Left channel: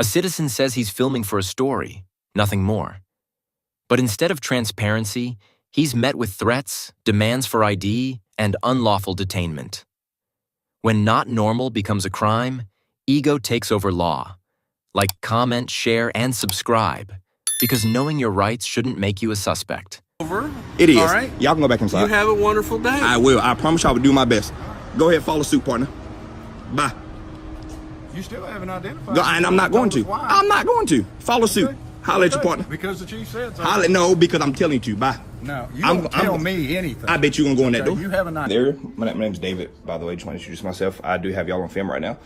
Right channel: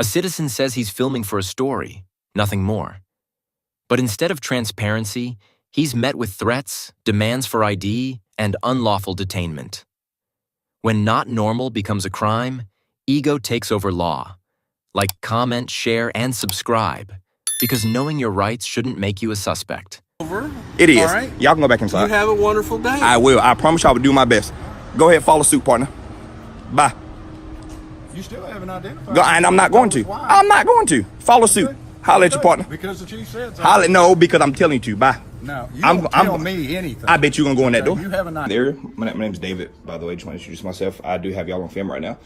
A citizen says he's filming for a story, nothing more. But instead of transparency, he's met with threats, demands for ID, and unlawful detainment. When not normal becomes a crime, ego takes over law. Like comment, share, and subscribe, because knowing your rights shouldn't make you a suspect. It is. All right. Y'all can go back inside. You have a wonderful day. I will. I promise I will do my best. Go ahead, follow suit, partner. Bye. You still haven't identified. And I'm not going to. Why? I'm not going to. Follow suit. Holler at your partner. Because the chief said so. No, because I'm telling you to. Bye. No, you don't tell me anything. I bet you're going to go in that door. You have an idea. My name's David, by the way. Just want to introduce myself. I do have y'all on film right now.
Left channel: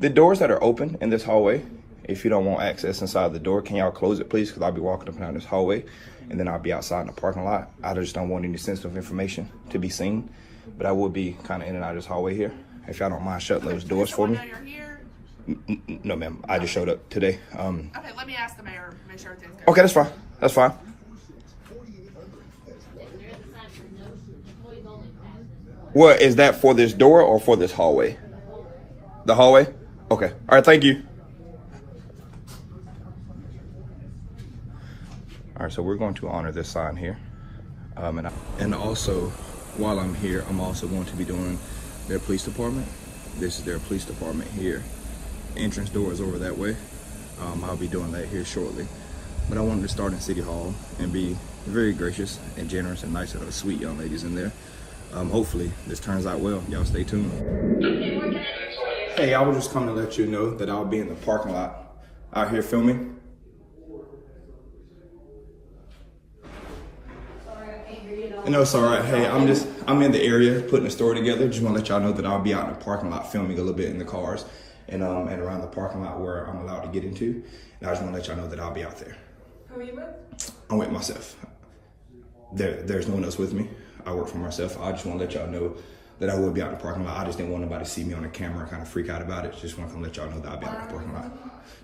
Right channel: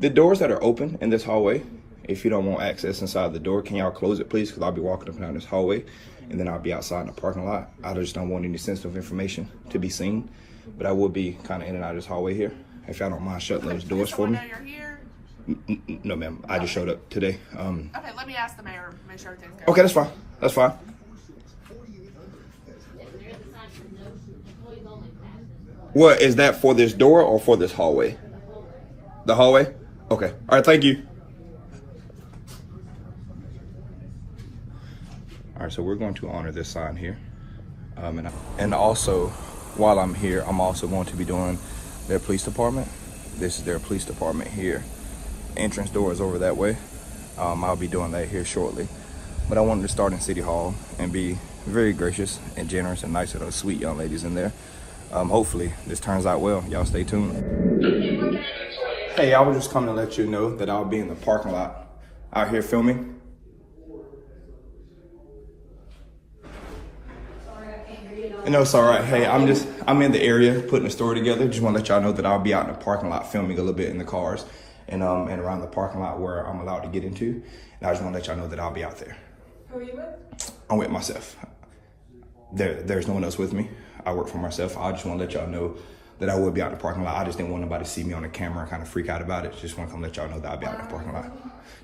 The doors that are open in this hallway, if you don't want access inside the door, can y'all close it, please? Because I'll be walking up and down this hallway, and then I'll be outside in the parking lot. I just don't want any sensitive information to be seen, but I will be kind of in and out of this hallway here. If y'all don't mind shutting those doors for me. No, ma'am. I just showed up today. Okay, let me ask the mayor. Make sure everything's good. Okay, that's fine. That's fine. What is that, for this door or for this hallway? The hallway? Okay. All right, thank you. All right, so we're going to honor this sign here. And also, while I'm here, I'm also going to be doing their police department. This is their police department here. Entrance door is over that way. I'll be doing that here shortly. But I wanted to start in City Hall and be very gracious and generous and nice to those sweet young ladies in there. Hopefully this turns out well. Y'all stay tuned. Hey, I was just coming to let you know that I'll be in the parking lot out here filming. No, it's all right. Hey, I'm in the area putting a story together. Just want to let y'all know that I'll be out in the parking lot filming a little bit in the cars and around the parking lot where I'm allowed to get into. And I just want to let y'all know that I'll be out there. Who are you with? I'm with myself. There's no one else with me. I work for myself. I just want to let y'all know that I will be out in the parking lot. I just didn't want nobody to see me on the camera and kind of freak out about it. Just want to come let y'all know that I'll be out in the parking lot.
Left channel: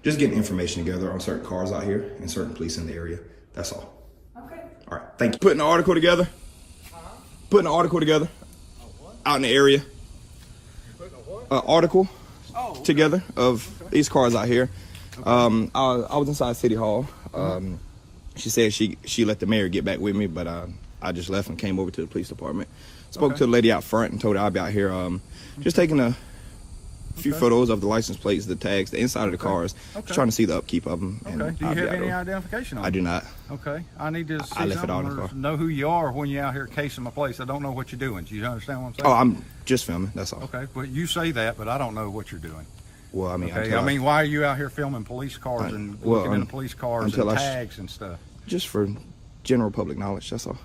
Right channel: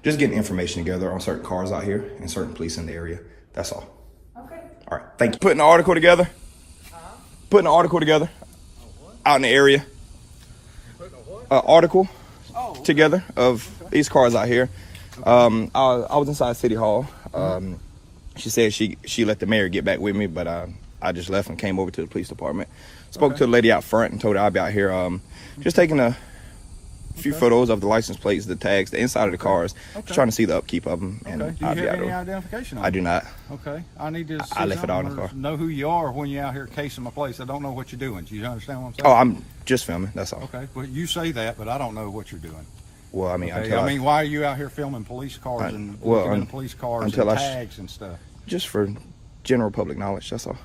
Just getting information together on certain cars out here and certain police in the area. That's all. Okay. All right, thank you. Putting an article together. Putting an article together out in the area. Article together of these cars out here. I was inside City Hall. She said she let the mayor get back with me, but I just left and came over to the police department. Spoke to the lady out front and told her I'd be out here just taking a few photos of the license plates, the tags, the inside of the cars, just trying to see the upkeep of them. Okay. Do you have any identification on I do not. Okay. I need to see I left it all in the or car. know who you are when you're out here casing my place. I don't know what you're doing. Do you understand what I'm saying? Oh, I'm just filming. That's all. Okay. But you say that, but I don't know what you're doing. Well, I mean, Okay. Why are you out here filming police cars and looking into police cars and tags and stuff? Just for general public knowledge. That's all.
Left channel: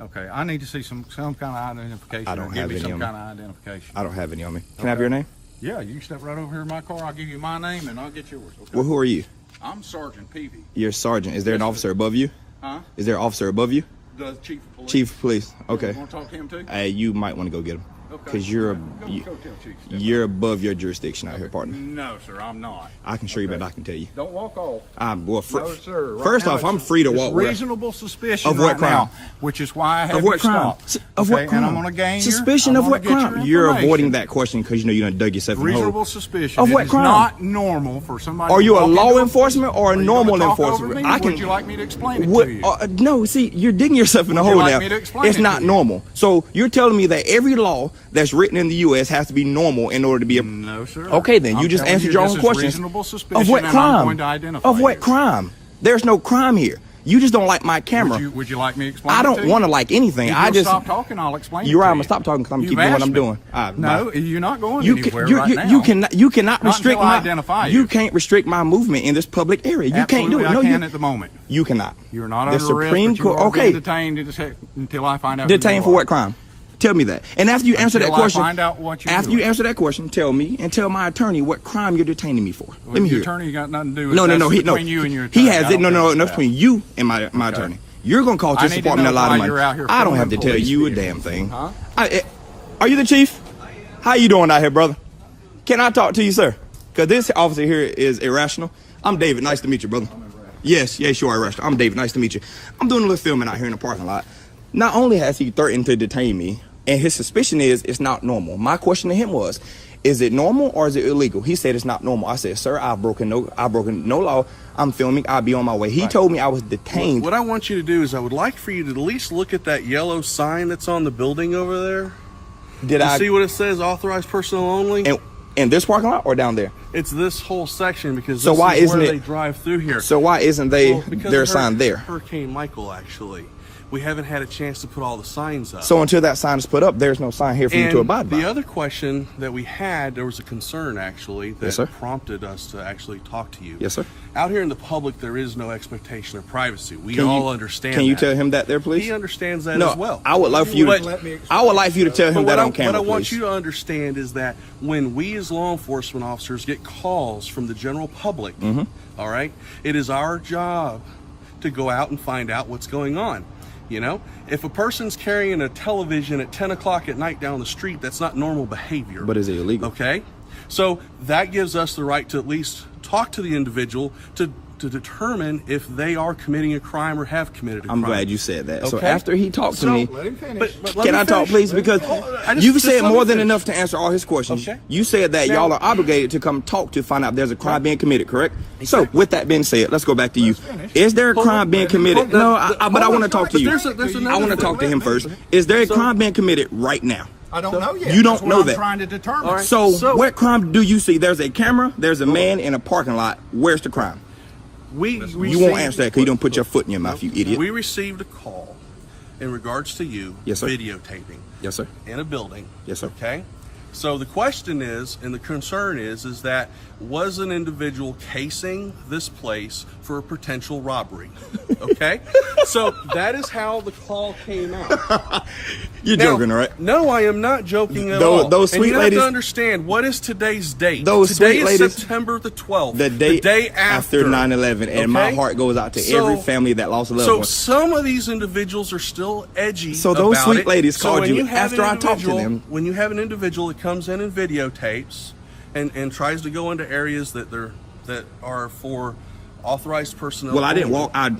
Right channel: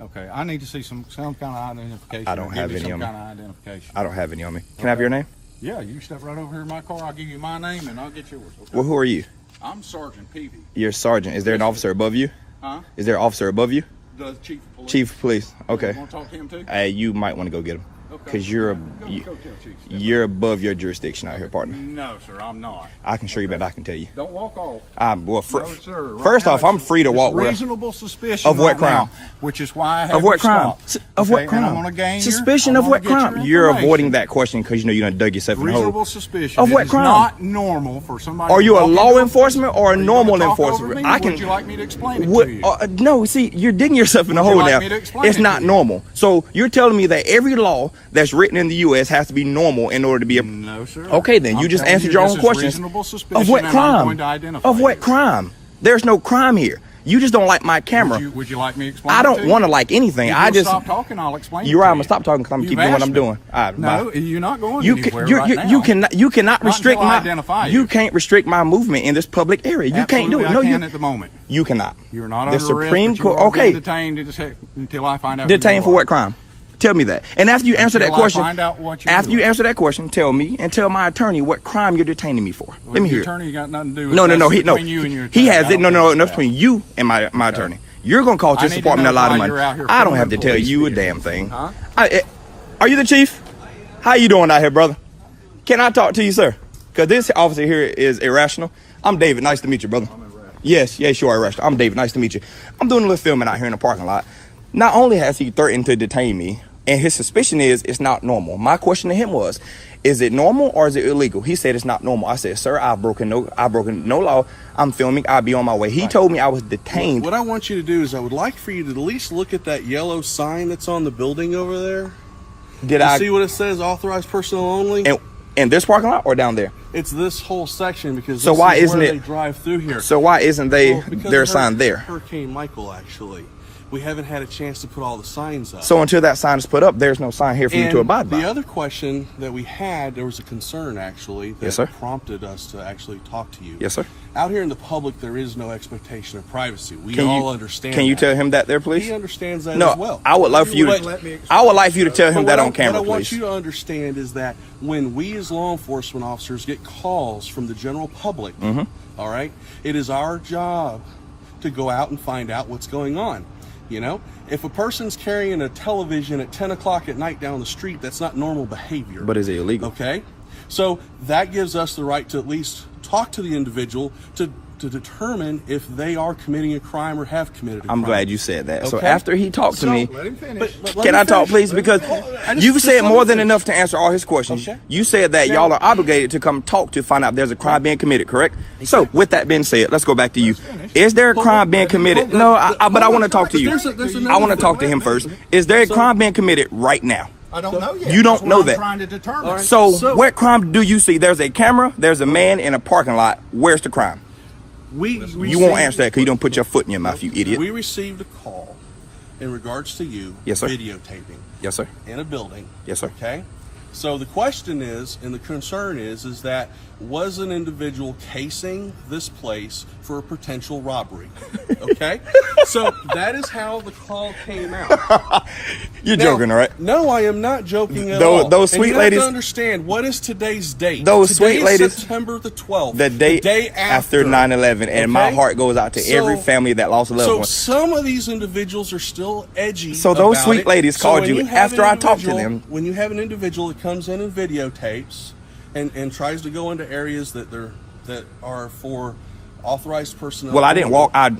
Okay, I need to see some kind of identification. I don't have any some on me. kind of identification. I don't have any on me. Can I have your name? Yeah, you step right over here in my car. I'll give you my name and I'll get yours. Okay? Well, who are you? I'm Sergeant Peavy. You're a sergeant. Is there an officer above you? Huh? Is there an officer above you? The chief of police. Chief of police. Okay. You want to talk to him too? You might want to go get him. Okay. Because Go tell Chief. you're above your jurisdiction out here, partner. No, sir, I'm not. I can show you, but I can tell you. Don't walk off. Well, No, sir. Right first now, off, I'm free to walk where. Reasonable suspicion Of what right now, crime? which is why I have Of what you crime? stopped. Of what Okay, crime? And I'm gonna gain Suspicion of what crime? You're avoiding that question because you know you done dug yourself in the hole. Reasonable suspicion. Of what It is crime? not normal for somebody. Are to you a walk law into enforcement or a Are you normal gonna talk over enforcement? me, or would you like me to explain it What, to you? no, see, you're digging yourself in the hole like now. me to explain It's it not to you? normal. So you're telling me that every law that's written in the U.S. has to be normal in order to be a. No, sir. Okay, then you I'm just telling answered you your this own is questions. Reasonable suspicion, Of what and I'm crime? going to identify Of what you. crime? There's no crime here. You just don't like my camera. Would you like me to explain? I don't want to like anything. If I you'll just stop talking. I'll explain. You're it right. to I'm gonna you. stop talking because I'm You've keeping doing what asked I'm me. doing. All right, No, bye. you're not going You anywhere can, right now. you cannot Not restrict until I my. identify You you. can't restrict my movement in this public area. You can't do Absolutely, it. No, I can you at the moment. You cannot. You're not The under Supreme arrest, but Court. you are being Okay. detained until I find out. who Detained you for are. what crime? Tell me that. And after you answer that Until I question, find out what you're after doing. you answer that question, tell me and tell my attorney what crime you're detaining me for. Well, Let me your hear. attorney got nothing to do with No, it. no, no. That's No. between you and your He attorney. has I it. No, don't no. think No. that's Between you and my attorney. You're gonna call I Justice need to Department a know lot of why money. you're out here I don't have to filming tell police you a vehicles. damn thing. Huh? Are you the chief? How you doing out here, brother? Can I talk to you, sir? Because this officer here is irrational. I'm David. Nice to meet you, brother. Yes, you are irrational. I'm David. Nice to meet you. I'm doing a little filming out here in the parking lot. Not only has he threatened to detain me, and his suspicion is it's not normal. My question to him was, is it normal or is it illegal? He said it's not normal. I said, sir, I've broken no law. I'm filming. I'll be on my way. He told me I was detained. What I want you to do is I would like for you to at least look at that yellow sign that's on the building over there. Did I see what it says? Authorized personnel only. In this parking lot or down there? It's this whole section because so why isn't they drive through here? So why isn't their sign there? Hurricane Michael, actually, we haven't had a chance to put all the signs up. So until that sign is put up, there's no sign here for you to abide by. The other question that we had, there was a concern actually that prompted us to actually talk to you. Yes, sir. Out here in the public, there is no expectation of privacy. We all understand. Can you tell him that there, please? He understands that as well. I would like for you to. I would like for you to tell him that on camera, What I want you to understand is that when we as law enforcement officers get calls from the general public, all right, it is our job to go out and find out what's going on. You know, if a person's carrying a television at 10 o'clock at night down the street, that's not normal behavior. But is it illegal? Okay. So that gives us the right to at least talk to the individual to determine if they are committing a crime or have committed a crime. I'm glad you said that. Okay? So after he talked to me, let him finish. Can I talk, please? Because you said more than enough to answer all his questions. Okay. You said that y'all are obligated to come talk to find out if there's a crime being committed, correct? So with that being said, let's go back to you. Is there a crime being committed? No, but I want to talk to you. I want to talk to him first. Is there a crime being committed right now? I don't know yet. You don't know that. I'm trying to determine. So what crime do you see? There's a camera. There's a man in a parking lot. Where's the crime? You won't answer that because you don't put your foot in your mouth, you idiot. We received a call in regards to you videotaping. Yes, sir. In a building. Yes, sir. Okay. So the question is, and the concern is that was an individual casing this place for a potential robbery? Okay. So that is how the call came out. You're joking, right? No, I am not joking at all. Those sweet and you ladies. have to understand, what is today's date? Those Today sweet ladies. September the 12th. The day after 9/11, and my heart goes out to every family that lost a loved one. So some of these individuals are still edgy. So those about sweet it. ladies called when you after I talked to them. When you have an individual that comes in and videotapes and tries to go into areas that are for authorized personnel. Well, I didn't walk. I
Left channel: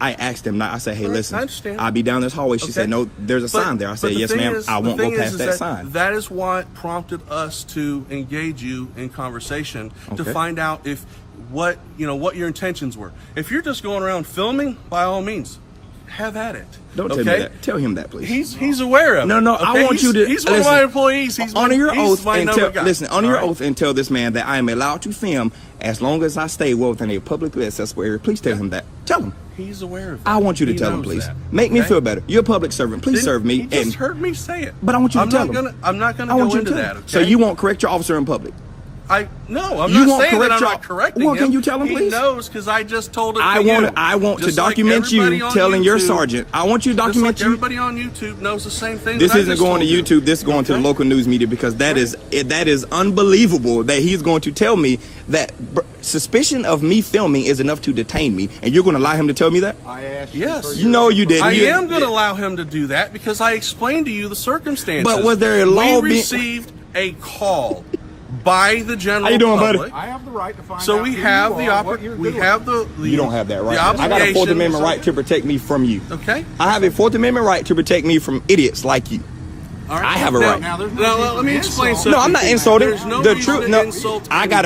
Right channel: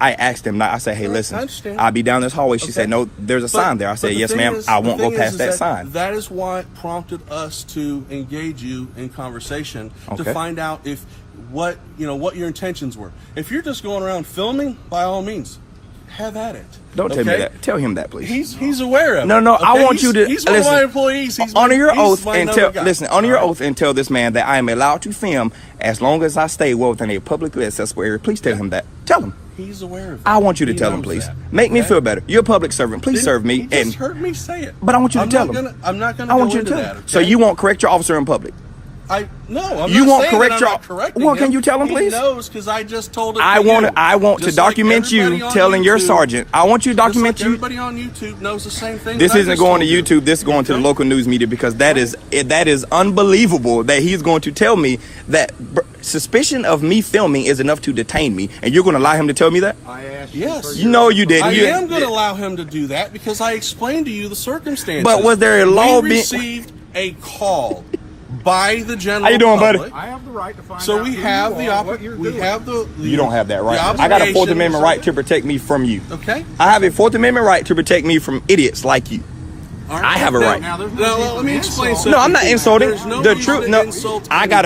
asked him. I said, hey, listen, I'll be down this hallway. She said, no, there's a sign there. I said, yes, ma'am. I won't go past that sign. That is what prompted us to engage you in conversation to find out if what your intentions were. If you're just going around filming, by all means, have at it. Don't tell me that. Tell him that, please. He's aware of it. No, I want you to He's one of my employees. Honor your oath and tell this man that I am allowed to film as long as I stay within a publicly accessible area. Please tell him that. Tell him. He's aware of it. I want you to tell him, please. Make me feel better. You're a public servant. Please serve me. He just heard me say it. But I want you to tell him. I'm not going to go into that. Okay? So you won't correct your officer in public? I'm not correcting Well, can you tell him, please? He knows because I just told it. I want to document you telling your sergeant. I want you to document you. Everybody on YouTube knows the same thing. This isn't going to YouTube. This is going to the local news media because that is unbelievable that he's going to tell me that suspicion of me filming is enough to detain me, and you're going to allow him to tell me that? I asked yes. You know you did. I am going to allow him to do that because I explained to you the circumstances. But was there a law? We received a call by the general How you doing, public. buddy? I have the right to find out. So we have the You don't have that right. I got a Fourth Amendment right to protect me from you. Okay. I have a Fourth Amendment right to protect me from idiots like you. Right. I have a right. Now, let me explain something. No, I'm not insulting. No The truth. No, I got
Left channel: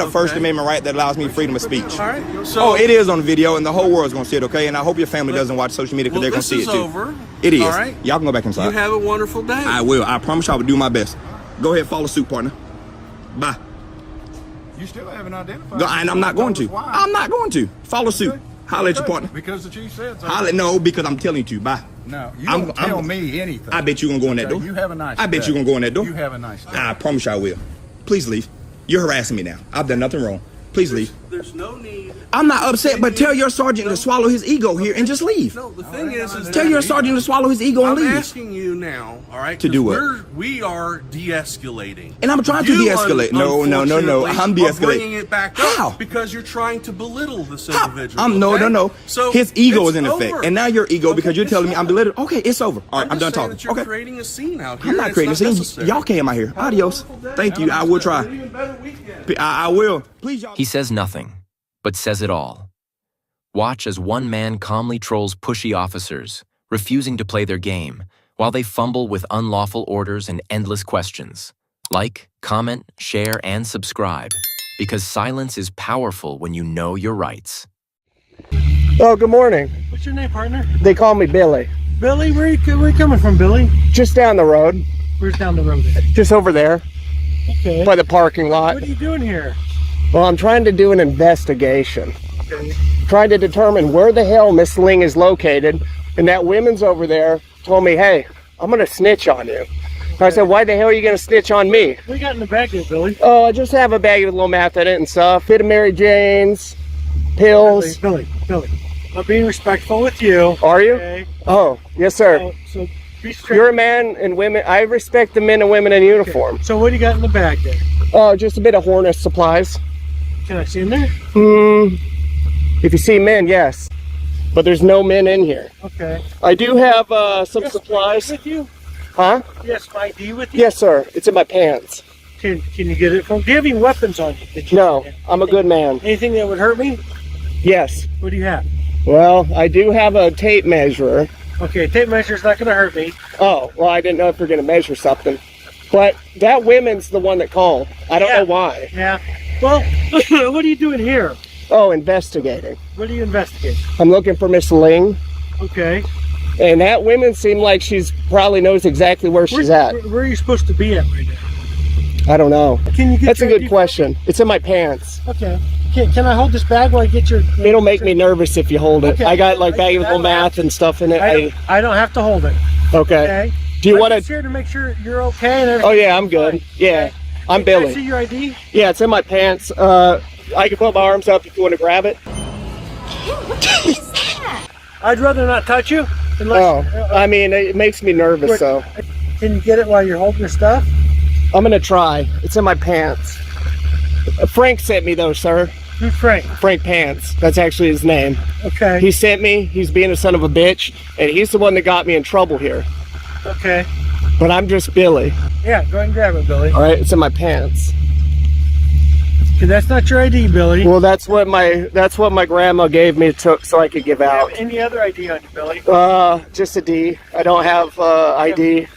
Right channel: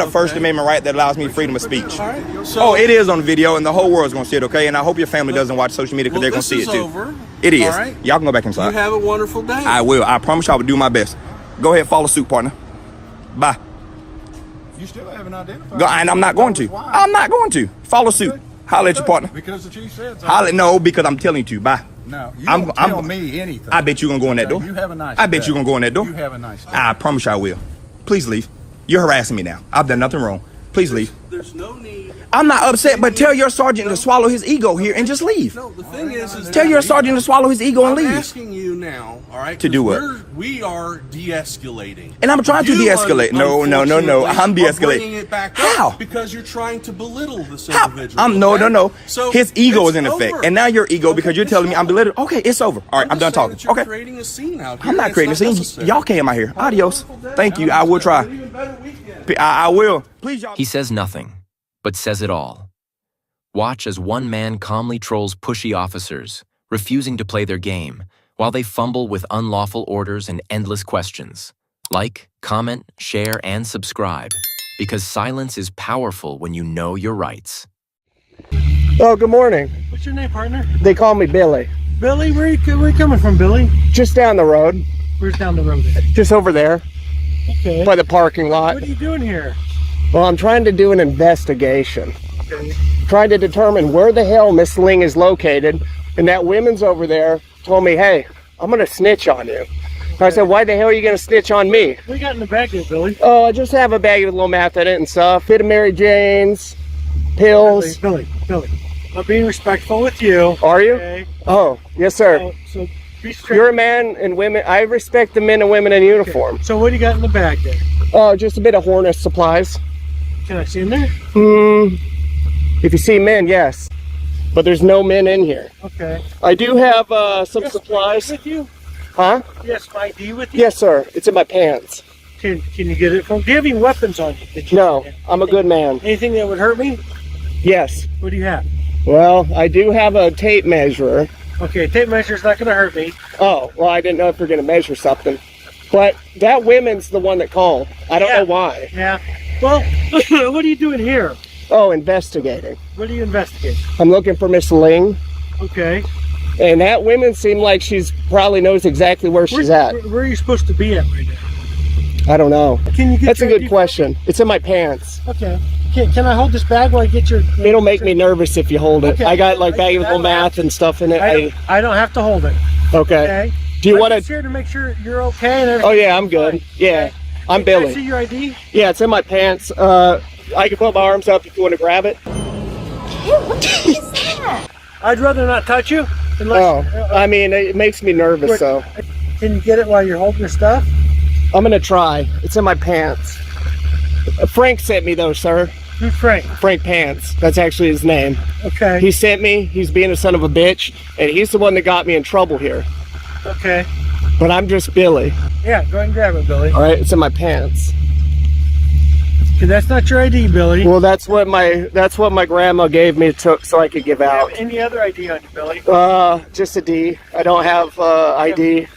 a First Amendment right that allows me freedom of speech. All right. So, it is on video, and the whole world's gonna see it. Okay, and I hope your family doesn't watch social media because they're gonna see it too. Over. It is. All right. Y'all can go back inside. You have a wonderful day. I will. I promise I will do my best. Go ahead, follow suit, partner. Bye. You still haven't identified. And I'm not going to. I'm not going to. Follow suit. Holler at your partner. Because the chief said so. No, because I'm telling you to. Bye. No, you don't tell me anything. I bet you're going to go in that door. You have a nice I bet you're going to go in that door. You have a nice day. I promise I will. Please leave. You're harassing me now. I've done nothing wrong. Please leave. There's no need. I'm not upset, but tell your sergeant to swallow his ego here and just leave. No, the thing is tell your sergeant to swallow his ego and leave. I'm asking you now, all right? To do what? We are de-escalating. And I'm trying to de-escalate. No. I'm de-escalating. Bringing it back How? Up because you're trying to belittle this individual. No. So his ego is in effect, over. and now your ego because you're telling me I'm belittled. Okay, it's over. All right, I'm done talking. You're creating a scene out here. I'm not creating a scene. Necessary. Y'all came out here. Adios. Thank you. I will try. I will. Please, y'all. He says nothing, but says it all. Watch as one man calmly trolls pushy officers, refusing to play their game, while they fumble with unlawful orders and endless questions. Like, comment, share, and subscribe, because silence is powerful when you know your rights. Oh, good morning. What's your name, partner? They call me Billy. Billy? Where you coming from, Billy? Just down the road. Where's down the road at? Just over there. Okay. By the parking lot. What are you doing here? Well, I'm trying to do an investigation. Okay. Trying to determine where the hell Miss Ling is located. And that woman's over there told me, hey, I'm going to snitch on you. I said, why the hell are you going to snitch on me? What you got in the bag there, Billy? Oh, I just have a bag with a little meth in it and stuff. Bit of Mary Jane's, pills. Billy, I'm being respectful with you. Are you? Okay. Oh, yes, sir. So be straight. You're a man and women. I respect the men and women in uniform. So what do you got in the bag there? Oh, just a bit of Hornets supplies. Can I see in there? If you see men, yes. But there's no men in here. Okay. I do have some Yes, supplies. with you? Huh? Yes, my ID with you? Yes, sir. It's in my pants. Can you get it from? Do you have any weapons on you? That you No, I'm a good man. Anything that would hurt me? Yes. What do you have? Well, I do have a tape measure. Okay, tape measure's not going to hurt me. Oh, well, I didn't know if you're going to measure something. But that woman's the one that called. I don't know why. Yeah. Well, what are you doing here? Oh, investigating. What are you investigating? I'm looking for Miss Ling. Okay. And that woman seemed like she's probably knows exactly where she's at. Where are you supposed to be at right now? I don't know. Can you get That's a your good ID? question. It's in my pants. Okay. Can I hold this bag while I get your... It'll make me nervous if you hold it. Okay. I got like I valuable don't math and stuff in it. I don't have to hold it. Okay. Okay. Do you I'm want just to? here to make sure you're okay and everything. Oh yeah, I'm good. Fine. Yeah, I'm Can I see Billy. your ID? Yeah, it's in my pants. I can put my arms up if you want to grab it. I'd rather not touch you. Oh, I mean, it makes me nervous, Quick. so Can you get it while you're holding your stuff? I'm gonna try. It's in my pants. Frank sent me though, sir. Who's Frank? Frank Pants. That's actually his name. Okay. He sent me. He's being a son of a bitch, and he's the one that got me in trouble here. Okay. But I'm just Billy. Yeah, go ahead and grab it, Billy. All right, it's in my pants. Okay, that's not your ID, Billy. Well, that's what my grandma gave me so I could give Do you have out. any other ID on you, Billy? Just a D. I don't have ID.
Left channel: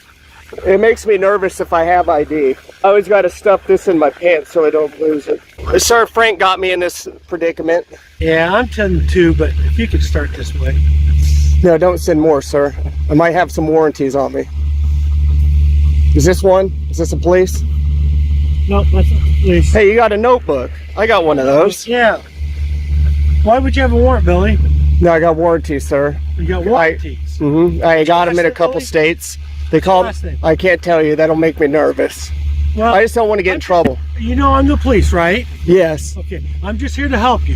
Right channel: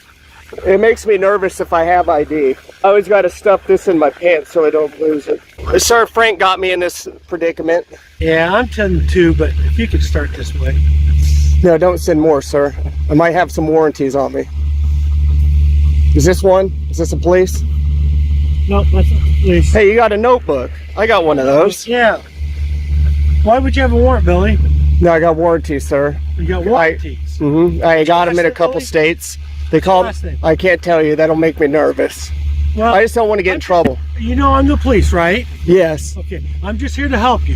It makes me nervous if I have ID. I always got to stuff this in my pants so I don't lose it. Sir, Frank got me in this predicament. Yeah, I'm 10 too, but if you could start this way. No, don't send more, sir. I might have some warranties on me. Is this one? Is this a police? No, that's not the police. Hey, you got a notebook. I got one of those. Yeah. Why would you have a warrant, Billy? No, I got warranties, sir. You got warranties. I got them in a last name, couple Billy? states. They call. last name? I can't tell you. That'll make me nervous. Well, I just don't want to get in trouble. you know I'm the police, right? Yes. Okay, I'm just here to help you.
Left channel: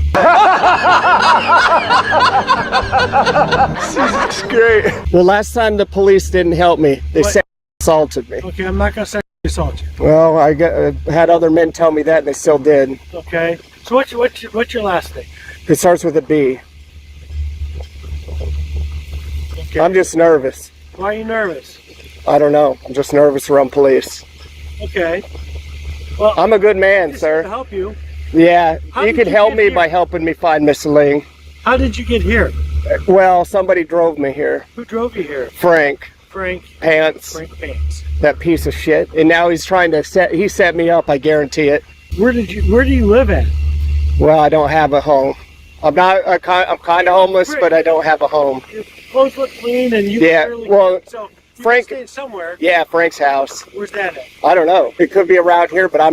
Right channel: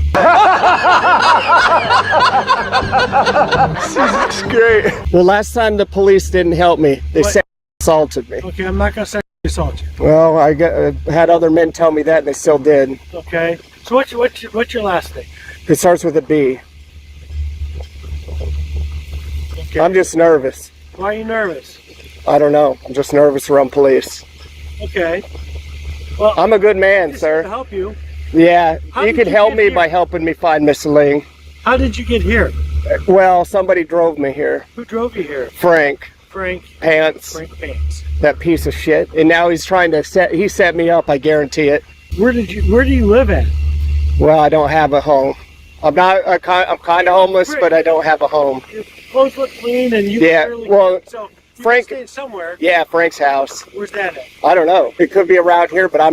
That's great. Well, last time the police didn't help me. They What? sexually assaulted me. Okay, I'm not gonna sexually assault you. Well, I had other men tell me that, and they still did. Okay. So what's your last name? It starts with a B. Okay. I'm just nervous. Why are you nervous? I don't know. I'm just nervous around police. Okay. Well, I'm a good man, just here to sir. help you. Yeah, How you did could you help get me here? by helping me find Miss Ling. How did you get here? Well, somebody drove me here. Who drove you here? Frank Frank Pants, Pants. that piece of shit. And now he's trying to set me up, I guarantee it. Where do you live at? Well, I don't have a home. I'm kind of homeless, but I don't have a home. Your clothes look clean and you Yeah, barely well, so you're Frank- staying somewhere. Yeah, Frank's house. Where's that at? I don't know. It could be around here, but I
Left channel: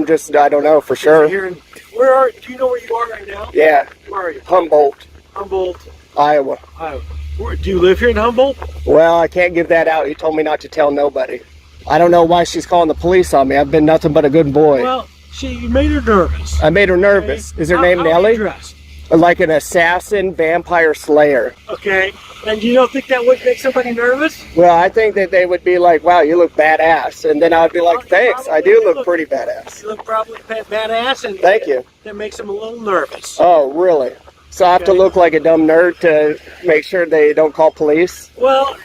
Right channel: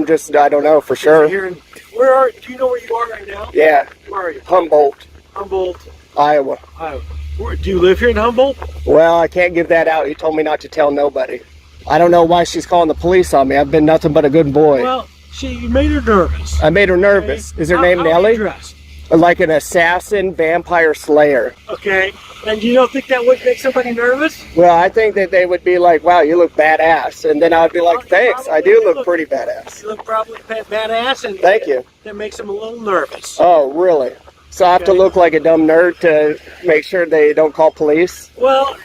don't know for sure. Here in, do you know where you are right now? Yeah, Where are you? Humboldt, Humboldt, Iowa. Iowa. Do you live here in Humboldt? Well, I can't give that out. He told me not to tell nobody. I don't know why she's calling the police on me. I've been nothing but a good boy. Well, you made her nervous. I made her nervous. Okay. Is her How name are you Nellie? dressed? Like an assassin, vampire slayer. Okay. And you don't think that would make somebody nervous? Well, I think that they would be like, wow, you look badass. And then I would be like, thanks, I do look pretty badass. You look probably badass, and Thank you. that makes them a little nervous. Oh, really? So I have to Okay. look like a dumb nerd to make sure they don't call police? Well,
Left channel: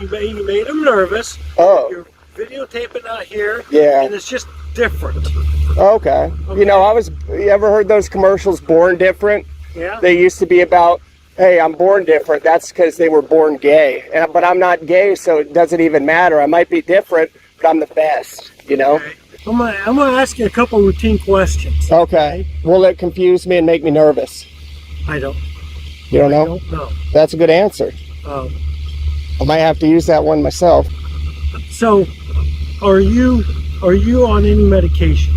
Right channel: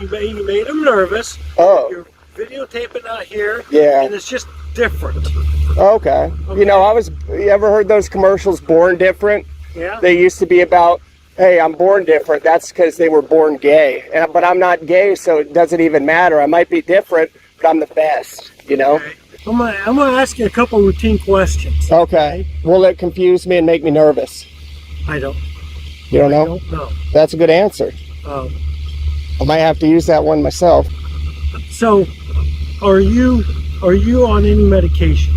you made them nervous. Oh, You're videotaping out here. Yeah. And it's just different. okay. You know, you ever heard those commercials, Born Different? Yeah. They used to be about, hey, I'm born different. That's because they were born gay. But I'm not gay, so it doesn't even matter. I might be different, but I'm the best. you know? Okay. I'm gonna ask you a couple routine questions. Okay. Will it confuse me and make me nervous? I don't. You don't know? I don't know. That's a good answer. I might have to use that one myself. So, are you on any medication?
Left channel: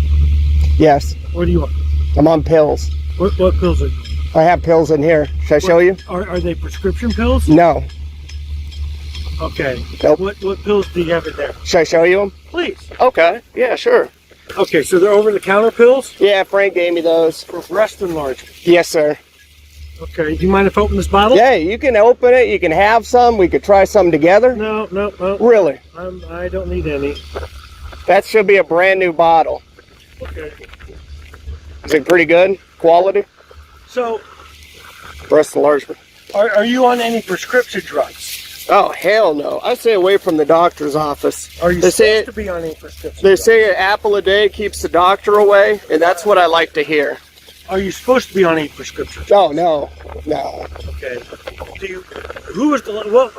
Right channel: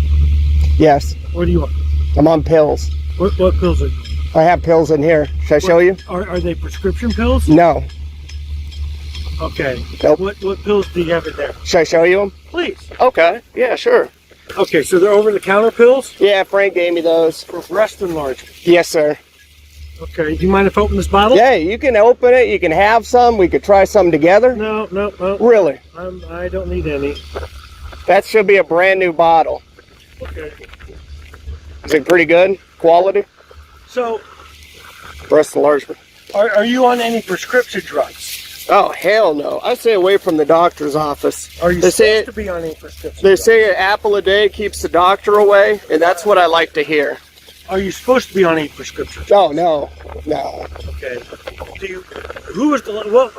Yes. What do you want? I'm on pills. What pills are you on? I have pills in here. Should I show you? Are they prescription pills? No. Okay. Nope. What pills do you have in there? Should I show you them? Please. Okay. Yeah, sure. Okay, so they're over-the-counter pills Yeah, Frank gave me those. for breast enlargement. Yes, sir. Okay. Do you mind if I open this bottle? Yeah, you can open it. You can have some. We could try some together. No. Really? I don't need any. That should be a brand new bottle. Okay. Is it pretty good quality? So, Breast enlargement. are you on any prescription drugs? Oh, hell no. I stay away from the doctor's office. Are you They say supposed to be on any prescription They drugs? say an apple a day keeps the doctor away, and that's what I like to hear. Are you supposed to be on any prescription drugs? Oh, no. No. Okay. Who was what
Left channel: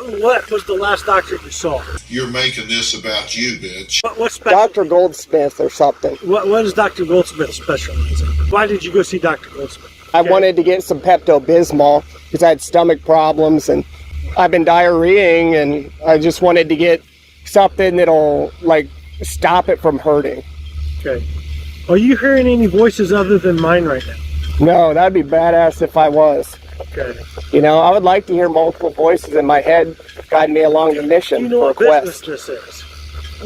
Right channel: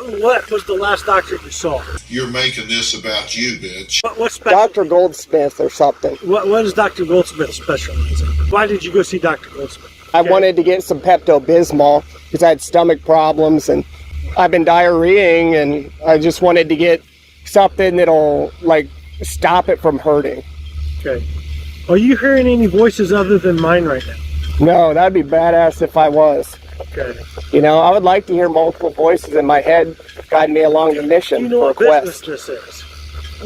was the last doctor you saw? You're making this about you, bitch. What special? Dr. Goldsmith or something. What is Dr. Goldsmith specializing? Why did you go see Dr. Goldsmith? I wanted to get some Pepto-Bismol because I had stomach problems and I've been diarrheaing, and I just wanted to get something that'll, like, stop it from hurting. Okay. Are you hearing any voices other than mine right now? No, that'd be badass if I was. Okay. You know, I would like to hear multiple voices in my head guide me along the mission You know for a what quest. business this is?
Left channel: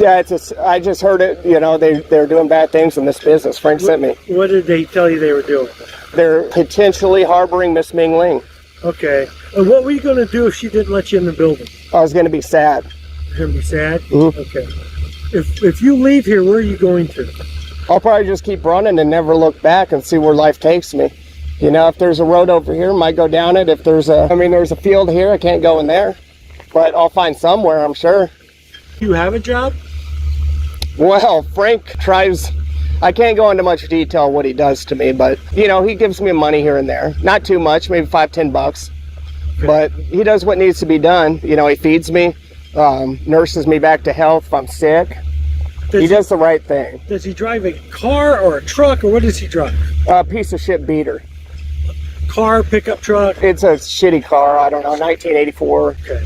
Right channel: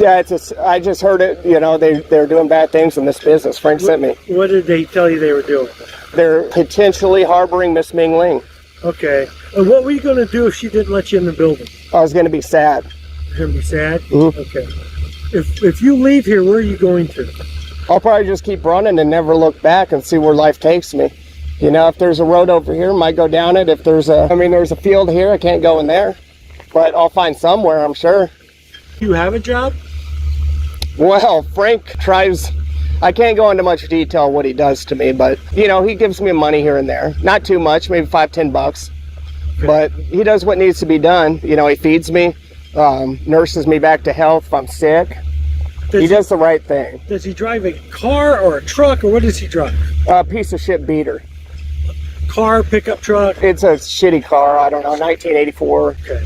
Yeah, I just heard it, you know, they're doing bad things in this business. Frank sent me. What did they tell you they were doing? They're potentially harboring Miss Ming Ling. Okay. And what were you going to do if she didn't let you in the building? I was going to be sad. You're going to be sad? Mhm. Okay. If you leave here, where are you going to? I'll probably just keep running and never look back and see where life takes me. You know, if there's a road over here, I might go down it. If there's there's a field here, I can't go in there. But I'll find somewhere, I'm sure. Do you have a job? Well, Frank tries, I can't go into much detail what he does to me, but, you know, he gives me money here and there. Not too much, maybe $5-10. But he does what needs to be done. You know, he feeds me, nurses me back to health if I'm sick. He does the right thing. Does he drive a car or a truck, or what does he drive? A piece of shit beater. Car, pickup truck? It's a shitty car, I don't know, 1984. Okay.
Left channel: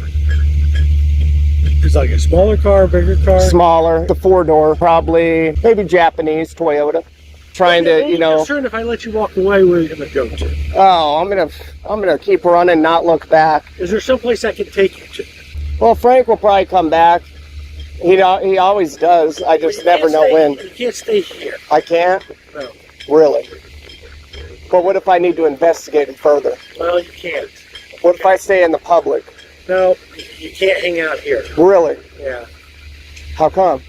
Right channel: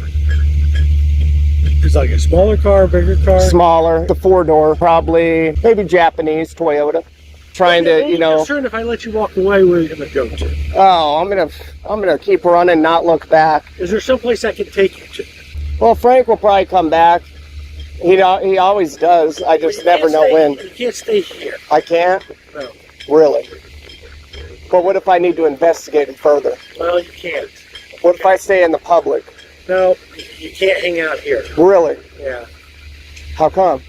It's like a smaller car, bigger car? Smaller, the 4-door, probably, maybe Japanese Toyota. Trying to, you know. I'm concerned if I let you walk away, where are you going to go to? Oh, I'm gonna keep running, not look back. Is there someplace I can take you to? Well, Frank will probably come back. He always does. I just never know when. You can't stay here. I can't? No. Really? But what if I need to investigate it further? Well, you can't. What if I stay in the public? No, you can't hang out here. Really? Yeah. How come?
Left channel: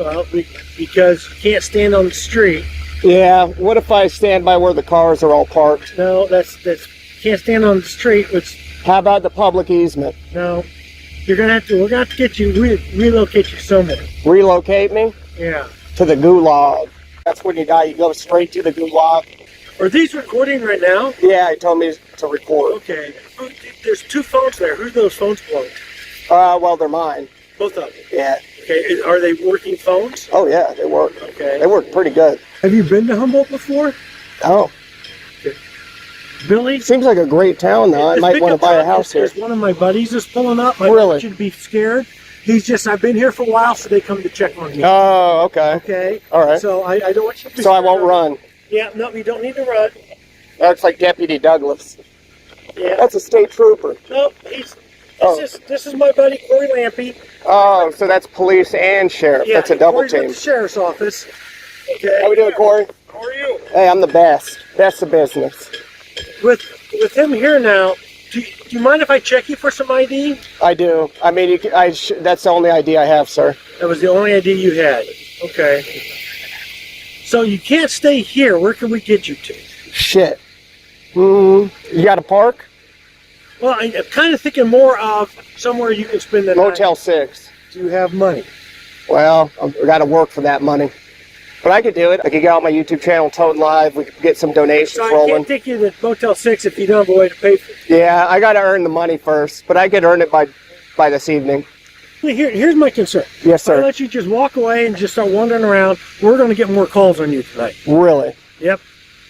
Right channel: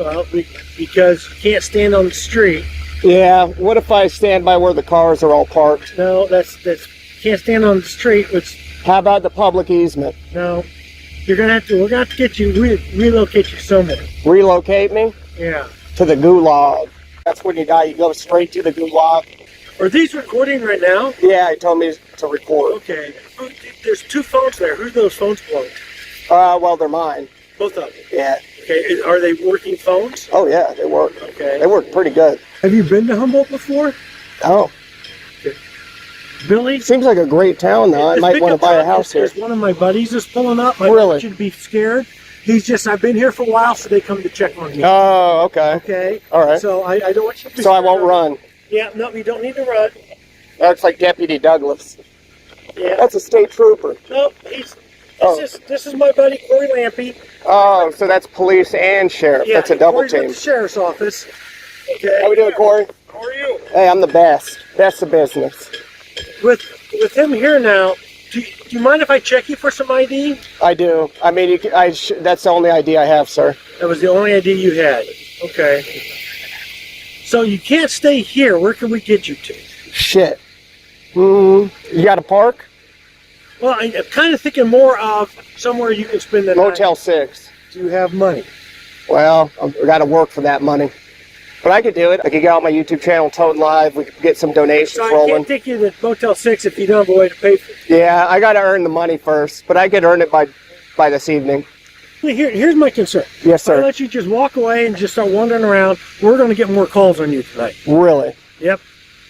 Well, because you can't stand on the street. Yeah, what if I stand by where the cars are all parked? No, that's can't stand on the street. How about the public easement? No, we're gonna have to get you relocate you somewhere. Relocate me? Yeah. To the gulag. That's when you die, you go straight to the gulag. Are these recording right now? Yeah, he told me to record. Okay. There's 2 phones there. Who's those phones belong to? Well, they're mine. Both of them. Yeah. Okay. Are they working phones? Oh yeah, they work. Okay. They work pretty good. Have you been to Humboldt before? Oh. Billy? Seems like a great town though. I might want to buy a house here. One of my buddies is pulling up. I Really? don't want you to be scared. I've been here for a while, so they come to check on me. Oh, okay. Okay. All right. So I don't want you to be So I scared. won't run. Yeah, no, you don't need to run. That's like Deputy Douglas. Yeah. That's a state trooper. No, this is my buddy Corey Lampy. Oh, so that's police and sheriff. Yeah, That's a double Corey's with team. the sheriff's office. Okay. How we doing, Corey? How are you? Hey, I'm the best. Best of business. With him here now, do you mind if I check you for some ID? I do. I mean, that's the only ID I have, sir. That was the only ID you had. Okay. So you can't stay here. Where can we get you to? Shit. You got a park? Well, I'm kind of thinking more of somewhere you can spend the night. Motel 6. Do you have money? Well, I've got to work for that money. But I could do it. I could get out my YouTube channel, Toad Live. We could get some donations So I rolling. can't take you to Motel 6 if you don't have a way to pay for it. Yeah, I got to earn the money first. But I could earn it by this evening. Here's my concern. Yes, sir. If I let you just walk away and just start wandering around, we're going to get more calls on you tonight. Really? Yep.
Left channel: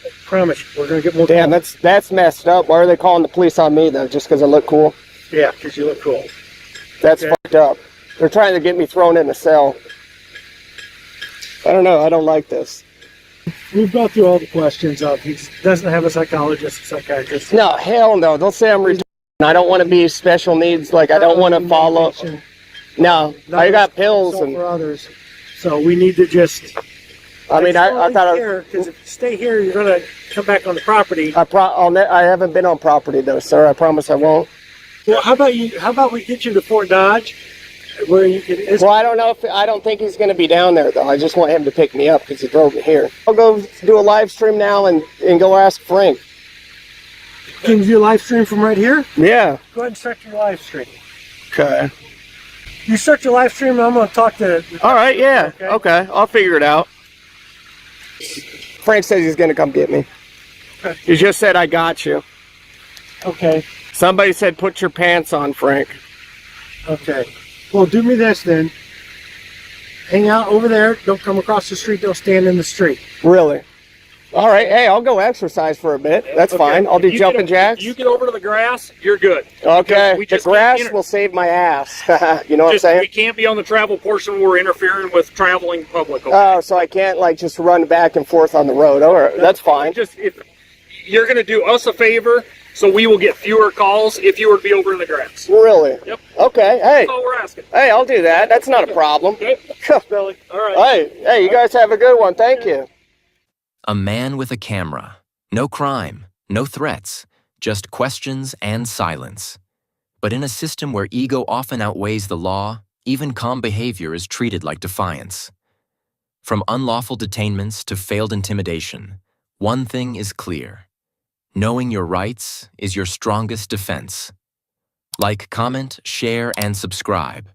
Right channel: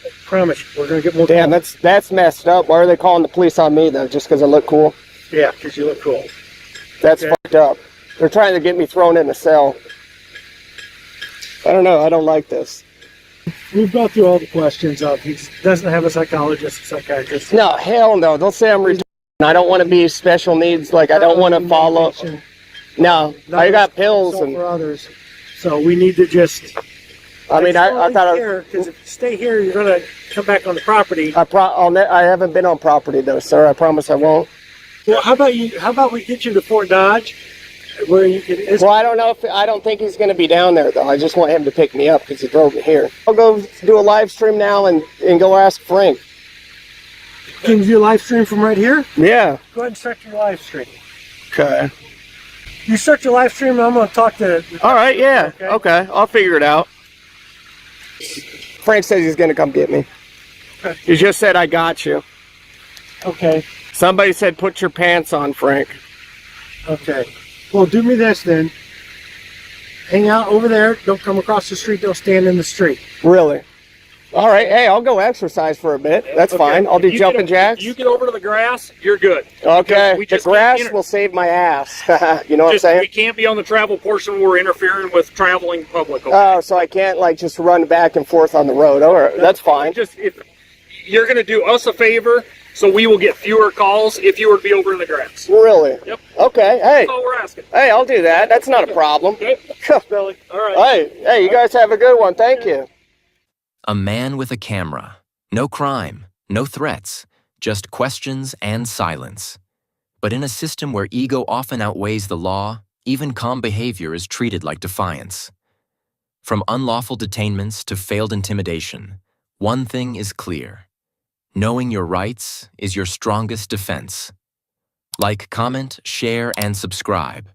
I promise you, we're going to get more Damn, calls. that's messed up. Why are they calling the police on me, though? Just because I look cool? Yeah, because you look cool. That's fucked up. They're trying to get me thrown in a cell. I don't know. I don't like this. We've gone through all the questions of he doesn't have a psychologist, a psychiatrist. No, hell no. They'll say I'm retarded. I don't want to be special needs. Like, I don't want to follow. No, I got pills and for others. So we need to just. I mean, I thought because if you stay here, you're going to come back on the property. I haven't been on property though, sir. I promise I won't. Well, how about we get you to Fort Dodge, where you can. Well, I don't think he's going to be down there though. I just want him to pick me up because he drove me here. I'll go do a live stream now and go ask Frank. Can you do a live stream from right here? Yeah. Go ahead and start your live stream. Okay. You start your live stream, and I'm going to talk to. All right. Yeah. Okay. I'll figure it out. Frank says he's going to come get me. Okay. He just said, I got you. Okay. Somebody said, put your pants on, Frank. Okay. Well, do me this then. Hang out over there. Don't come across the street. Don't stand in the street. Really? All right. Hey, I'll go exercise for a bit. That's fine. I'll do jumping jacks. You get over to the grass, you're good. Okay. The grass will save my ass. You know what I'm saying? We can't be on the travel portion where we're interfering with traveling public. Okay? Oh, so I can't like just run back and forth on the road. All right. That's fine. Just if you're going to do us a favor, so we will get fewer calls if you were to be over in the grass. Really? Yep. Okay. Hey. That's all we're asking. Hey, I'll do that. That's not a problem. Okay. Billy. All right. Hey, you guys have a good one. Thank you. A man with a camera. No crime, no threats, just questions and silence. But in a system where ego often outweighs the law, even calm behavior is treated like defiance. From unlawful detainments to failed intimidation, one thing is clear. Knowing your rights is your strongest defense. Like, comment, share, and subscribe.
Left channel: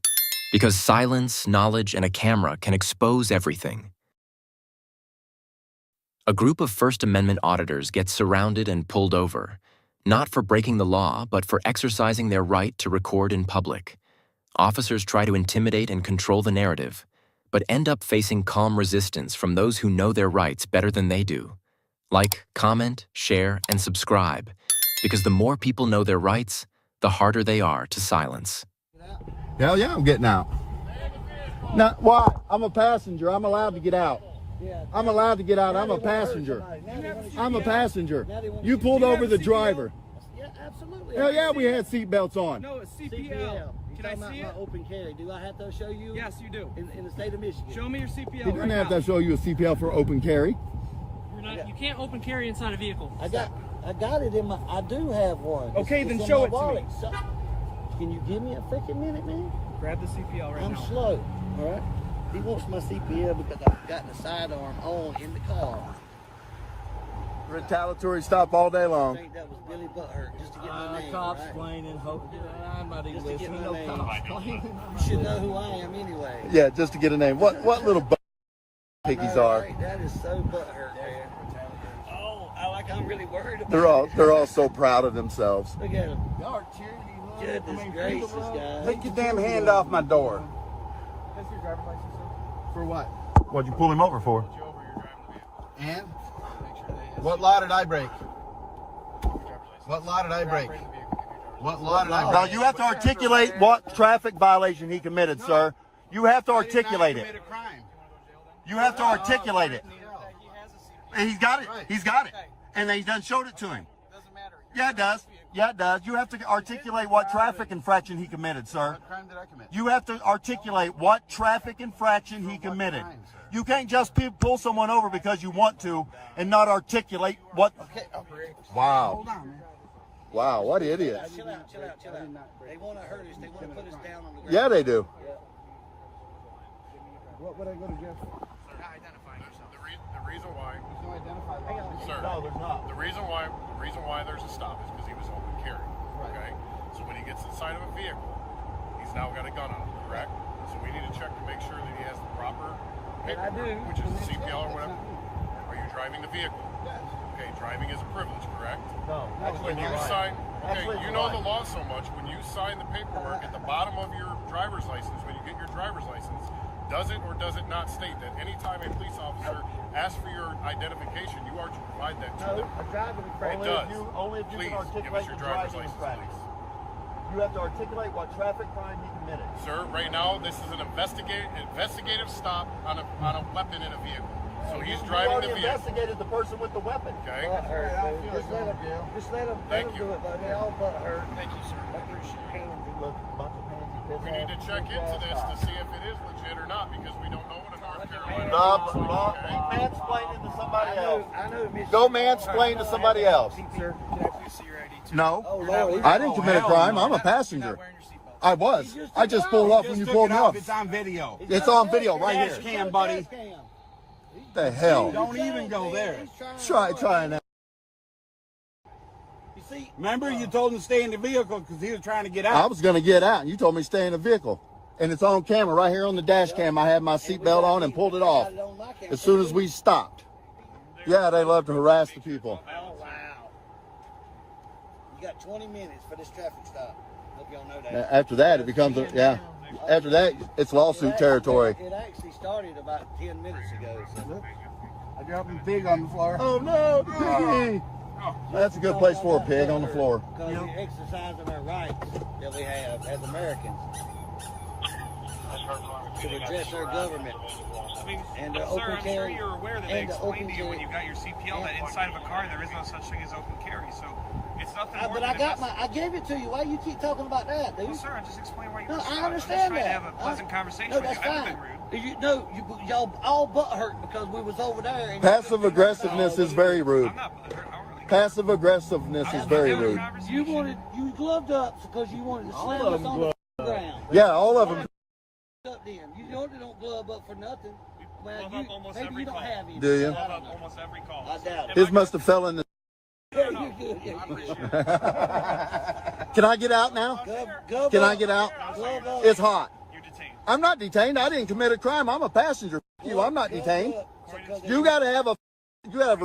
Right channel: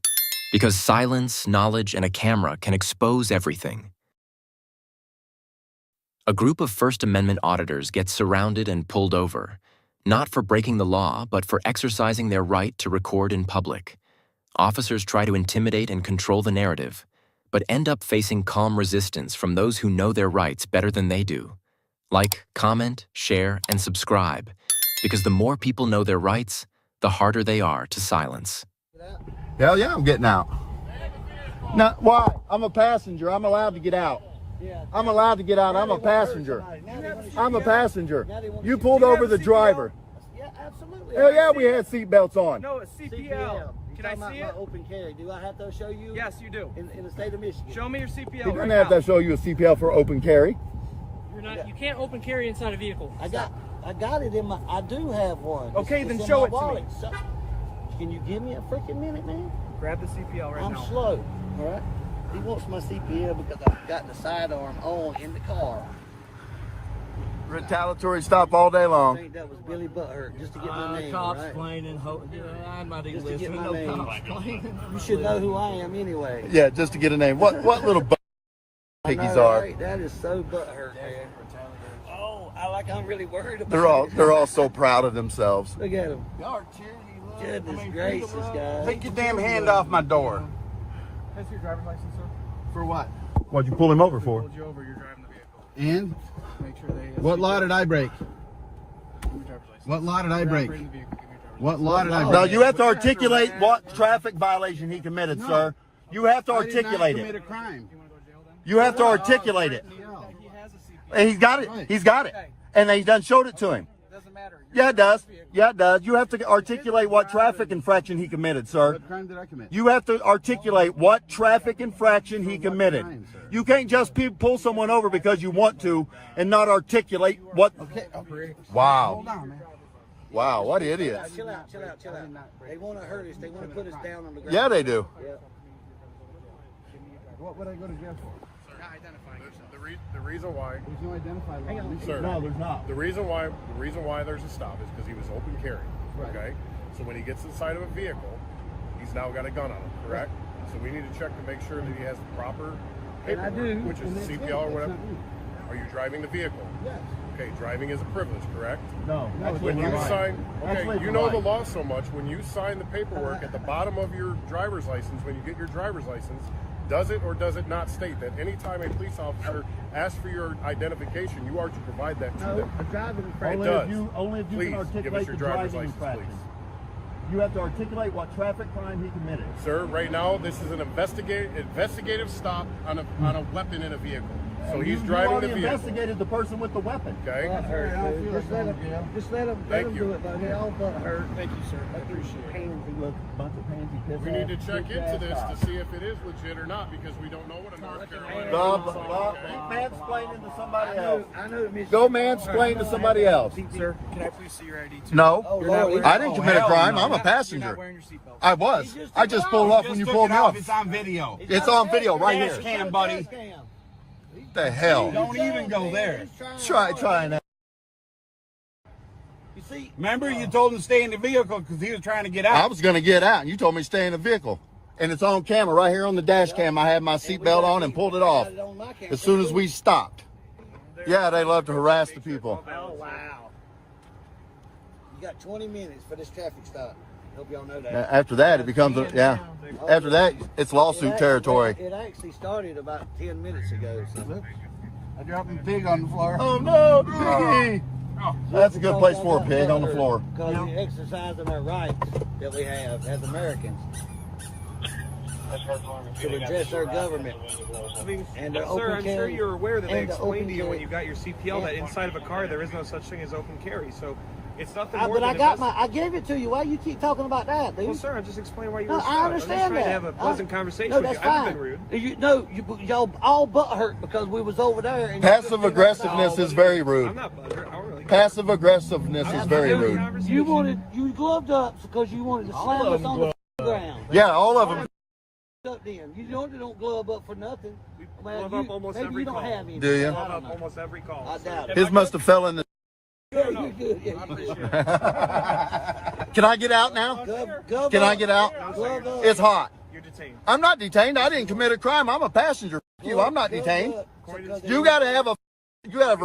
Because silence, knowledge, and a camera can expose everything. A group of First Amendment auditors gets surrounded and pulled over, not for breaking the law, but for exercising their right to record in public. Officers try to intimidate and control the narrative, but end up facing calm resistance from those who know their rights better than they do. Like, comment, share, and subscribe, because the more people know their rights, the harder they are to silence. Hell yeah, I'm getting out. Now, why? I'm a passenger. I'm allowed to get out. I'm allowed to get out. I'm a passenger. I'm a passenger. You pulled over the driver. Yeah, absolutely. Hell yeah, we had seatbelts on. No, it's CPL. Can I see it? Open carry. Do I have to show you? Yes, you do. In the state of Michigan. Show me your CPL. He doesn't have to show you a CPL for open carry. You're not. You can't open carry inside a vehicle. I got it in my. I do have one. Okay, then show it to me. Can you give me a freaking minute, man? Grab the CPL right now. I'm slow. All right. He wants my CPL because I've got the sidearm on in the car. Retaliatory stop all day long. That was Billy Butthurt just to get my name, right? Just to get my name. You should know who I am anyway. Yeah, just to get a name. What little piggies are? Right? That is so butthurt, man. Oh, I'm really worried about it. They're all so proud of themselves. Look at them. Goodness gracious, guys. Take your damn hand off my door. For what? What'd you pull him over for? And? What law did I break? What law did I break? What law did I break? Now you have to articulate what traffic violation he committed, sir. You have to articulate it. You have to articulate it. And he's got it. He's got it. And he done showed it to him. Yeah, it does. Yeah, it does. You have to articulate what traffic infraction he committed, sir. What crime did I commit? You have to articulate what traffic infraction he committed. You can't just pull someone over because you want to and not articulate what. Okay. Wow. Hold on, man. Wow, what idiots. Chill out. They want to hurt us. They want to put us down on the ground. Yeah, they do. What would I go to jail for? The reason why, There's no identifier law. sir. No, there's not. The reason why there's a stop is because he was open carry. Right. Okay. So when he gets inside of a vehicle, he's now got a gun on him. Correct. So we need to check to make sure that he has the proper paperwork, which is the CPL or whatever. Are you driving the vehicle? Yes. Okay, driving is a privilege, correct? No. When you sign, That's okay, legal you know right. the law so much. When you sign the paperwork at the bottom of your driver's license, when you get your driver's license, does it or does it not state that anytime a police officer asks for your identification, you are to provide that to them? It does. Only if you Please can articulate give us your the driver's driving license, infraction. please. You have to articulate what traffic crime he committed. Sir, right now this is an investigative stop on a weapon in a vehicle. So he's driving the You vehicle. investigated the person with the weapon. Okay. Just let him Thank you. do it, though. They're all but hurt. Thank you, sir. Look, bunch of pansy kids. We need to check into this to see if it is legit or not because we don't know what Mansplain to somebody else. I know it means. Go mansplain to somebody else. Sir, can I please see your ID too? No. You're not wearing. I didn't commit a crime. I'm a You're not passenger. wearing your seatbelt. I was. I just pulled up when you pulled off. It's on video. It's on video right here. Cam, buddy. What the hell? Don't even go there. Try and. You see, Remember, you told him to stay in the vehicle because he was trying to get out. I was going to get out. You told me to stay in the vehicle. And it's on camera right here on the dash cam. I had my seatbelt on and pulled it off as soon as we stopped. Yeah, they love to harass the people. oh wow. You got 20 minutes for this traffic stop. Hope y'all know that. After that, it becomes, after that, it's lawsuit territory. It actually started about 10 minutes ago. So. Dropping pig on the floor. Oh no, piggy! That's a good place for a pig on the floor. Because we're exercising our rights that we have as Americans to redress our government. I mean, And they're sir, I'm open sure carry. you're aware that they And the explained to you open when you got your CPL that inside of a car there is no such thing as open carry. So it's nothing more But than I gave it to you. Why you keep talking about that, dude? Well, sir, I'm just explaining why you No, were I stopped. I'm just understand trying to that. have a pleasant conversation No, with you. that's I haven't fine. been rude. Y'all all butt hurt because we was over there. And Passive aggressiveness is very rude. I'm not butthurt. I don't really. Passive aggressiveness is I'm very having a rude. conversation. you gloved up because you wanted to slam us on the ground. Yeah, all of them. Up then. You don't glove up for nothing. We glove up almost maybe every you don't call. have any. Do you? We glove up almost every call. I doubt it. His must have fell in the. You're good. Can I get out now? Glove Can I get out? No, sir, you're, Glove up. It's hot. you're detained. I'm not detained. I didn't commit a crime. I'm a passenger. You, I'm not detained. According to You gotta have a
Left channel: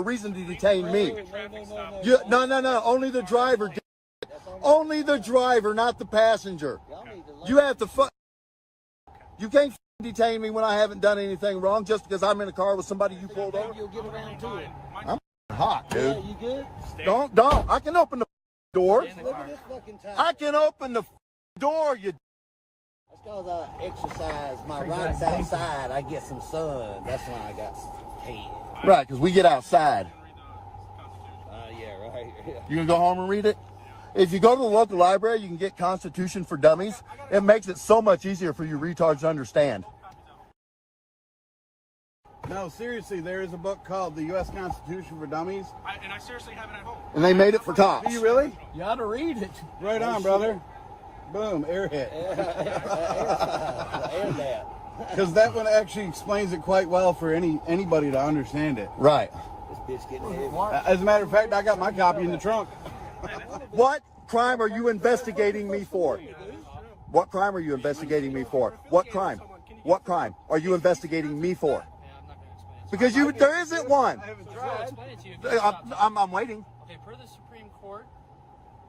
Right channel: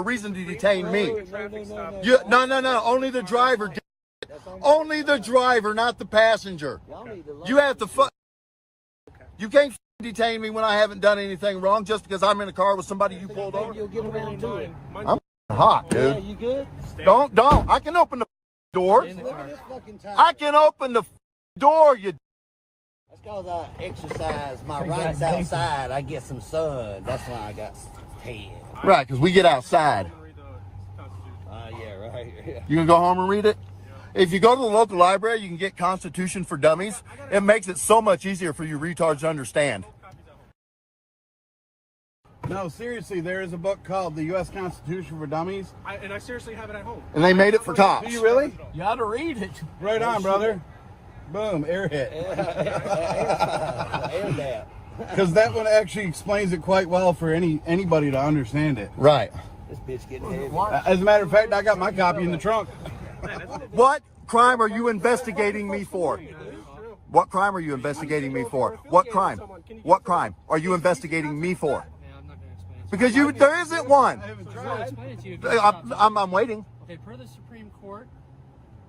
reason to detain me. the traffic stop. No. Only the driver. Only the driver, not the passenger. Y'all need to learn. You have to. You can't detain me when I haven't done anything wrong just because I'm in a car with somebody you pulled over. You'll get around to it. I'm hot, Yeah, dude. you good? Don't. I can open the door. Look at this fucking time. I can open the door. You. That's because I exercise my rights outside. I get some sun. That's when I got tan. Right, because we get outside. Yeah, right. Yeah. You gonna go home and read it? If you go to the local library, you can get Constitution for Dummies. It makes it so much easier for you retards to understand. No, seriously, there is a book called The U.S. Constitution for Dummies. And I seriously have it at home. And they made it for cops. Do you really? You ought to read it. Right on, brother. Boom, air hit. Because that one actually explains it quite well for anybody to understand it. Right. This bitch getting heavy. As a matter of fact, I got my copy in the trunk. What crime are you investigating me for? What crime are you investigating me for? What crime? What crime are you investigating me for? Because there isn't one. I'm waiting. Okay, per the Supreme Court,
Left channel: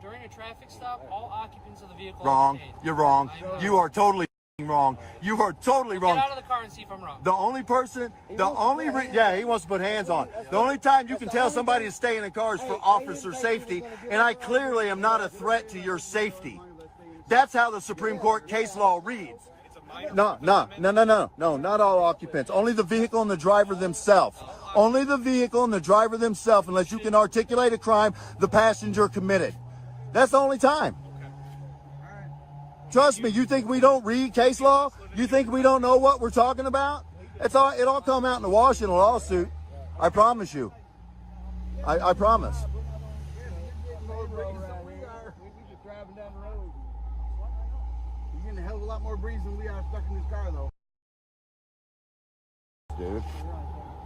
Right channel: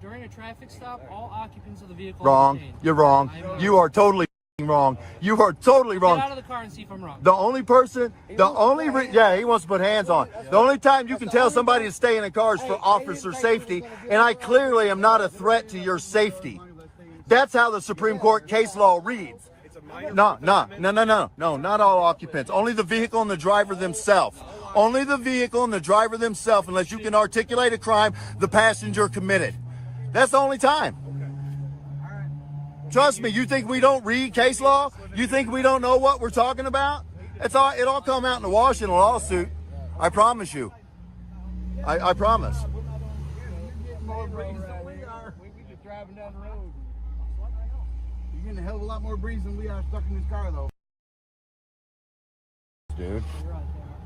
during a traffic stop, all occupants of the vehicle are Wrong. detained. You're wrong. You are totally wrong. You are totally Get wrong. out of the car and see if I'm wrong. The only person, he wants to put hands on. The only time you can tell somebody to stay in a car is for officer safety, and I clearly am not a threat to your safety. That's how the Supreme Court case law reads. No, not all occupants. Only the vehicle and the driver themselves. Only the vehicle and the driver themselves, unless you can articulate a crime the passenger committed. That's the only time. Trust me, you think we don't read case law? You think we don't know what we're talking about? It all come out in the wash in a lawsuit. I promise you. I promise. You're getting a hell of a lot more breeze than we are stuck in this car, though. Dude.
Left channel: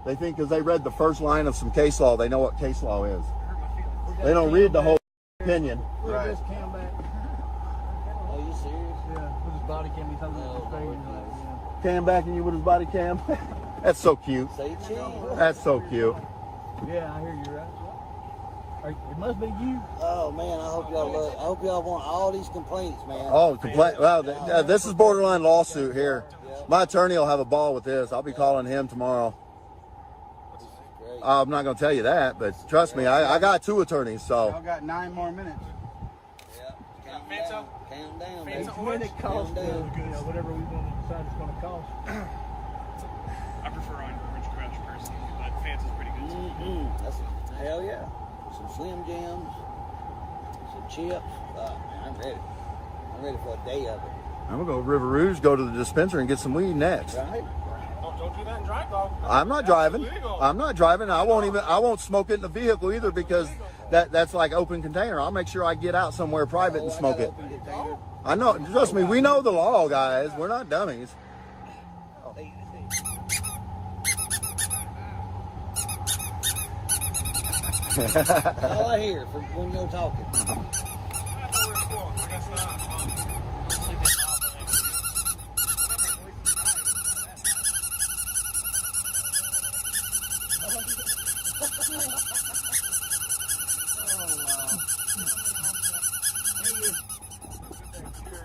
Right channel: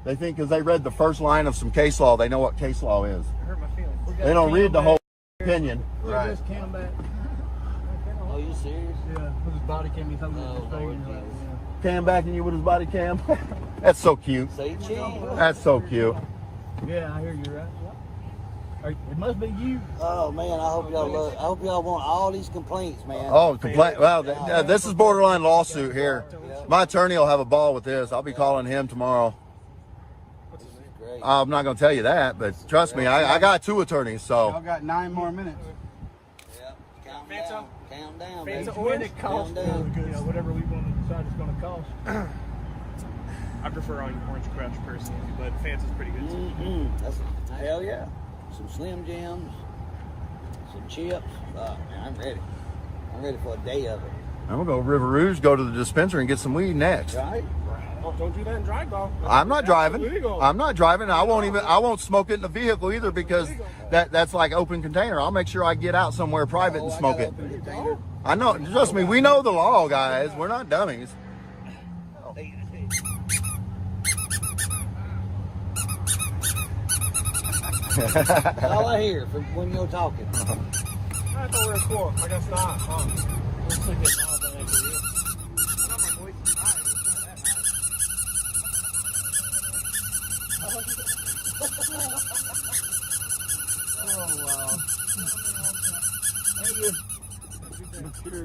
They think because they read the first line of some case law, they know what case law is. It hurt my feelings. They don't read the whole opinion. Right. Oh, you serious? Yeah, his body can be coming out. Cam backing you with his body cam. That's so cute. Say cheese. That's so cute. Yeah, I hear you, right? It must be you. Oh man, I hope y'all want all these complaints, man. Oh, complaint. Well, this is borderline lawsuit here. My attorney will have a ball with this. I'll be calling him tomorrow. I'm not going to tell you that, but trust me, I got 2 attorneys, so. Y'all got 9 more minutes. Fanta? Fanta orange? Whatever we decide it's going to cost. I prefer orange crush personally, but Fanta's pretty good too. Hell yeah. Some Slim Jims, some chips. Man, I'm ready. I'm ready for a day of it. I'm going to go to River Rouge, go to the dispensary, and get some weed next. Right? Oh, don't do that and drive, though. I'm not driving. I'm not driving. I won't smoke it in the vehicle either because that's like open container. I'll make sure I get out somewhere private and smoke it. I know. Trust me, we know the law, guys. We're not dummies. All I hear from when you're talking. I thought we were cool. I guess not.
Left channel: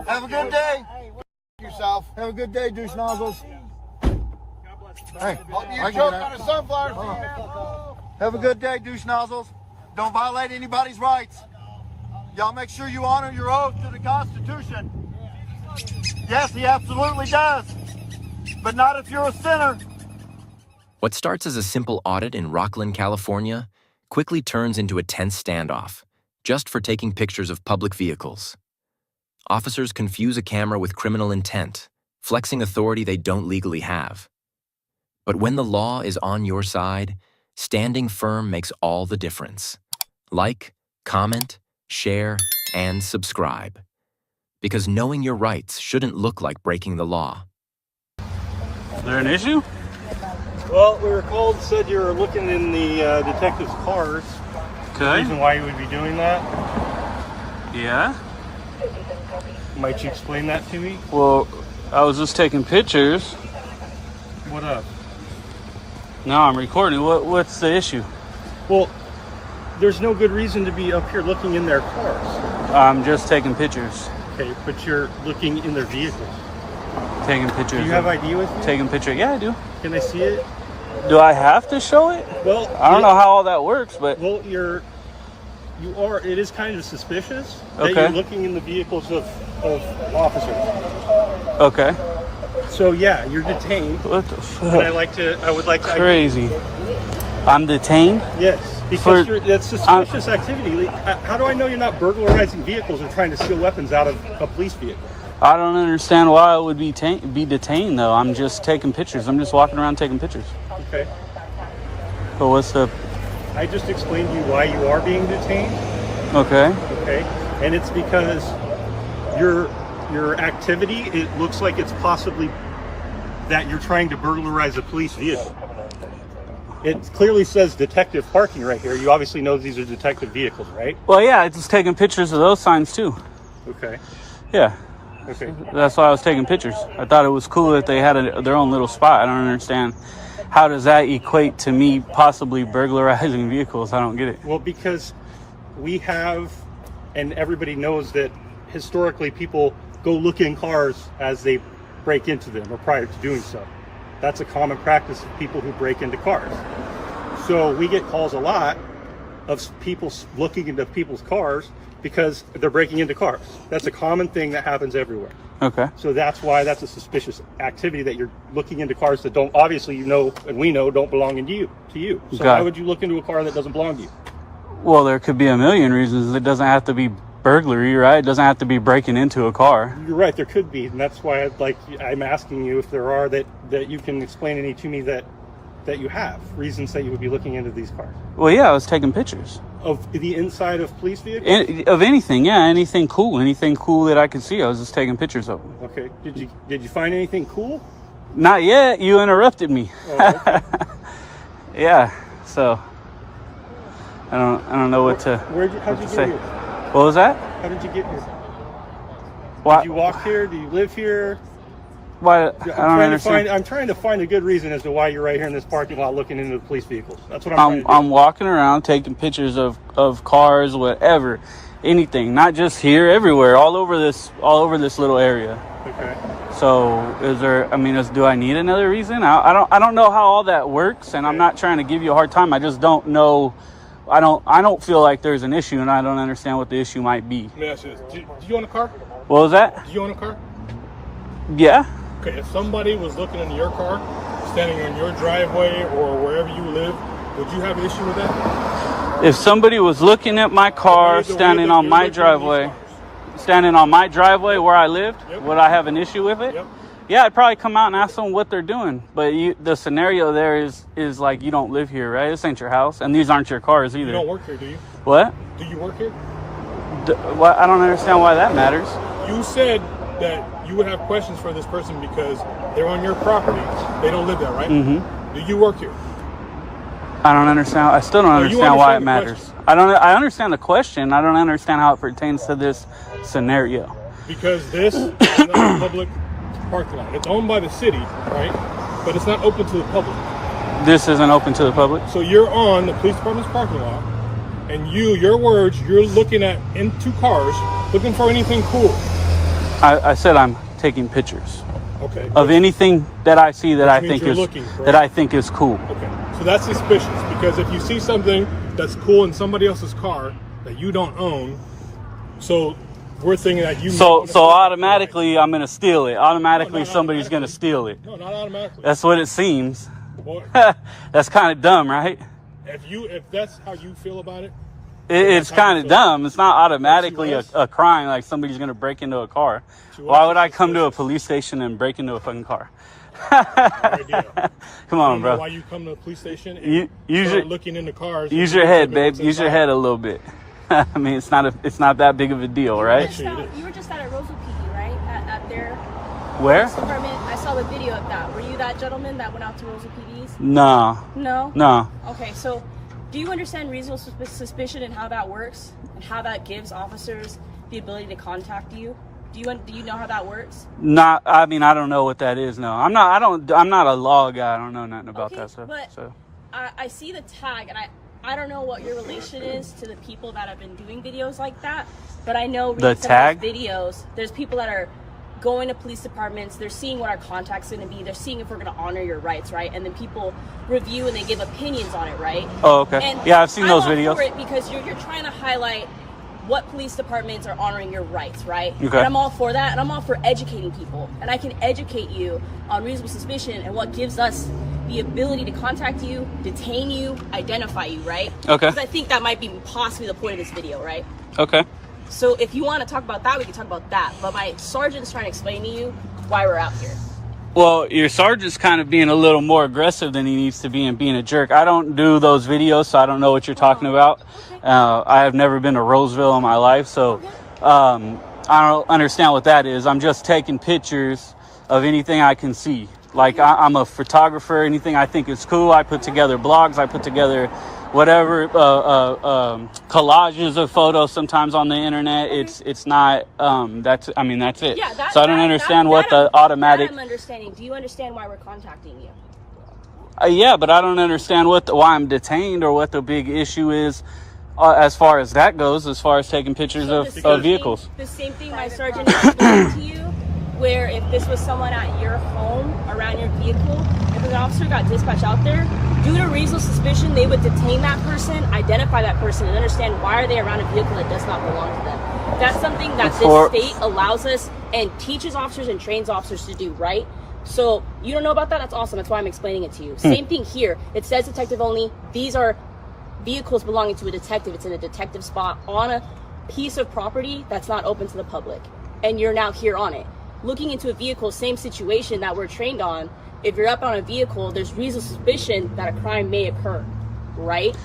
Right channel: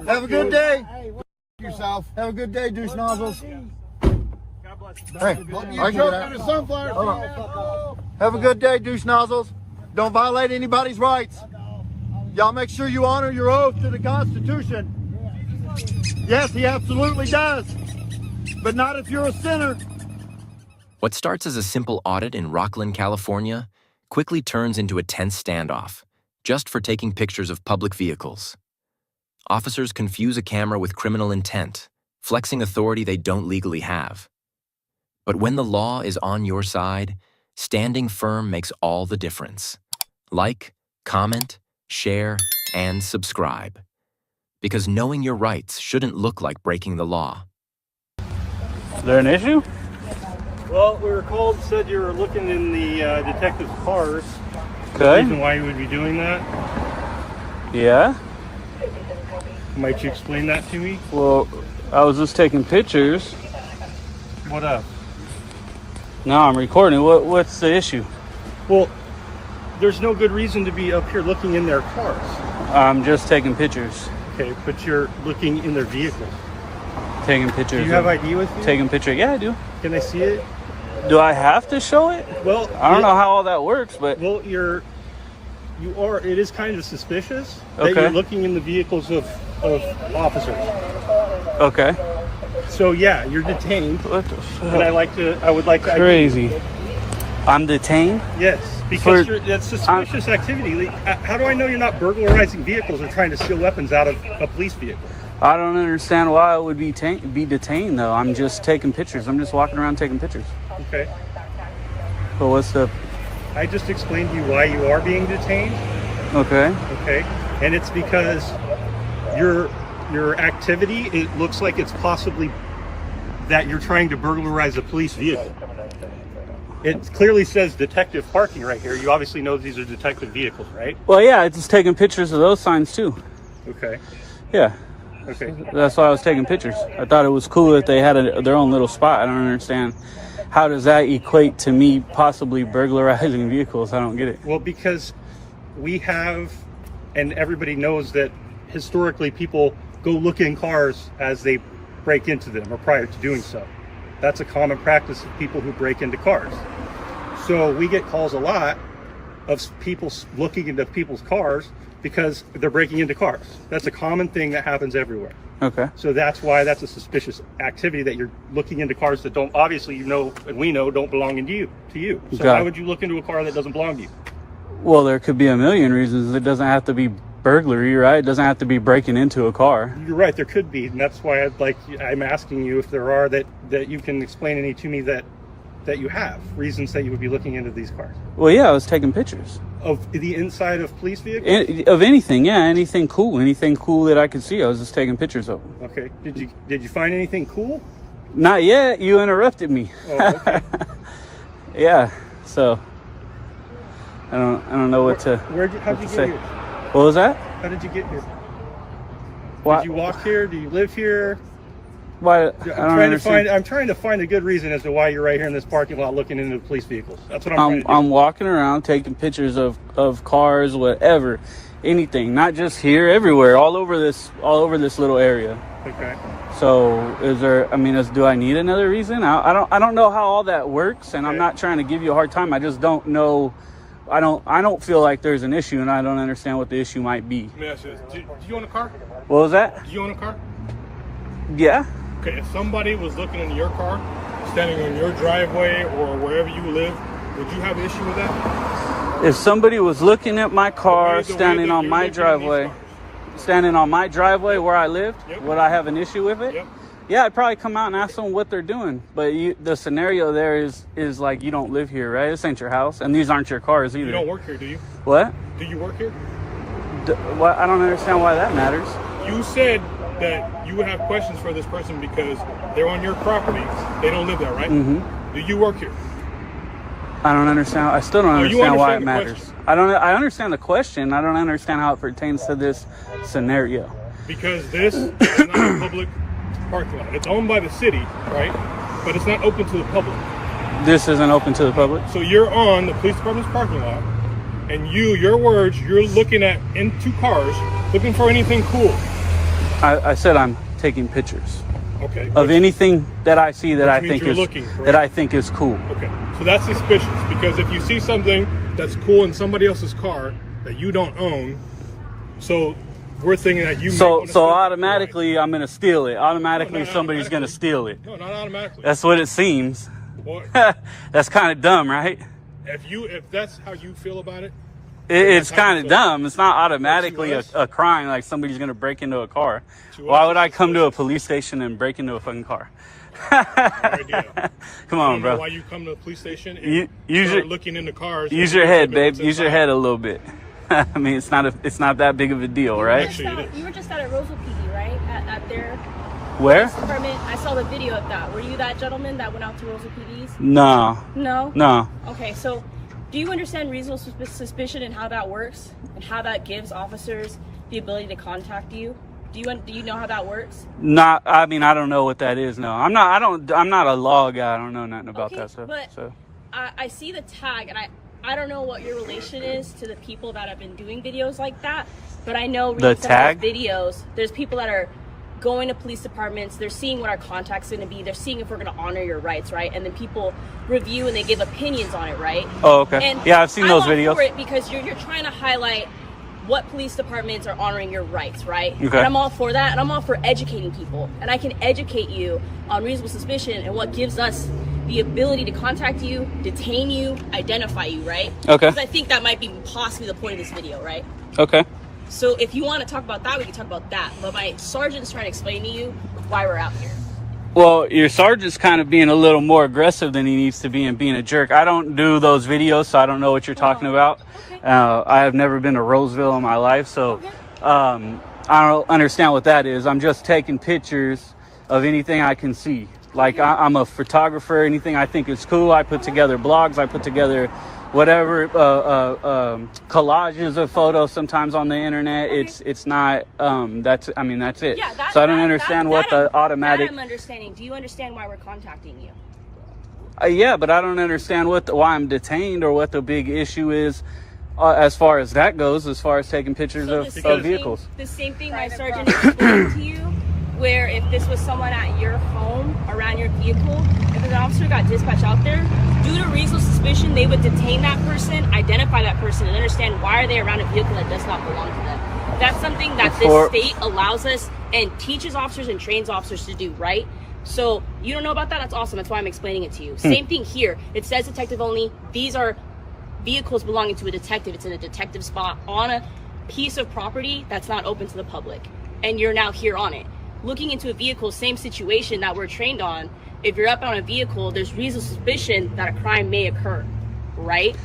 Have a good day. Yourself. Have a good day, douche nozzles. Hey, I can get out. Have a good day, douche nozzles. Don't violate anybody's rights. Y'all make sure you honor your oath to the Constitution. Yes, he absolutely does. But not if you're a sinner. What starts as a simple audit in Rocklin, California, quickly turns into a tense standoff, just for taking pictures of public vehicles. Officers confuse a camera with criminal intent, flexing authority they don't legally have. But when the law is on your side, standing firm makes all the difference. Like, comment, share, and subscribe. Because knowing your rights shouldn't look like breaking the law. Is there an issue? Well, we were called, said you were looking in the detective's cars. Okay. Reason why you would be doing that? Yeah. Might you explain that to me? Well, I was just taking pictures. What up? Now I'm recording. What's the issue? Well, there's no good reason to be up here looking in their cars. I'm just taking pictures. Okay, but you're looking in their vehicles. Taking pictures. Do you have ID with you? Taking picture. Yeah, I do. Can I see it? Do I have to show it? Well, I don't know how all that works, but well, it is kind of suspicious that you're looking in the vehicles of officers. Okay. So yeah, you're detained. What the fuck? I would like to. Crazy. I'm detained? Yes, because that's suspicious activity. How do I know you're not burglarizing vehicles or trying to steal weapons out of a police vehicle? I don't understand why I would be detained though. I'm just taking pictures. I'm just walking around taking pictures. Okay. So what's the? I just explained to you why you are being detained. Okay. Okay. And it's because your activity, it looks like it's possibly that you're trying to burglarize a police vehicle. It clearly says detective parking right here. You obviously know these are detective vehicles, right? Well, yeah, I just taking pictures of those signs too. Okay. Yeah. Okay. That's why I was taking pictures. I thought it was cool that they had their own little spot. I don't understand. How does that equate to me possibly burglarizing vehicles? I don't get it. Well, because we have, and everybody knows that historically people go look in cars as they break into them or prior to doing so. That's a common practice of people who break into cars. So we get calls a lot of people looking into people's cars because they're breaking into cars. That's a common thing that happens everywhere. Okay. So that's why that's a suspicious activity, that you're looking into cars that don't, obviously, you know, and we know don't belong to you. So why would you look into a car that doesn't belong to you? Well, there could be a million reasons. It doesn't have to be burglary, right? It doesn't have to be breaking into a car. You're right, there could be, and that's why I'm asking you if there are that you can explain any to me that you have reasons that you would be looking into these cars. Well, yeah, I was taking pictures of the inside of police vehicles. Of anything, yeah, anything cool that I could see. I was just taking picters of them. Okay. Did you find anything cool? Not yet. You interrupted me. Oh, okay. Yeah. So I don't know what to. How'd you get here? What was that? How did you get here? What? Did you walk here? Do you live here? Why? I'm trying to find a good reason as to why you're right here in this parking lot looking into the police vehicles. That's what I'm trying to do. I'm walking around taking pictures of cars, whatever, anything, not just here, everywhere, all over this little area. Okay. So is there? I mean, do I need another reason? I don't know how all that works, and I'm not trying to give you a hard time. I just don't know. I don't feel like there's an issue, and I don't understand what the issue might be. Let me ask you this. Do you own a car? What was that? Do you own a car? Yeah. Okay, if somebody was looking into your car, standing on your driveway or wherever you live, would you have an issue with that? If somebody was looking at my car, standing on my driveway where I lived, would I have an issue with it? Yep. Yeah, I'd probably come out and ask them what they're doing. But the scenario there is like, you don't live here, right? This ain't your house, and these aren't your cars either. You don't work here, do you? What? Do you work here? I don't understand why that matters. You said that you would have questions for this person because they're on your property. They don't live there, right? Mm-hmm. Do you work here? I don't understand. I still don't understand why it the matters. question. I understand the question. I don't understand how it pertains to this scenario. Because this is not a public parking lot. It's owned by the city, right? But it's not open to the public. This isn't open to the public? So you're on the police department's parking lot, and your words, you're looking at into cars, looking for anything cool. I said I'm taking pictures. Okay. Of anything that I see that I think is cool. Okay. So that's suspicious, because if you see something that's cool in somebody else's car that you don't own, so we're thinking that you. So automatically I'm gonna steal it. Automatically somebody's gonna steal it. No, not automatically. That's what it seems. Well, that's kind of dumb, right? If that's how you feel about it. It's kind of dumb. It's not automatically a crime, like somebody's going to break into a car. Why would I come to a police station and break into a fucking car? Come on, bro. Why you come to the police station and start looking into cars? Use your head, babe. Use your head a little bit. I mean, it's not that big of a deal, right? You were just out at Roseville PD, right? At their where? Police department. I saw the video of that. Were you that gentleman that went out to Roseville PD's? No. No? No. Okay, so do you understand reasonable suspicion and how that works, and how that gives officers the ability to contact you? Do you know how that works? I mean, I don't know what that is. No, I'm not a law guy. I don't know nothing about that stuff. But so I see the tag, and I don't know what your relation is to the people that have been doing videos like that, but I know the tag videos. There's people that are going to police departments, they're seeing what our contact's going to be, they're seeing if we're going to honor your rights, right? And then people review and they give opinions on it, right? Oh, okay. And yeah, I've seen those videos. For it because you're trying to highlight what police departments are honoring your rights, right? Okay. And I'm all for that, and I'm all for educating people. And I can educate you on reasonable suspicion and what gives us the ability to contact you, detain you, identify you, right? Okay. Because I think that might be possibly the point of this video, right? Okay. So if you want to talk about that, we can talk about that. But my sergeant's trying to explain to you why we're out here. Well, your sergeant's kind of being a little more aggressive than he needs to be and being a jerk. I don't do those videos, so I don't know what you're talking about. Okay. I have never been to Roseville in my life, so I don't understand what that is. I'm just taking pictures of anything I can see. Like, I'm a photographer. Anything I think is cool, I put together blogs. I put together whatever collages of photos sometimes on the internet. It's not that's it. Yeah, so I don't understand what the automatic. I'm understanding. Do you understand why we're contacting you? Yeah, but I don't understand why I'm detained or what the big issue is as far as that goes. As far as taking pictures of vehicles. The same thing my sergeant explained to you. Where if this was someone at your home, around your vehicle, if an officer got dispatched out there, due to reasonable suspicion, they would detain that person, identify that person, and understand why are they around a vehicle that does not belong to them. That's something that this state allows us and teaches officers and trains officers to do, right? So you don't know about that? That's awesome. That's why I'm explaining it to you. Same thing here. It says detective only. These are vehicles belonging to a detective. It's in a detective spot on a piece of property that's not open to the public. And you're now here on it. Looking into a vehicle, same situation that we're trained on. If you're up on a vehicle, there's reasonable suspicion that a crime may occur, right?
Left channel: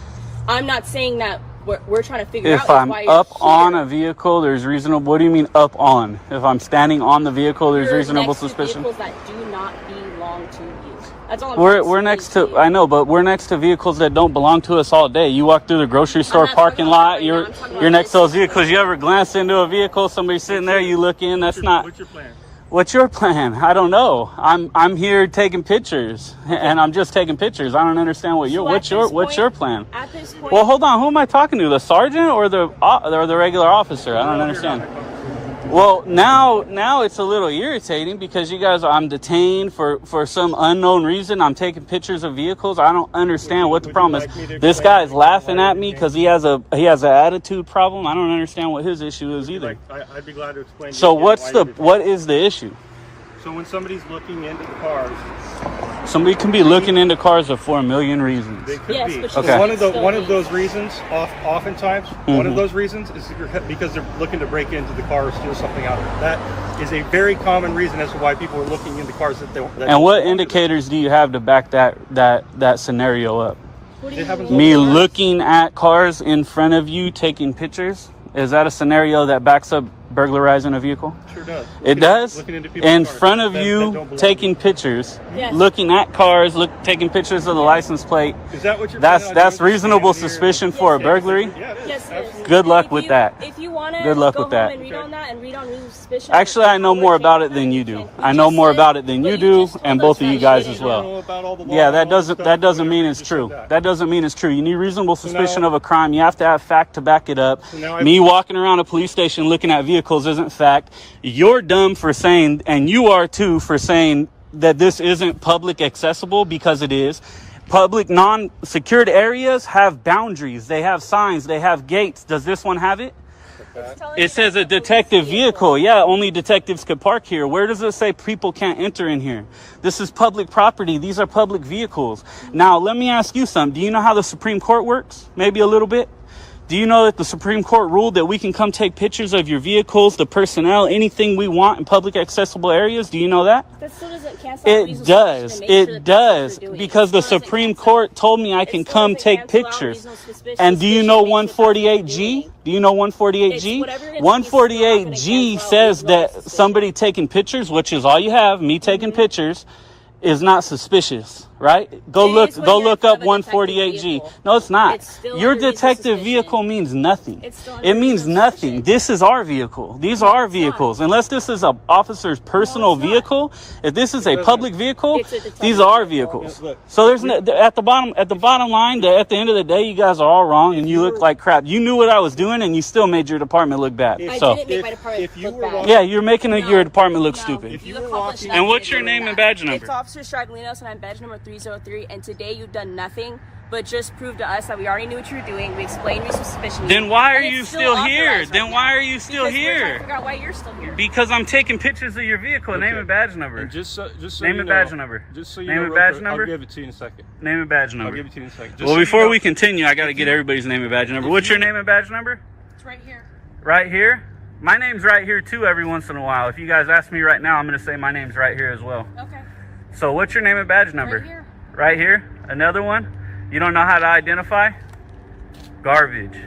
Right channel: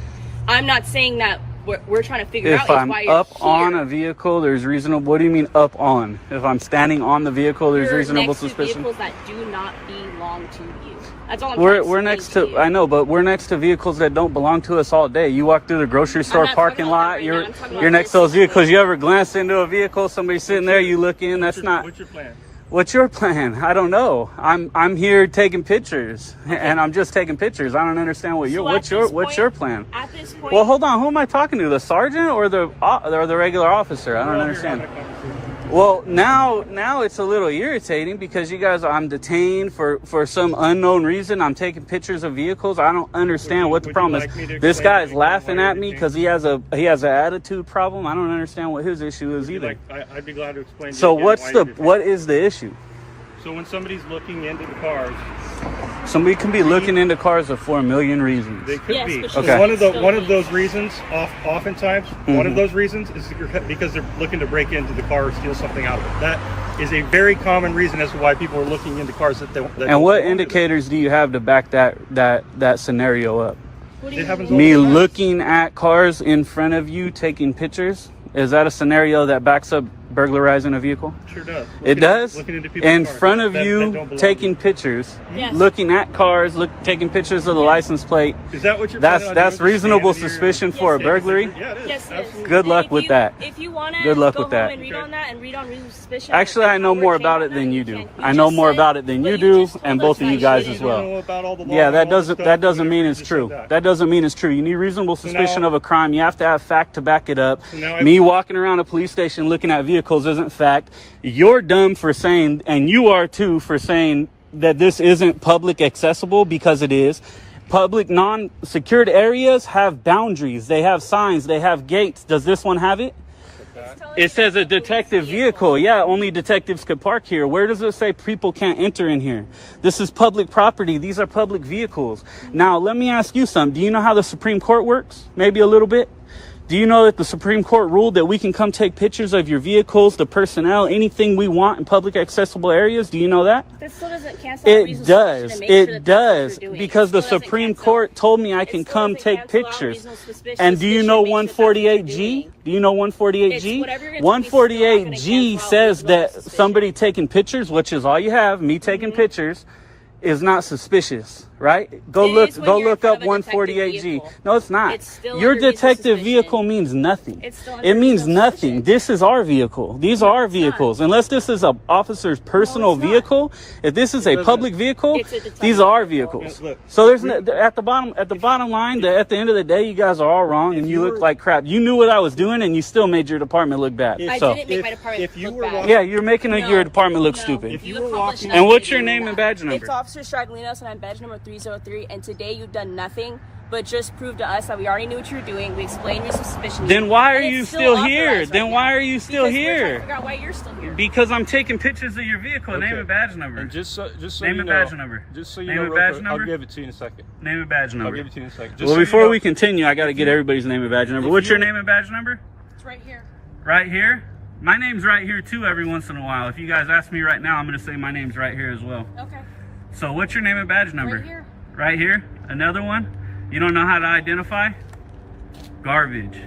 I'm not saying that we're trying to figure out if I'm why you're up here. on a vehicle, there's reasonable. What do you mean up on? If I'm standing on the vehicle, there's reasonable suspicion. Vehicles that do not belong to you. That's all I'm we're next to. I know, but we're next to vehicles that don't belong to us all day. You walk through the grocery store parking lot. You're next to those vehicles. You ever glance into a vehicle, somebody sitting there, you look in. That's not. What's your plan? What's your plan? I don't know. I'm here taking pictures, and I'm just taking pictures. I don't understand what's your plan? At this point, well, hold on. Who am I talking to? The sergeant or the regular officer? I don't understand. Well, now it's a little irritating because you guys, I'm detained for some unknown reason. I'm taking pictures of vehicles. I don't understand what the problem is. This guy is laughing at me because he has an attitude problem. I don't understand what his issue is either. I'd be glad to explain. So what is the issue? So when somebody's looking into the cars, somebody can be looking into cars for a million reasons. They could be. Okay. One of those reasons, oftentimes, one of those reasons is because they're looking to break into the car or steal something out of it. That is a very common reason as to why people are looking into cars that they. And what indicators do you have to back that scenario up? It happens. Me looking at cars in front of you, taking pictures. Is that a scenario that backs up burglarizing a vehicle? Sure does. It does? Looking into people's in cars front of that you, don't belong taking to you. pictures, Yes. looking at cars, taking pictures of the license plate. Is that what you're? That's reasonable suspicion for a burglary? Yeah, it is. Yes, Absolutely. Good luck with that. If you want to Good luck go with that. home and read on that and read on reasonable suspicion. Actually, I know more about it than you do. I know more about it than you do, and both of you guys as well. Yeah, that doesn't mean it's true. That doesn't mean it's true. You need reasonable suspicion of a crime. You have to have fact to back it up. Me walking around a police station looking at vehicles isn't fact. You're dumb for saying, and you are too, for saying that this isn't public accessible, because it is. Public non-secured areas have boundaries. They have signs. They have gates. Does this one have it? It says a detective vehicle. Yeah, only detectives could park here. Where does it say people can't enter in here? This is public property. These are public vehicles. Now, let me ask you something. Do you know how the Supreme Court works? Maybe a little bit. Do you know that the Supreme Court ruled that we can come take pictures of your vehicles, the personnel, anything we want in public accessible areas? Do you know that? That still doesn't cancel out It does. It does. Because the Supreme Court told me I can come take pictures. And do you know 148G? Do you know 148G? 148G says that somebody taking pictures, which is all you have, me taking pictures, is not suspicious, right? Go look up 148G. No, it's not. Your detective vehicle means nothing. It means nothing. This is our vehicle. These are our vehicles. Unless this is an officer's personal vehicle, if this is a public vehicle, these are our vehicles. So there's at the bottom line, at the end of the day, you guys are all wrong and you look like crap. You knew what I was doing and you still made your department look bad. So yeah, you're making your department look stupid. If you were walking, and what's your name and badge number? It's Officer Straglinos, and I'm badge number 303. And today you've done nothing but just prove to us that we already knew what you were doing. We explained your suspicion. Then why are you still here? Then why are you still because here? We're trying to figure out why you're still here. Because I'm taking pictures of your vehicle. Okay. Name and badge number. And just so name you and know, badge number. Just so you name know, and real badge quick, number. I'll give it to you in a second. Name and badge number. I'll give it to you in a second. Just Well, so before you know, we continue, I got to get everybody's name and badge number. What's your name and badge number? It's right here. Right here. My name's right here too. Every once in a while, if you guys ask me right now, I'm gonna say my name's right here as well. Okay. So what's your name and badge number? Right here. Right here. Another one. You don't know how to identify? Garbage.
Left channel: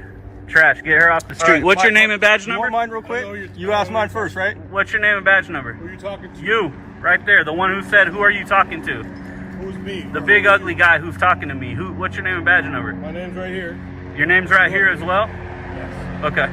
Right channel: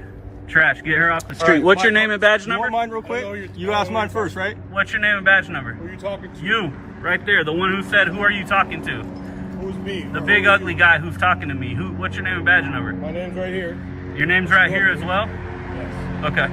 Trash. Get her off the street. Right, What's your name and badge number? You want mine real quick? You asked mine first, right? What's your name and badge number? Who are you talking to? You. Right there. The one who said, who are you talking to? Who's me? The big ugly guy who's talking to me. What's your name and badge number? My name's right here. Your name's right here as well? Yes. Okay.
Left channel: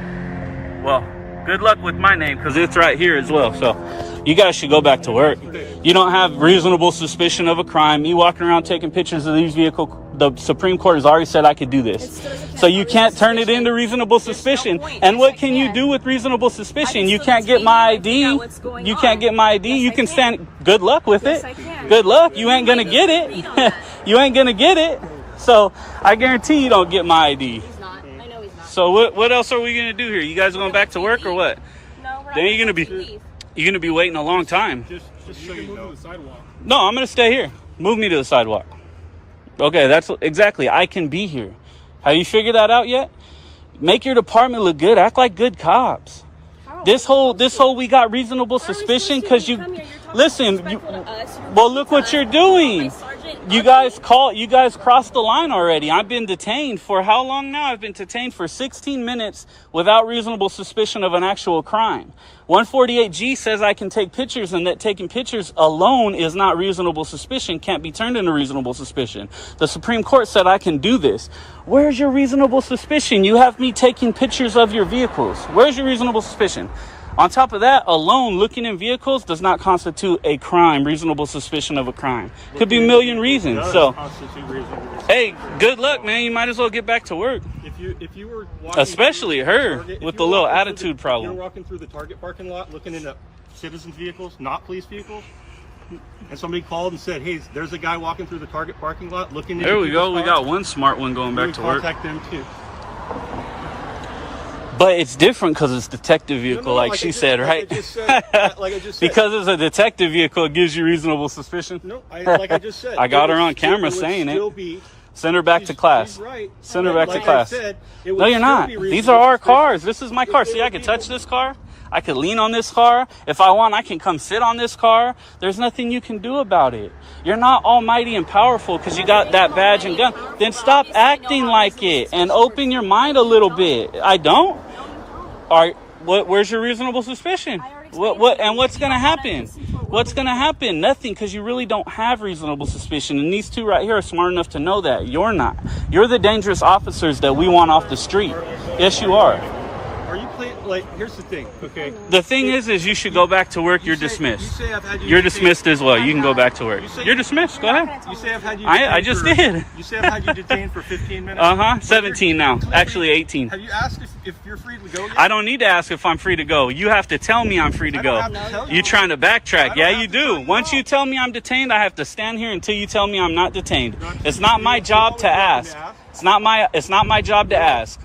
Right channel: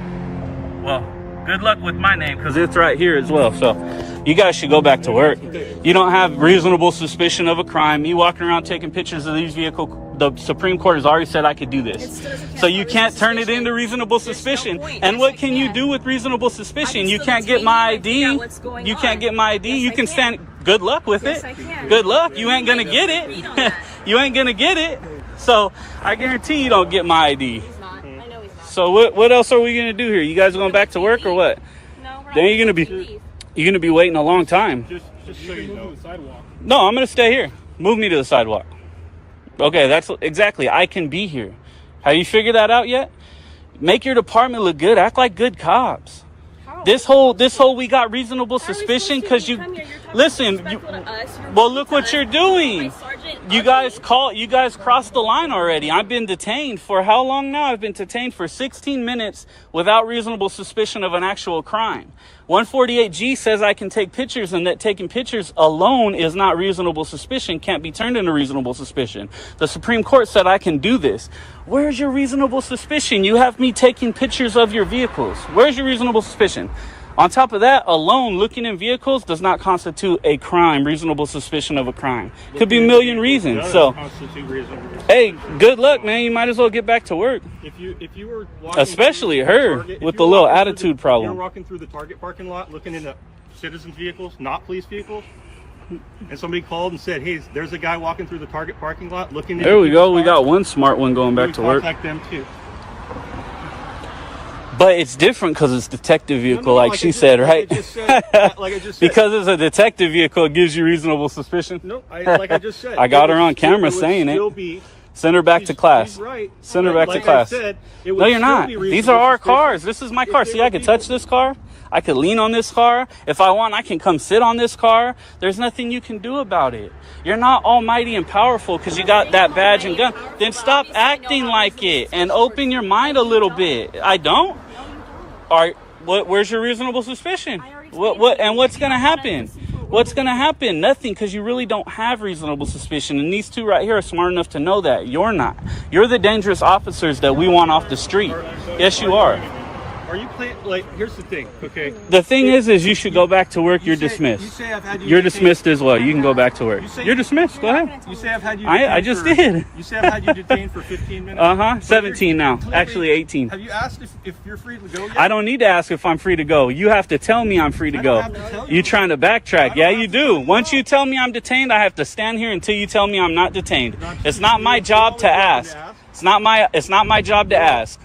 Well, good luck with my name because it's right here as well. So you guys should go back to work. You don't have reasonable suspicion of a crime. You walking around taking pictures of these vehicles. The Supreme Court has already said I could do this. So you can't turn it into reasonable suspicion. And what can you do with reasonable suspicion? You can't get my ID. You can't get my ID. You can stand. Good luck with it. Good luck. You ain't going to get it. You ain't going to get it. So I guarantee you don't get my ID. So what else are we going to do here? You guys going back to work or what? No, Then you're going to be waiting a long time. Just so you know. No, I'm going to stay here. Move me to the sidewalk. Okay, that's exactly. I can be here. Have you figured that out yet? Make your department look good. Act like good cops. This whole we got reasonable suspicion because you listen. Well, look what you're doing. You guys crossed the line already. I've been detained for how long now? I've been detained for 16 minutes without reasonable suspicion of an actual crime. 148G says I can take pictures, and that taking pictures alone is not reasonable suspicion, can't be turned into reasonable suspicion. The Supreme Court said I can do this. Where's your reasonable suspicion? You have me taking pictures of your vehicles. Where's your reasonable suspicion? On top of that, alone looking in vehicles does not constitute a crime, reasonable suspicion of a crime. Could be a million reasons. So, hey, good luck, man. You might as well get back to work. If you were walking especially her with the little attitude problem. You're walking through the Target parking lot looking into citizens' vehicles, not police vehicles, and somebody called and said, "Hey, there's a guy walking through the Target parking lot looking into." There we go. We got one smart one going back to work. Contact them too. But it's different because it's detective vehicle, like she said, right? Like I just said. Because it's a detective vehicle, it gives you reasonable suspicion. No, like I just said. I got her on camera saying it. Send her back to class. Right. Send her back to class. No, you're not. These are our cars. This is my car. See, I could touch this car. I could lean on this car. If I want, I can come sit on this car. There's nothing you can do about it. You're not almighty and powerful because you got that badge and gun. Then stop acting like it and open your mind a little bit. I don't. All right. Where's your reasonable suspicion? And what's going to happen? What's going to happen? Nothing, because you really don't have reasonable suspicion. And these two right here are smart enough to know that. You're not. You're the dangerous officers that we want off the street. Yes, you are. Are you playing, like, here's the thing, okay? The thing is you should go back to work. You're dismissed. You're dismissed as well. You can go back to work. You're dismissed. Go ahead. You say I've had you I just did. You say I've had you detained for 15 minutes? 17 now. Actually 18. Have you asked if you're free to go yet? I don't need to ask if I'm free to go. You have to tell me I'm free to go. You're trying to backtrack. Yeah, you do. Once you tell me I'm detained, I have to stand here until you tell me I'm not detained. It's not my job to ask. It's not my job to ask.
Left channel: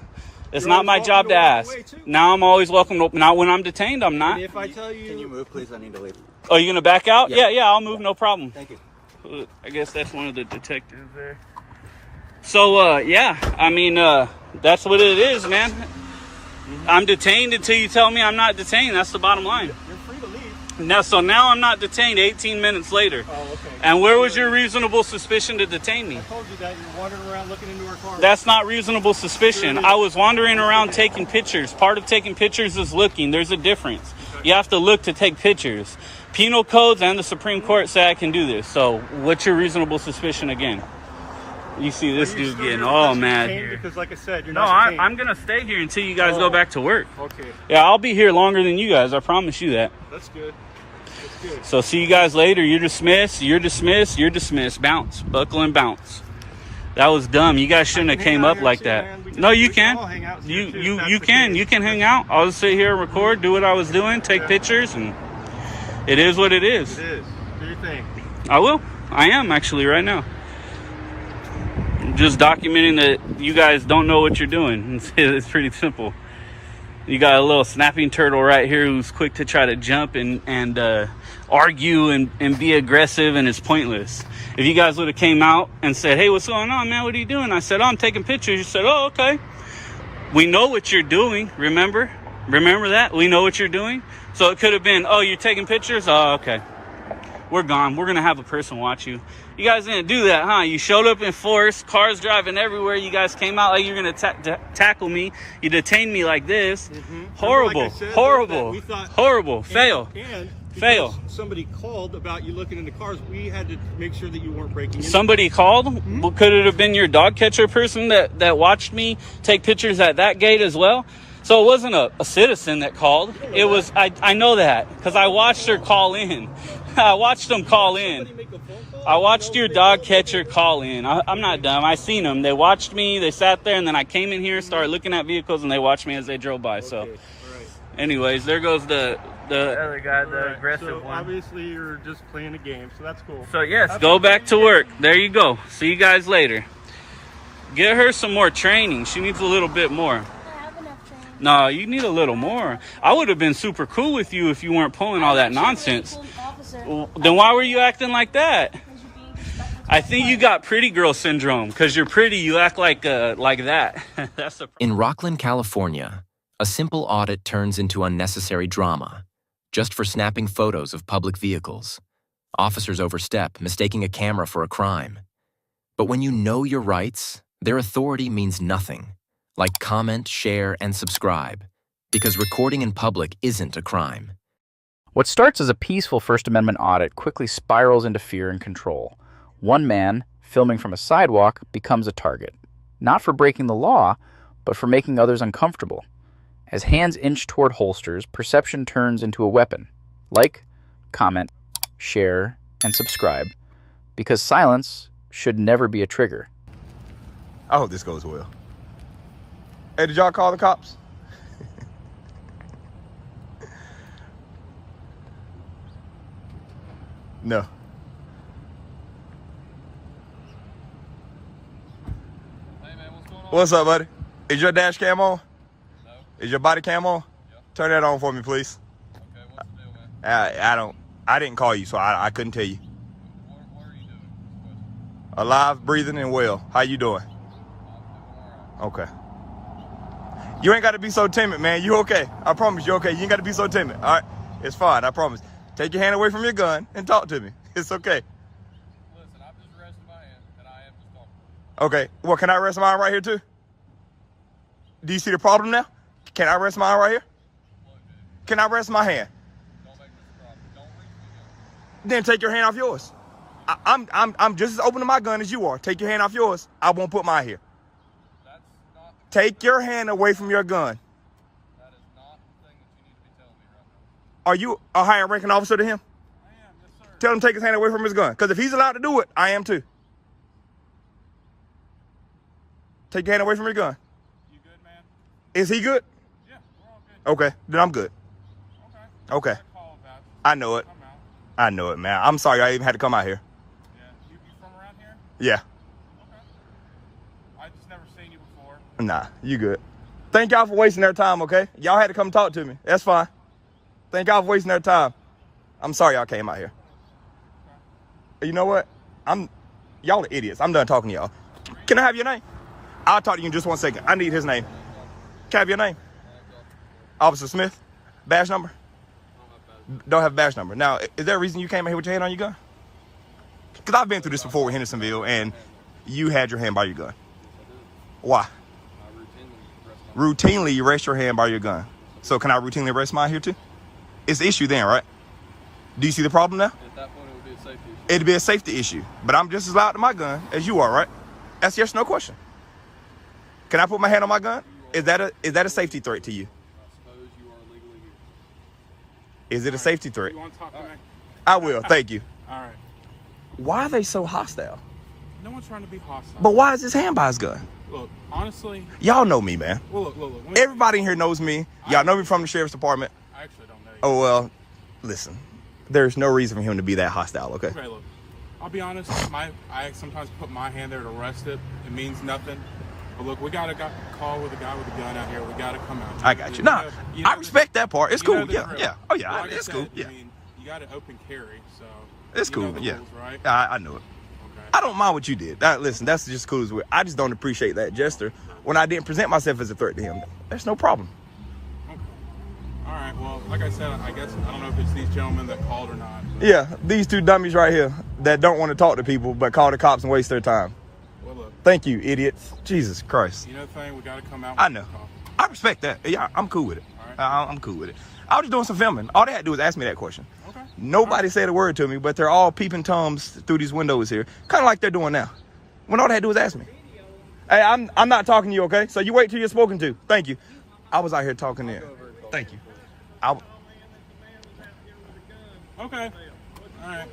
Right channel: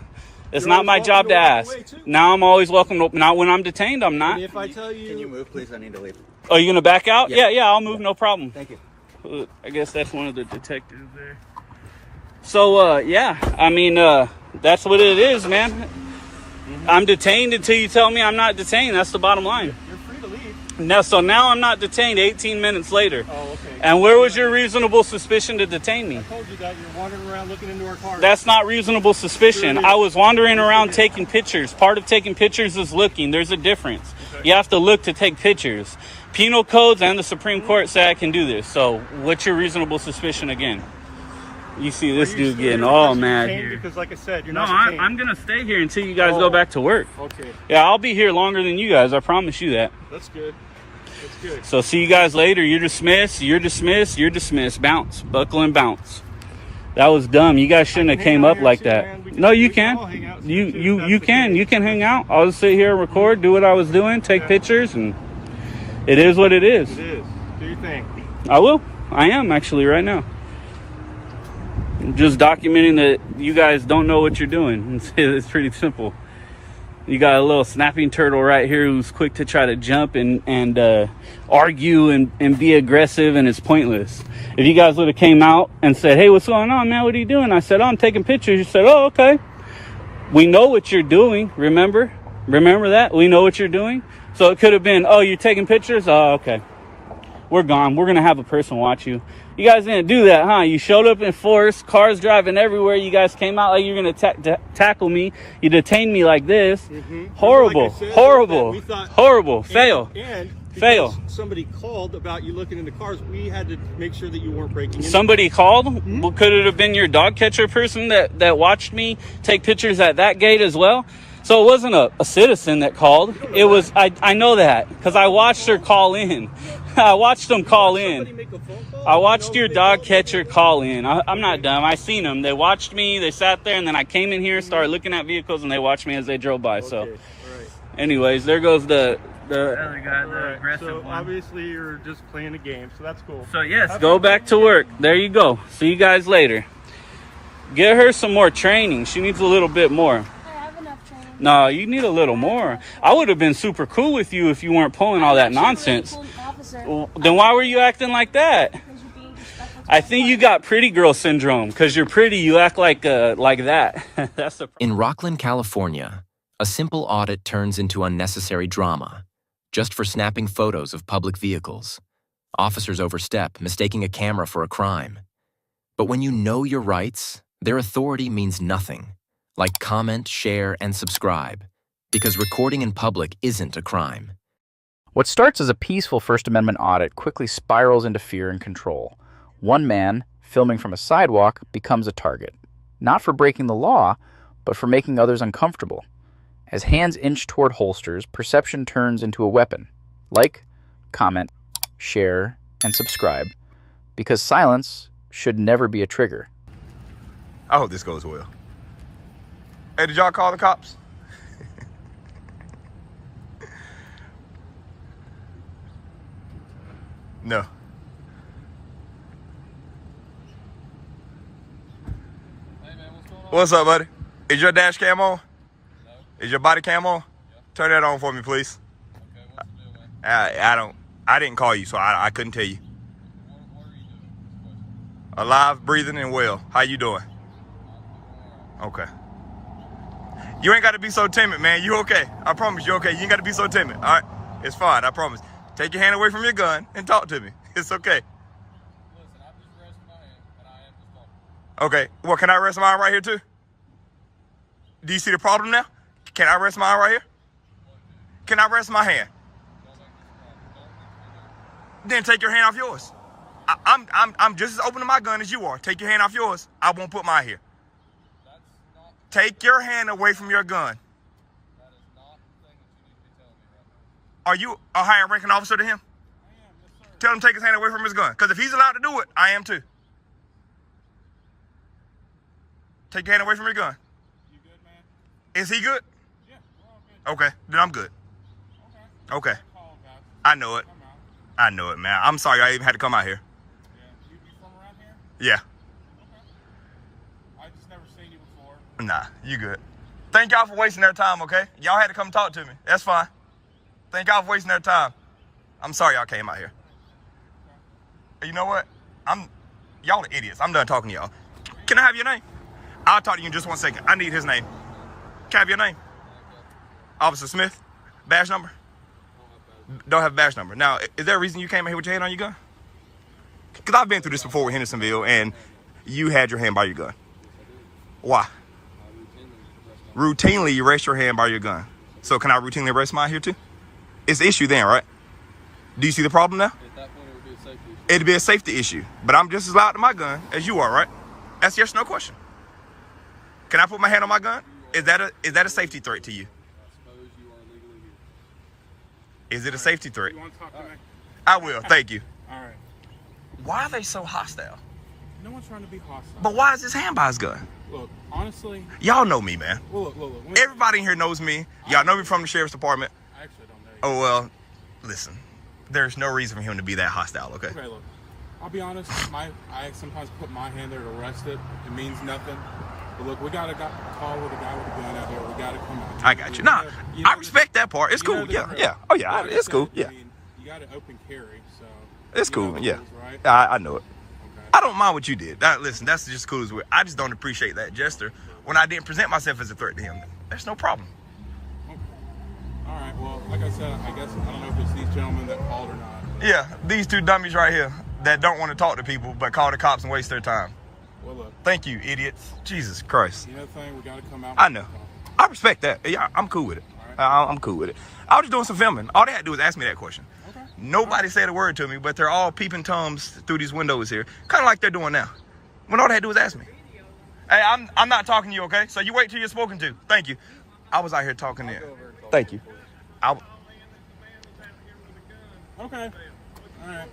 It's not my job to ask. Now I'm always welcome to, not when I'm detained, I'm not. And if I tell you... Can you move, please? I need to leave. Oh, you gonna back out? Yeah. Yeah, I'll move, no problem. Thank you. I guess that's one of the detectives there. So, yeah, I mean, that's what it is, man. I'm detained until you tell me I'm not detained. That's the bottom line. You're free to leave. Now I'm not detained 18 minutes later. Oh, okay. And where was your reasonable suspicion to detain me? I told you that you're wandering around looking into our car. That's not reasonable suspicion. I was wandering around taking pictures. Part of taking pictures is looking. There's a difference. You have to look to take pictures. Penal codes and the Supreme Court say I can do this. So what's your reasonable suspicion again? You see this dude getting all mad here. Because like I said, you're No, not detained. I'm going to stay here until you guys go back to work. Okay. Yeah, I'll be here longer than you guys. I promise you that. That's good. That's good. So see you guys later. You're dismissed. You're dismissed. You're dismissed. Bounce. Buckle and bounce. That was dumb. You guys shouldn't have came up like that. No, you can. You can. You can hang out. I'll just sit here and record, do what I was doing, take pictures, and it is what it is. It is. Do your thing. I will. I am actually right now. Just documenting that you guys don't know what you're doing. It's pretty simple. You got a little snapping turtle right here who's quick to try to jump and argue and be aggressive, and it's pointless. If you guys would have came out and said, "Hey, what's going on, man? What are you doing?" I said, "Oh, I'm taking pictures." You said, "Oh, okay. We know what you're doing. Remember that? We know what you're doing." So it could have been, "Oh, you're taking pictures? Oh, okay. We're gone. We're going to have a person watch you." You guys didn't do that, huh? You showed up in force, cars driving everywhere. You guys came out like you're going to tackle me. You detained me like this. Horrible, Like I said, horrible, we thought- horrible. Fail. And Fail. because somebody called about you looking into cars, we had to make sure that you weren't breaking in. Somebody called? Well, could it have been your dog catcher person that watched me take pictures at that gate as well? So it wasn't a citizen that called. It was, I know that because I watched her call in. I watched them call in. I watched your dog catcher call in. I'm not dumb. I seen them. They watched me. They sat there, and then I came in here, started looking at vehicles, and they watched me as they drove by. So, anyways, there goes the other guy, the aggressive So one. obviously you're just playing a game, so that's cool. So yes, go back to work. There you go. See you guys later. Get her some more training. She needs a little bit more. No, you need a little more. I would have been super cool with you if you weren't pulling all that nonsense. Then why were you acting like that? I think you got pretty girl syndrome. Because you're pretty, you act like that. That's the In Rockland, California, a simple audit turns into unnecessary drama, just for snapping photos of public vehicles. Officers overstep, mistaking a camera for a crime. But when you know your rights, their authority means nothing. Like comment, share, and subscribe, because recording in public isn't a crime. What starts as a peaceful First Amendment audit quickly spirals into fear and control. One man, filming from a sidewalk, becomes a target, not for breaking the law, but for making others uncomfortable. As hands inch toward holsters, perception turns into a weapon. Like, comment, share, and subscribe, because silence should never be a trigger. I hope this goes well. Hey, did y'all call the cops? No. Hey man, what's going on? What's up, buddy? Is your dash cam on? No. Is your body cam on? Yeah. Turn that on for me, please. Okay, what's the deal, man? I didn't call you, so I couldn't tell you. What are you doing? Alive, breathing, and well. How you doing? I'm doing all right. Okay. You ain't got to be so timid, man. You okay? I promise you okay. You ain't got to be so timid, all right? It's fine, I promise. Take your hand away from your gun and talk to me. It's okay. Listen, I've just rested my hand, and I am just talking. Okay, well, can I rest mine right here, too? Do you see the problem now? Can I rest mine right here? Can I rest my hand? Don't make this a problem. Don't reach for your gun. Then take your hand off yours. I'm just as open to my gun as you are. Take your hand off yours. I won't put mine here. That's not... Take your hand away from your gun. That is not the thing that you need to be telling me right now. Are you a higher ranking officer than him? I am, yes sir. Tell him to take his hand away from his gun. Because if he's allowed to do it, I am too. Take your hand away from your gun. You good, man? Is he good? Yeah, we're all good. Okay, then I'm good. Okay. Okay. I know it. I'm out. I know it, man. I'm sorry I even had to come out here. Yeah. You from around here? Yeah. Okay. I just never seen you before. Nah, you good. Thank y'all for wasting their time, okay? Y'all had to come talk to me. That's fine. Thank y'all for wasting their time. I'm sorry y'all came out here. Okay. You know what? Y'all are idiots. I'm done talking to y'all. Can I have your name? I'll talk to you in just 1 second. I need his name. Can I have your name? Officer Smith? Badge number? Don't have a badge number. Now, is there a reason you came out here with your hand on your gun? Because I've been through this before with Hendersonville, and you had your hand by your gun. Why? Routinely, you rest your hand by your gun. So can I routinely rest mine here too? It's the issue then, right? Do you see the problem now? At that point, it would be a safety issue. It'd be a safety issue. But I'm just as loud to my gun as you are, right? That's yes or no question. Can I put my hand on my gun? Is that a safety threat to you? I suppose you are legally here. Is it a safety threat? You want to talk to me? I will, thank you. All right. Why are they so hostile? No one's trying to be hostile. But why is his hand by his gun? Look, honestly... Y'all know me, man. Well, look. Everybody in here knows me. Y'all know me from the sheriff's department. I actually don't know you. Oh, well, listen. There's no reason for him to be that hostile, okay? Okay, look. I'll be honest. I sometimes put my hand there to arrest it. It means nothing. But look, we got a call with a guy with a gun out here. We got to come out. I got you. Nah, I respect that part. It's cool. Yeah. Oh, yeah, it's cool. Yeah. I mean, you got to open carry, so... It's cool, yeah. Rules, right? I know it. Okay. I don't mind what you did. Listen, that's just cool as well. I just don't appreciate that gesture when I didn't present myself as a threat to him. That's no problem. Okay. All right, well, like I said, I guess, I don't know if it's these gentlemen that called or not. But... Yeah, these two dummies right here that don't want to talk to people but call the cops and waste their time. Well, look. Thank you, idiots. Jesus Christ. You know the thing, we got to come out. I know. I respect that. Yeah, I'm cool with it. All right. I'm cool with it. I was just doing some filming. All they had to do was ask me that question. Okay. Nobody said a word to me, but they're all peeping Toms through these windows here. Kind of like they're doing now. When all they had to do was ask me. Hey, I'm not talking to you, okay? So you wait till you're spoken to. Thank you. I was out here talking there. Thank you. Okay. All right.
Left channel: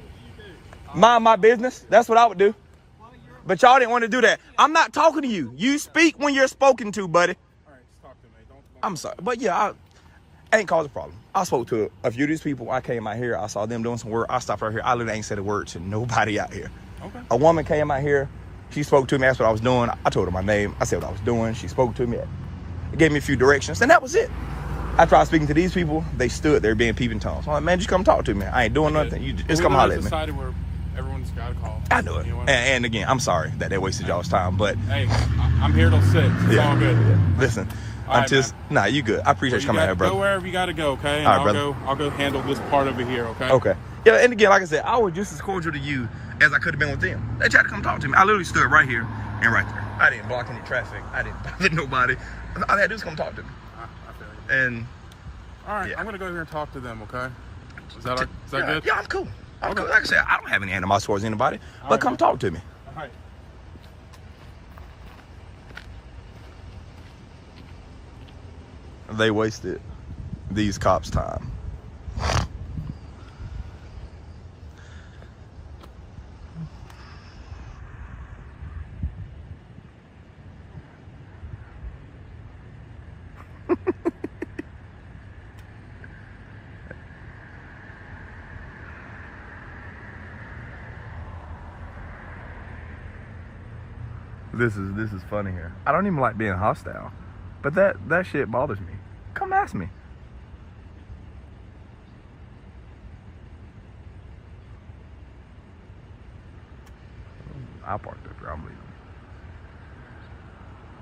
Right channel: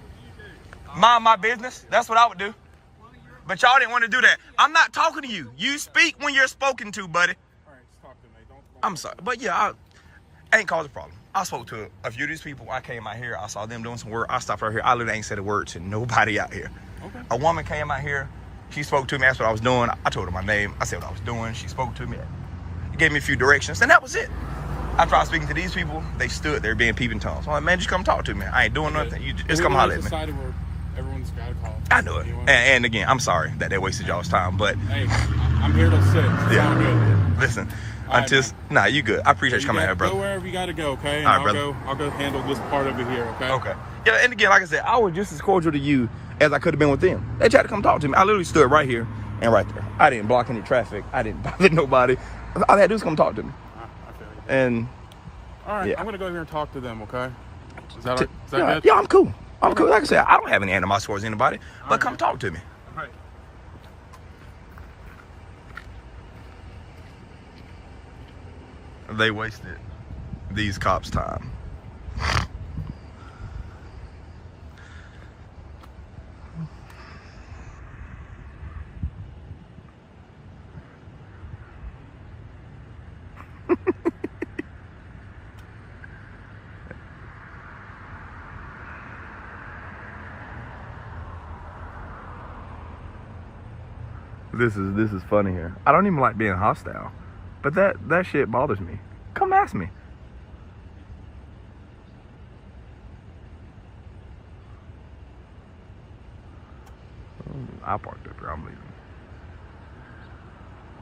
Mind my business. That's what I would do. But y'all didn't want to do that. I'm not talking to you. You speak when you're spoken to, buddy. All right, just talk to me. Don't I'm sorry. But yeah, I ain't caused a problem. I spoke to a few of these people. I came out here. I saw them doing some work. I stopped right here. I literally ain't said a word to nobody out here. Okay. A woman came out here. She spoke to me. Asked what I was doing. I told her my name. I said what I was doing. She spoke to me. Gave me a few directions. And that was it. After I was speaking to these people, they stood there being peeping Toms. I'm like, man, just come talk to me. I ain't doing nothing. You just come holler at me. Society where everyone's got a call. I know it. And again, I'm sorry that they wasted y'all's time, but... Hey, I'm here till 6. It's all good. Listen, right, nah, you good. I appreciate you coming out here, brother. Go wherever you got to go, okay? And All right, I'll go handle this part over here, okay? Okay. Yeah, and again, like I said, I was just as cordial to you as I could have been with them. They tried to come talk to me. I literally stood right here and right there. I didn't block any traffic. I didn't bother nobody. All they had to do is come talk to me. And... All right, I'm going to go here and talk to them, okay? Is that good? Yeah, I'm cool. I'm cool. Like I said, I don't have any animosity towards anybody, but come talk to me. All right. They wasted these cops' time. This is funny here. I don't even like being hostile, but that shit bothers me. Come ask me. I parked up here. I'm leaving.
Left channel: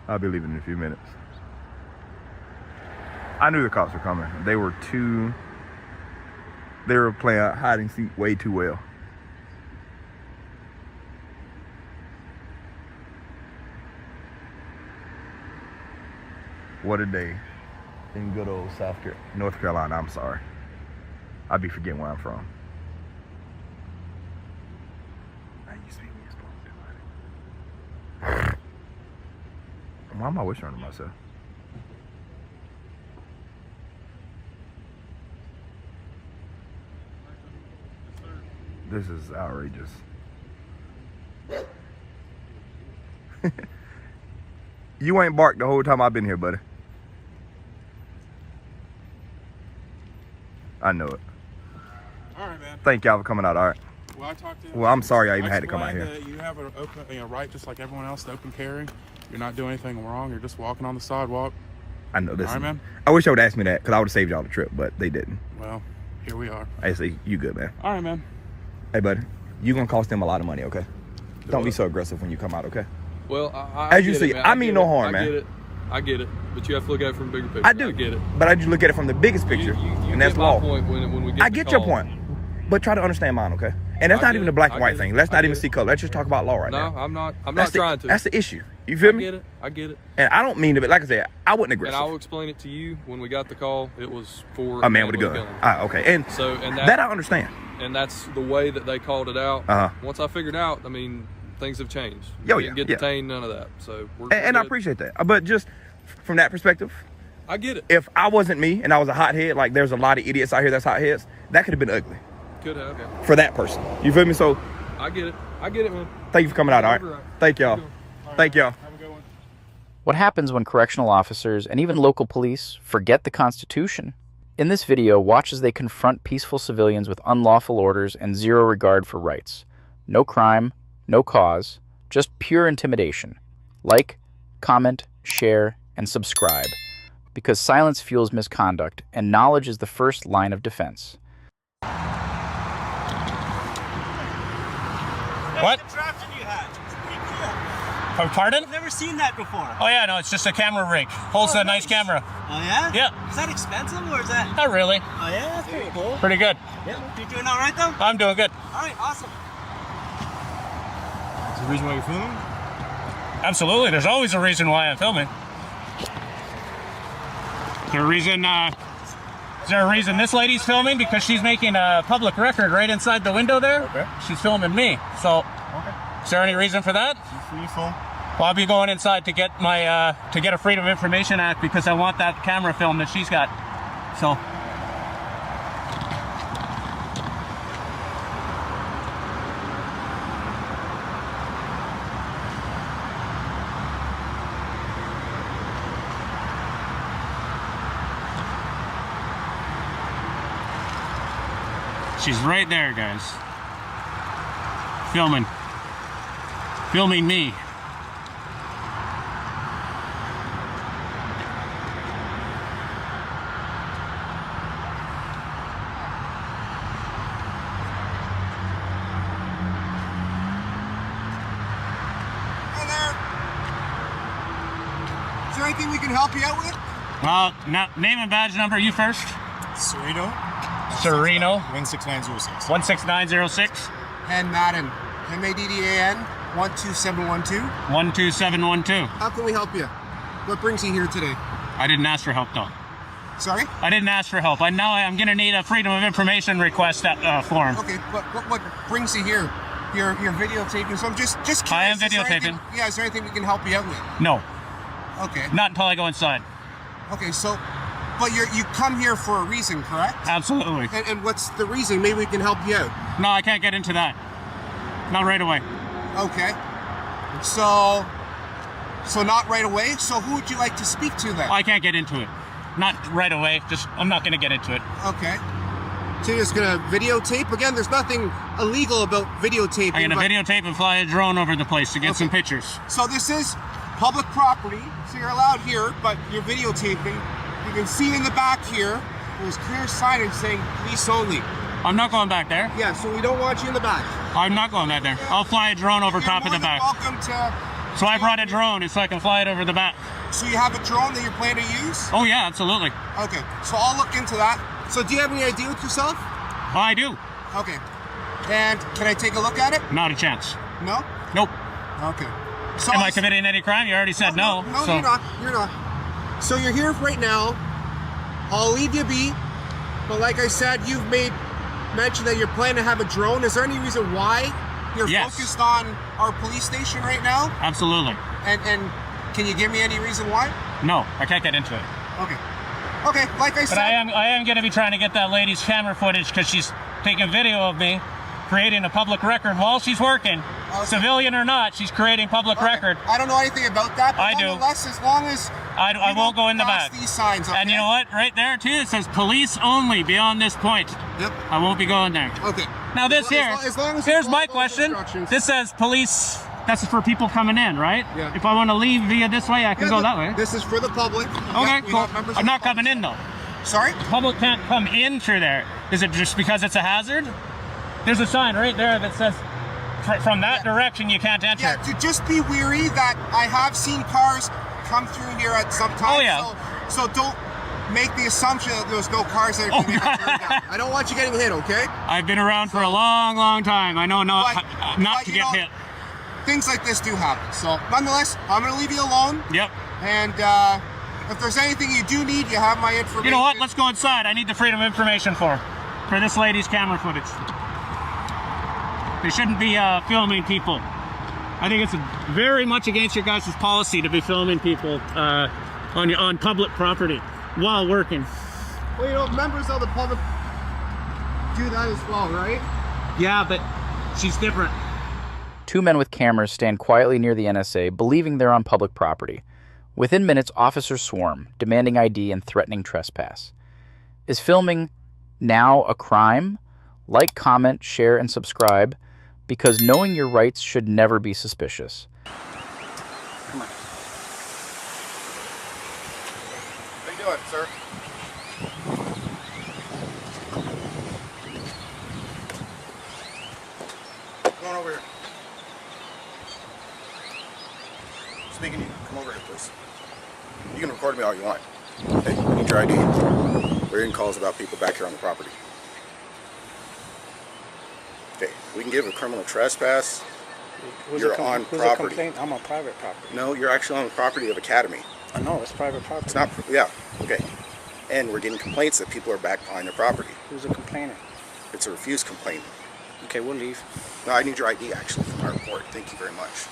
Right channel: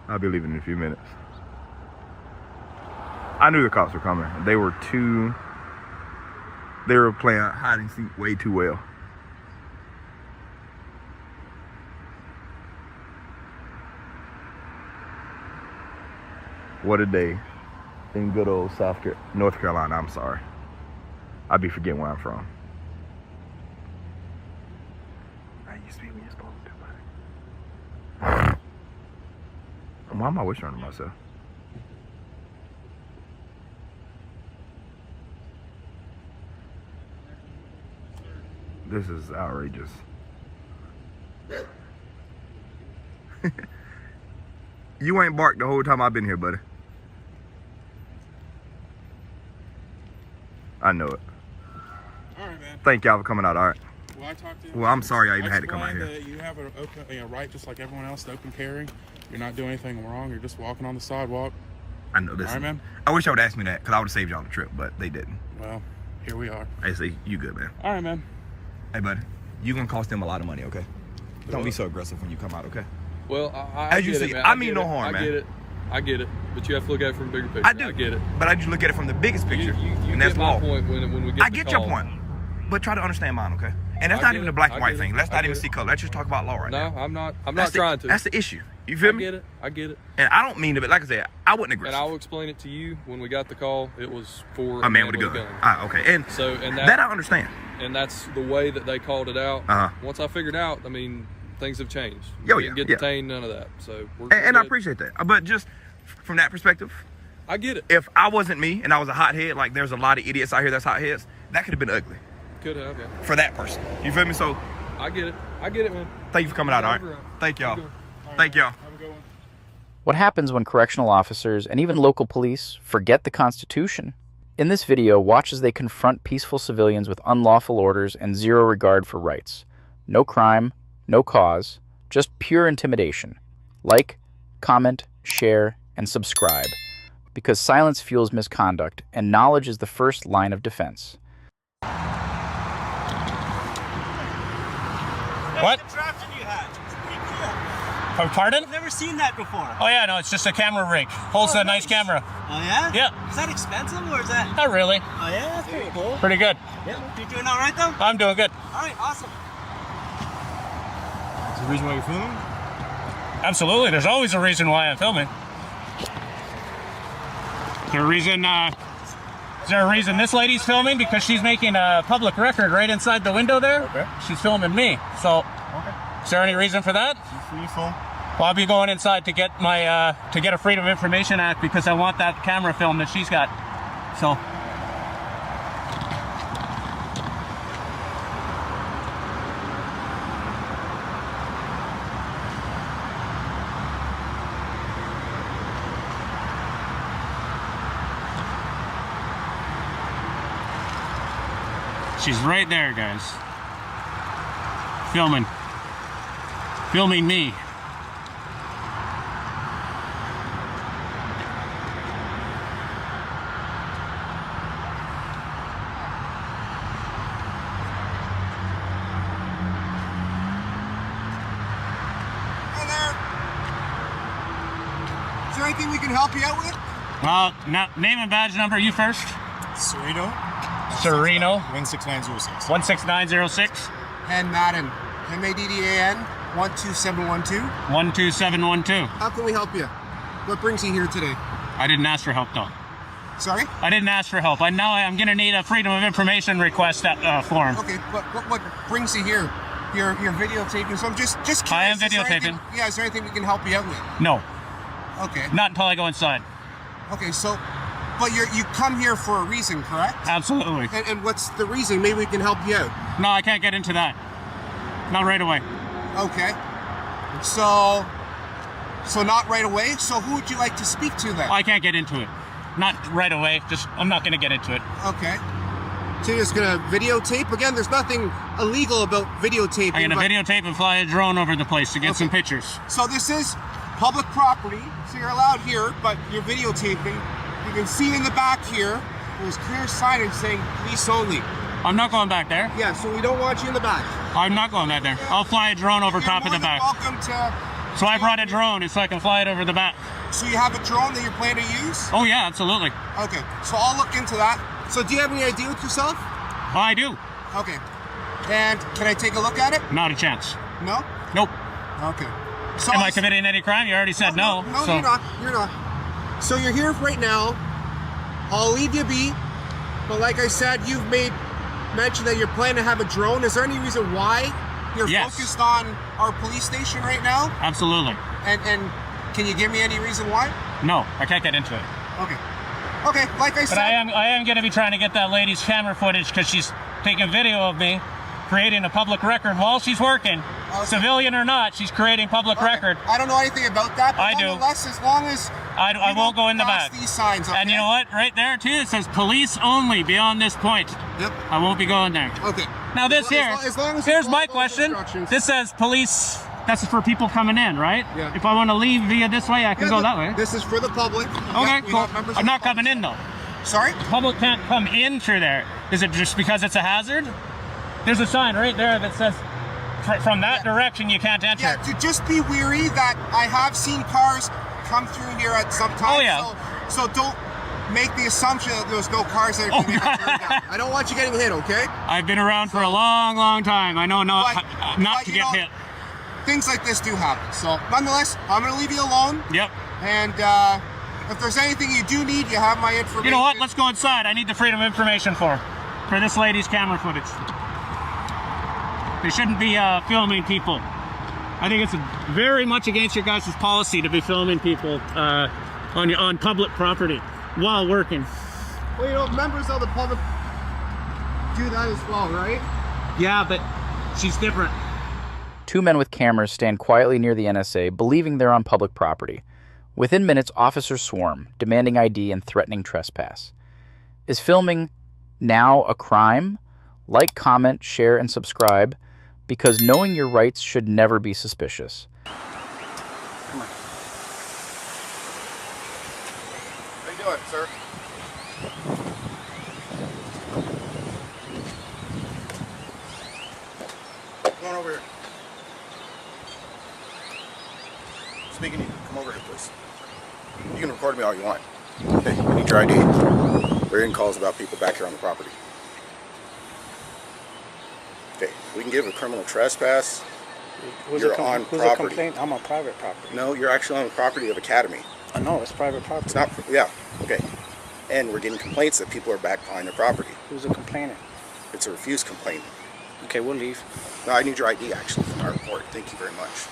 I'll be leaving in a few minutes. I knew the cops were coming. They were playing hide and seek way too well. What a day in good old North Carolina. I'm sorry. I be forgetting where I'm from. I used to be when you're supposed to, buddy. Why am I whispering to myself? This is outrageous. You ain't barked the whole time I've been here, buddy. I know it. All right, man. Thank y'all for coming out. All right. Well, I talked to you. Well, I'm sorry I even had to come out here. That you have a open, right, just like everyone else, to open carry. You're not doing anything wrong. You're just walking on the sidewalk. I know this. All right, man. I wish I would ask me that, because I would have saved y'all the trip, but they didn't. Well, here we are. I say you good, man. All right, man. Hey, buddy, you gonna cost them a lot of money, okay? Don't be so aggressive when you come out, okay? Well, as you see, I mean no harm, man. I get it, but you have to look at it from the bigger picture. I do. I get it. But I just look at it from the biggest picture. You get my point when we get I get your point, but try to understand mine, okay? And that's not even a black and white thing. Let's not even see color. Let's just talk about law right now. No, I'm not trying to. That's the issue. You feel me? I get it. And I don't mean to, but like I said, I wasn't aggressive. And I'll explain it to you when we got the call. It was for a man with a gun. Ah, okay. And so that I understand. And that's the way that they called it out. Uh-huh. Once I figured out, I mean, things have changed. Yo, you didn't get detained, none of that. So and I appreciate that. But just from that perspective, I get it. If I wasn't me and I was a hothead, like there's a lot of idiots out here that's hotheads, that could have been ugly. Could have. For that person. You feel me? So I get it. I get it, man. Thank you for coming out, all right? Thank y'all. Thank y'all. Have a good one. What happens when correctional officers and even local police forget the Constitution? In this video, watch as they confront peaceful civilians with unlawful orders and zero regard for rights. No crime, no cause, just pure intimidation. Like, comment, share, and subscribe. Because silence fuels misconduct, and knowledge is the first line of defense. What? Pardon? I've never seen that before. Oh yeah, no, it's just a camera rig. Holds a nice camera. Oh yeah? Yeah. Is that expensive or is that? Not really. Oh yeah, that's pretty cool. Pretty good. Yeah. You doing all right though? I'm doing good. All right, awesome. Is there a reason why you're filming? Absolutely. There's always a reason why I'm filming. Is there a reason this lady's filming? Because she's making a public record right inside the window there. Okay. She's filming me. So, is there any reason for that? Free phone. Well, I'll be going inside to get my to get a Freedom of Information Act because I want that camera film that she's got. So. She's right there, guys. Filming me. Hey there. Is there anything we can help you out with? Well, name and badge number. You first. Sereno. 16906. 16906. And Madden. MADDAN 12712. 12712. How can we help you? What brings you here today? I didn't ask for help, though. Sorry? I didn't ask for help. I'm going to need a Freedom of Information request form. Okay, but what brings you here? You're videotaping, so I'm just curious. I am videotaping. Is there anything we can help you out with? No. Okay. Not until I go inside. Okay, so But you come here for a reason, correct? Absolutely. And what's the reason? Maybe we can help you out. No, I can't get into that. Not right away. Okay. So not right away. So who would you like to speak to then? I can't get into it. Not right away. I'm not going to get into it. Okay. So you're just going to videotape? Again, there's nothing illegal about videotaping. I'm going to videotape and fly a drone over the place to get some pictures. So this is public property, so you're allowed here, but you're videotaping. You can see in the back here, there's clear signage saying police only. I'm not going back there. Yeah, so we don't want you in the back. I'm not going back there. I'll fly a drone over top of the back. Welcome to... So I brought a drone so I can fly it over the back. So you have a drone that you plan to use? Oh yeah, absolutely. Okay, so I'll look into that. So do you have any idea with yourself? Oh, I do. Okay. And can I take a look at it? Not a chance. No? Nope. Okay. So am I committing any crime? You already said no. No, so. You're not. You're not. So you're here right now. I'll leave you be. But like I said, you've made mention that you're planning to have a drone. Is there any reason why you're focused on our police station right now? Absolutely. And can you give me any reason why? No, I can't get into it. Okay. Okay, like I said. But I am going to be trying to get that lady's camera footage because she's taking video of me creating a public record while she's working. Okay. Civilian or not, she's creating public record. I don't know anything about that, but I do. Nonetheless, as long as I won't go in the back. These signs, okay? And you know what? Right there too, it says police only beyond this point. Yep. I won't be going there. Okay. Now this here's my question. This says police. That's for people coming in, right? Yeah. If I want to leave via this way, I can go that way. This is for the public. Okay, cool. I'm not coming in though. Sorry? Public can't come in through there. Is it just because it's a hazard? There's a sign right there that says from that direction you can't enter. Yeah, to just be weary that I have seen cars come through here at some time. Oh yeah. So don't make the assumption that there's no cars that are going to down. I don't want you getting hit, okay? I've been around for a long, long time. I know not to get hit. Things like this do happen. So nonetheless, I'm going to leave you alone. Yep. And if there's anything you do need, you have my information. You know what? Let's go inside. I need the Freedom of Information for this lady's camera footage. They shouldn't be filming people. I think it's very much against your guys' policy to be filming people on public property while working. Well, you know, members of the public do that as well, right? Yeah, but she's different. Two men with cameras stand quietly near the NSA, believing they're on public property. Within minutes, officers swarm, demanding ID and threatening trespass. Is filming now a crime? Like, comment, share, and subscribe, because knowing your rights should never be suspicious. Come on. How you doing, sir? Come on over here. Speaking to you. Come over here, please. You can record me all you want. Hey, I need your ID. We're getting calls about people back here on the property. Okay, we can give a criminal trespass. You're on property. I'm on private property. No, you're actually on the property of Academy. I know, it's private property. It's not, yeah, okay. And we're getting complaints that people are back behind their property. Who's a complainant? It's a refuse complaint. Okay, we'll leave. No, I need your ID actually from our report. Thank you very much.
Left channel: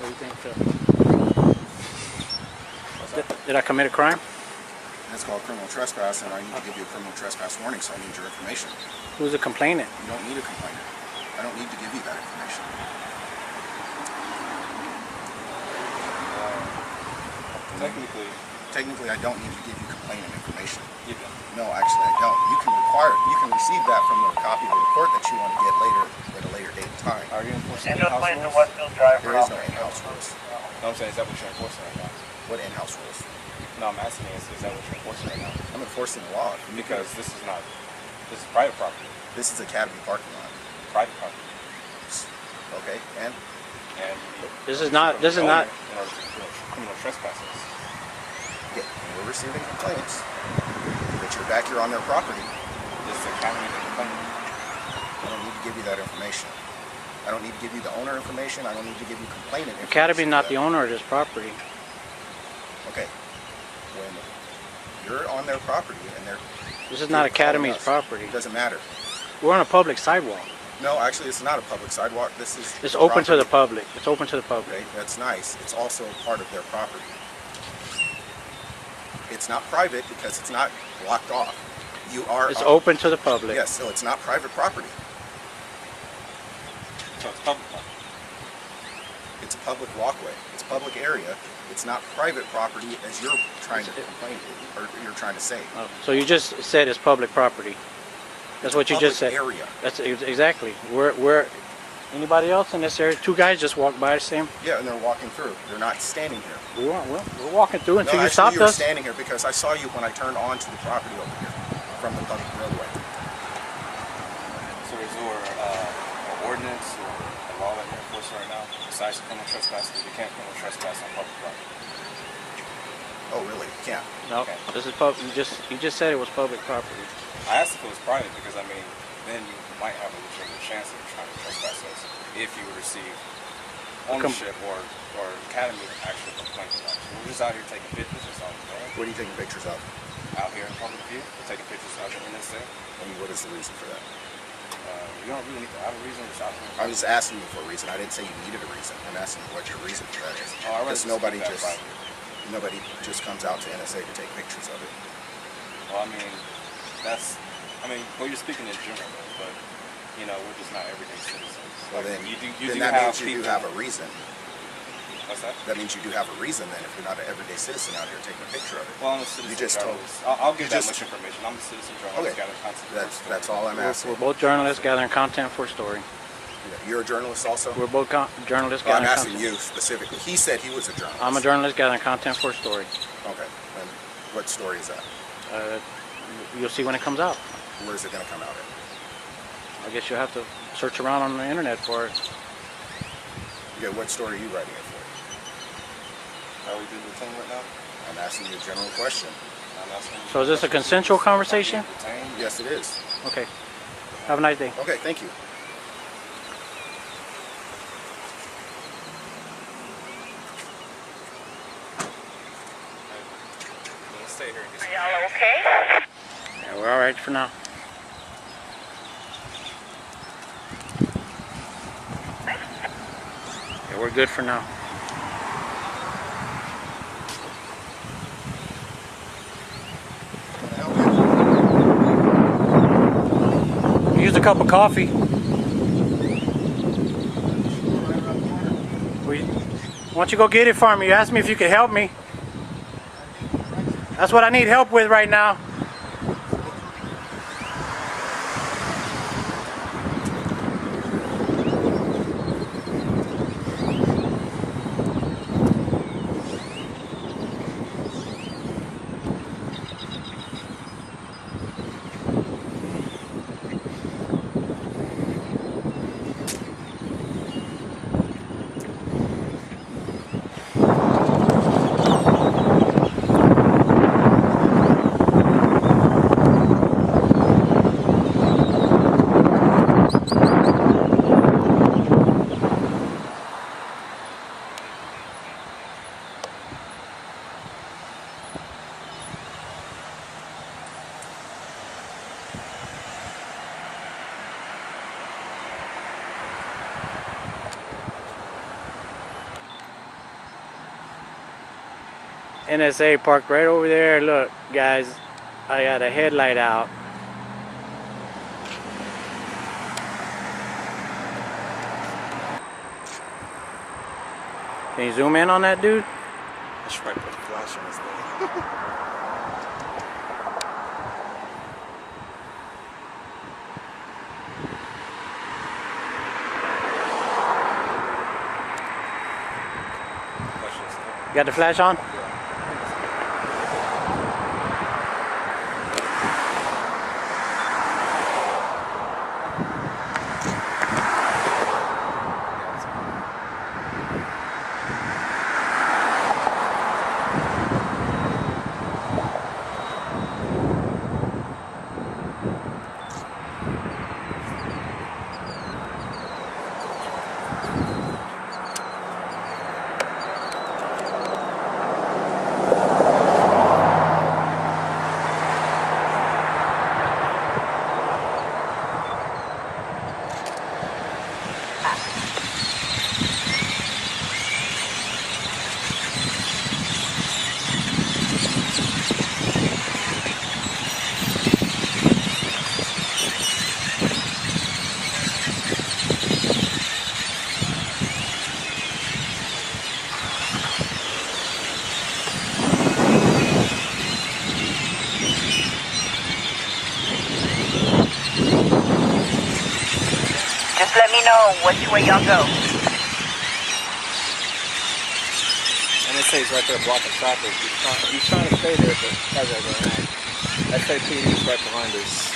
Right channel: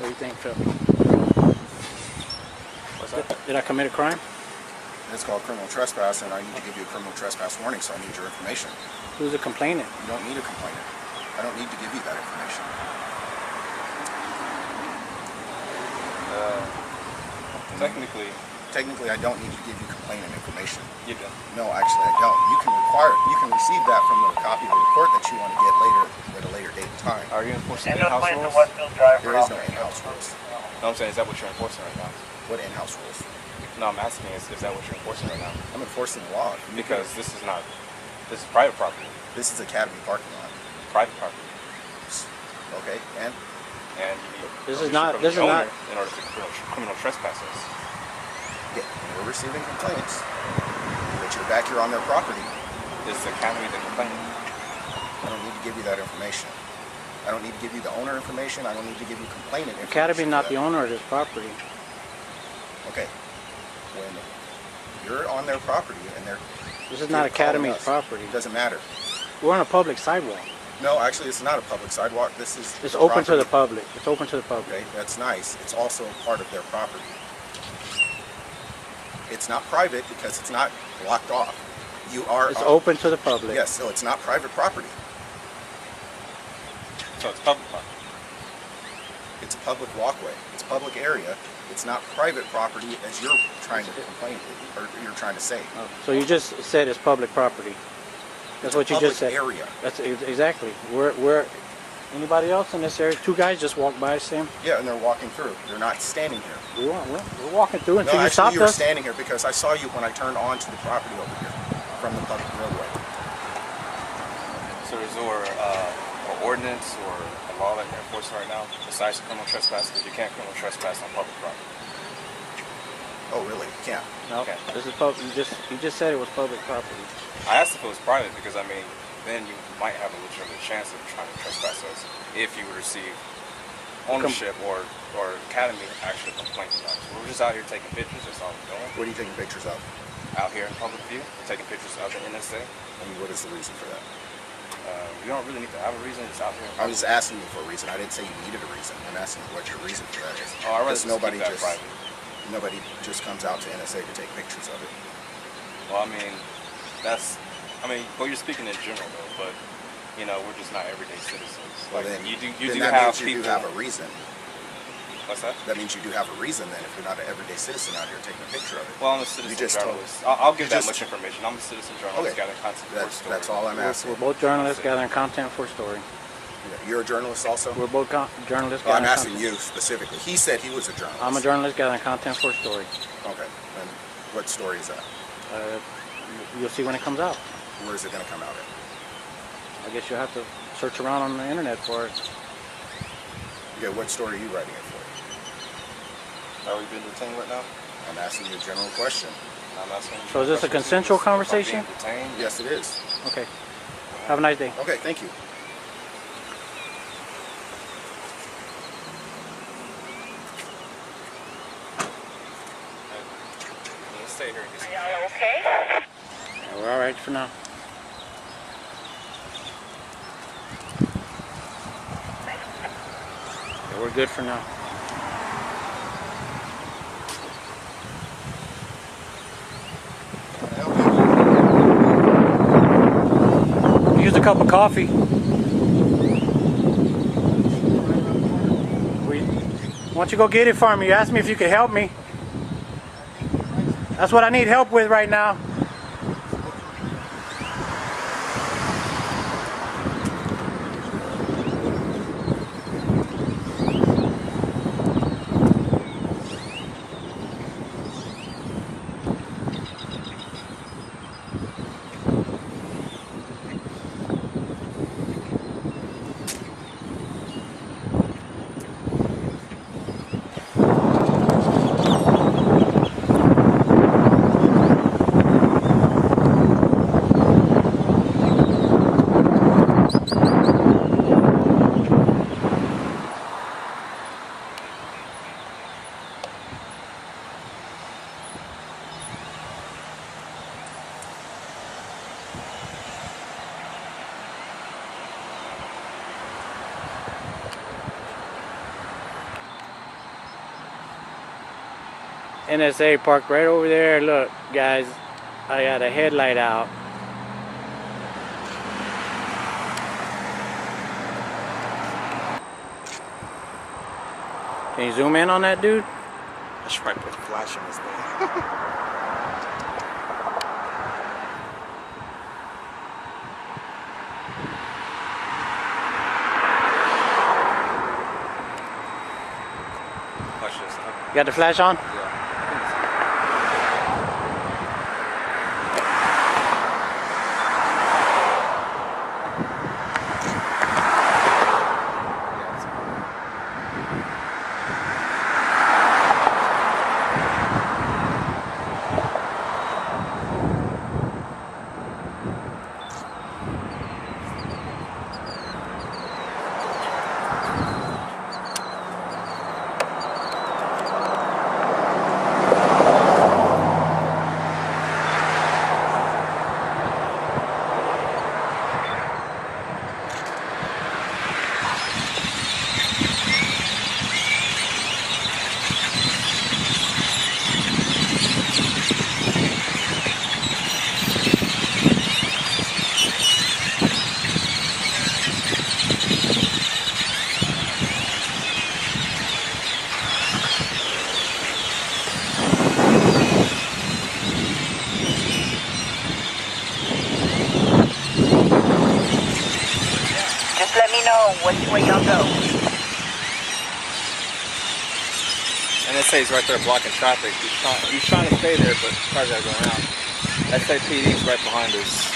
What do you think, Phil? Did I commit a crime? It's called criminal trespass, and I need to give you a criminal trespass warning, so I need your information. Who's a complainant? You don't need a complainant. I don't need to give you that information. Technically, I don't need to give you complainant information. You don't? No, actually, I don't. You can receive that from the copy of the report that you want to get later at a later date and time. Are you enforcing in-house rules? There is no in-house rules. No, I'm saying, is that what you're enforcing right now? What in-house rules? No, I'm asking, is that what you're enforcing right now? I'm enforcing the law. Because this is private property. This is Academy parking lot. Private property. Okay, and this is not in order to criminal trespasses. Yeah, and we're receiving complaints that you're back here on their property. Is the Academy the complainant? I don't need to give you that information. I don't need to give you the owner information. I don't need to give you complainant information. Academy not the owner of this property. Okay. When you're on their property and this is not Academy's property. It doesn't matter. We're on a public sidewalk. No, actually, it's not a public sidewalk. This is. It's open to the public. It's open to the public. Okay, that's nice. It's also part of their property. It's not private because it's not blocked off. You are. It's open to the public. Yes, so it's not private property. So it's public property. It's a public walkway. It's a public area. It's not private property as you're trying to complain, or you're trying to say. Oh, so you just said it's public property. That's what you just said. Area. That's exactly. Where anybody else in this area? Two guys just walked by, same. Yeah, and they're walking through. They're not standing here. We're walking through until no, you stopped you were us. standing here because I saw you when I turned onto the property over here from the public roadway. So is there an ordinance or a law that you're enforcing right now besides criminal trespass? Because you can't criminal trespass on public property. Oh, really? You can't? No, okay. This is public. You just said it was public property. I asked if it was private because, I mean, then you might have a legitimate chance of trying to trespass us if you would receive ownership or academy actual complaints about it. So we're just out here taking pictures. That's all we're doing. What are you taking pictures of? Out here in public view. We're taking pictures of the NSA. And what is the reason for that? You don't really need to have a reason. It's out here. I was asking you for a reason. I didn't say you needed a reason. I'm asking you what your reason for that is. Oh, I'd rather because nobody keep that private. Nobody just comes out to NSA to take pictures of it. Well, I mean, well, you're speaking in general, though, but, you know, we're just not everyday citizens. Well, like, then, you that have means you do have a reason. What's that? That means you do have a reason, then, if you're not an everyday citizen out here taking a picture of it. Well, I'm a citizen journalist. I'll give that much information. I'm a citizen journalist gathering content for a story. That's all I'm asking. We're both journalists gathering content for a story. You're a journalist also? We're both journalists I'm gathering asking content. you specifically. He said he was a journalist. I'm a journalist gathering content for a story. Okay. And what story is that? You'll see when it comes out. Where is it going to come out at? I guess you'll have to search around on the internet for it. Okay, what story are you writing it for? Are we being detained right now? I'm asking you a general question. I'm asking you So is this a consensual conversation? Yes, it is. Okay. Have a nice day. Okay, thank you. Stay here. Are y'all okay? Yeah, we're all right for now. Yeah, we're good for now. Can I help you? Use a cup of coffee. Why don't you go get it for me? You asked me if you could help me. That's what I need help with right now. NSA parked right over there. Look, guys, I got a headlight out. Can you zoom in on that dude? I should probably put a flash on this thing. You got the flash on? Just let me know which way y'all go. And it says right there blocking traffic. He's trying to stay there, but cars are going out. SAPD is right behind us.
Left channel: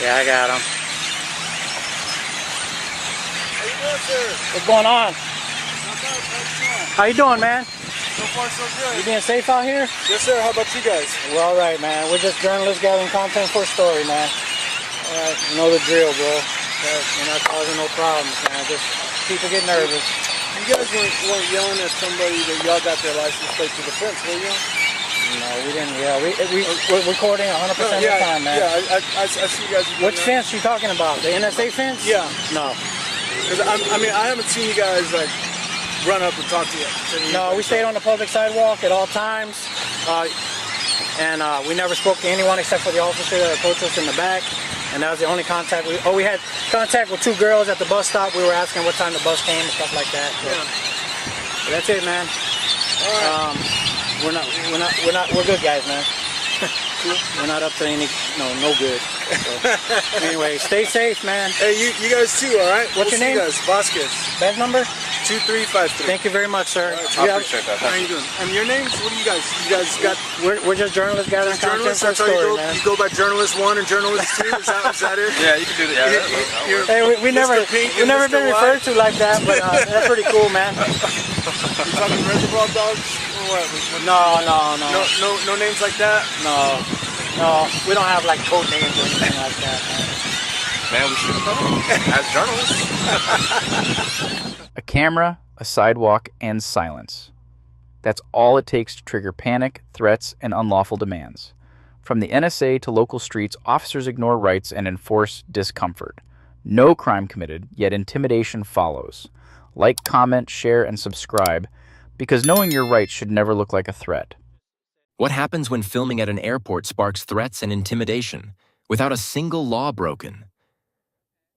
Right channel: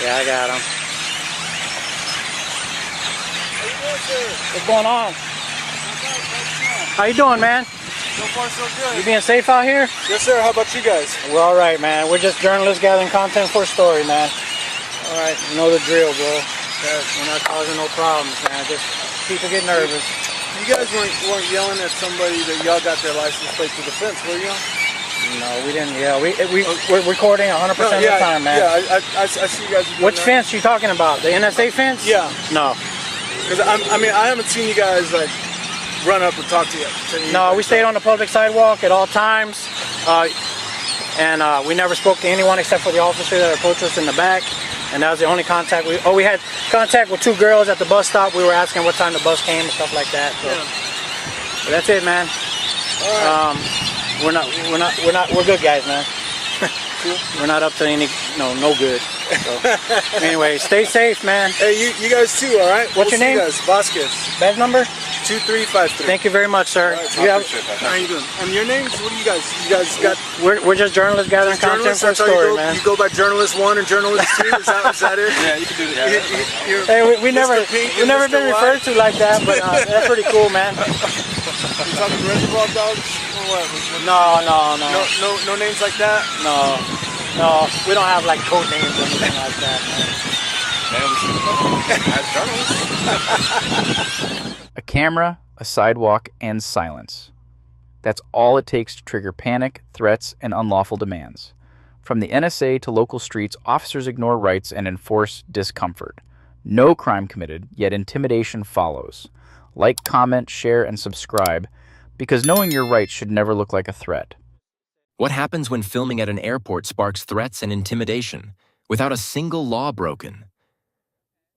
Yeah, I got him. How you doing, sir? What's going on? How you doing, man? So far, so good. You being safe out here? Yes, sir. How about you guys? We're all right, man. We're just journalists gathering content for a story, man. All right, you know the drill, bro. We're not causing no problems, man. Just people get nervous. You guys weren't yelling at somebody that y'all got their license plate to the fence, were you? No, we didn't. Yeah, we're recording 100% of the time, man. Yeah, I see you guys. Which fence you talking about? The NSA fence? Yeah. No. Because I mean, I haven't seen you guys like run up and talk to you. No, we stayed on the public sidewalk at all times, and we never spoke to anyone except for the officer that approached us in the back, and that was the only contact. We had contact with 2 girls at the bus stop. We were asking what time the bus came and stuff like that. So. Yeah. But that's it, man. All right. We're good guys, man. Cool. We're not up to any, no good. So, anyway, stay safe, man. Hey, you guys too, all right? What's your name? You guys. Vasquez. Badge number? 2353. Thank you very much, sir. Right, I appreciate that. How you doing? And your names? What do you guys? You guys got? We're just journalists gathering content for a story, man. You go by journalist 1 and journalist 2. Is that it? Yeah, you can do that. Yeah, hey, we never been referred to like that, but that's pretty cool, man. You talking Reservoir Dogs or what? No. No names like that. No, we don't have like code names or anything like that, man. Man, we should as journalists. A camera, a sidewalk, and silence. That's all it takes to trigger panic, threats, and unlawful demands. From the NSA to local streets, officers ignore rights and enforce discomfort. No crime committed, yet intimidation follows. Like, comment, share, and subscribe, because knowing your rights should never look like a threat. What happens when filming at an airport sparks threats and intimidation, without a single law broken?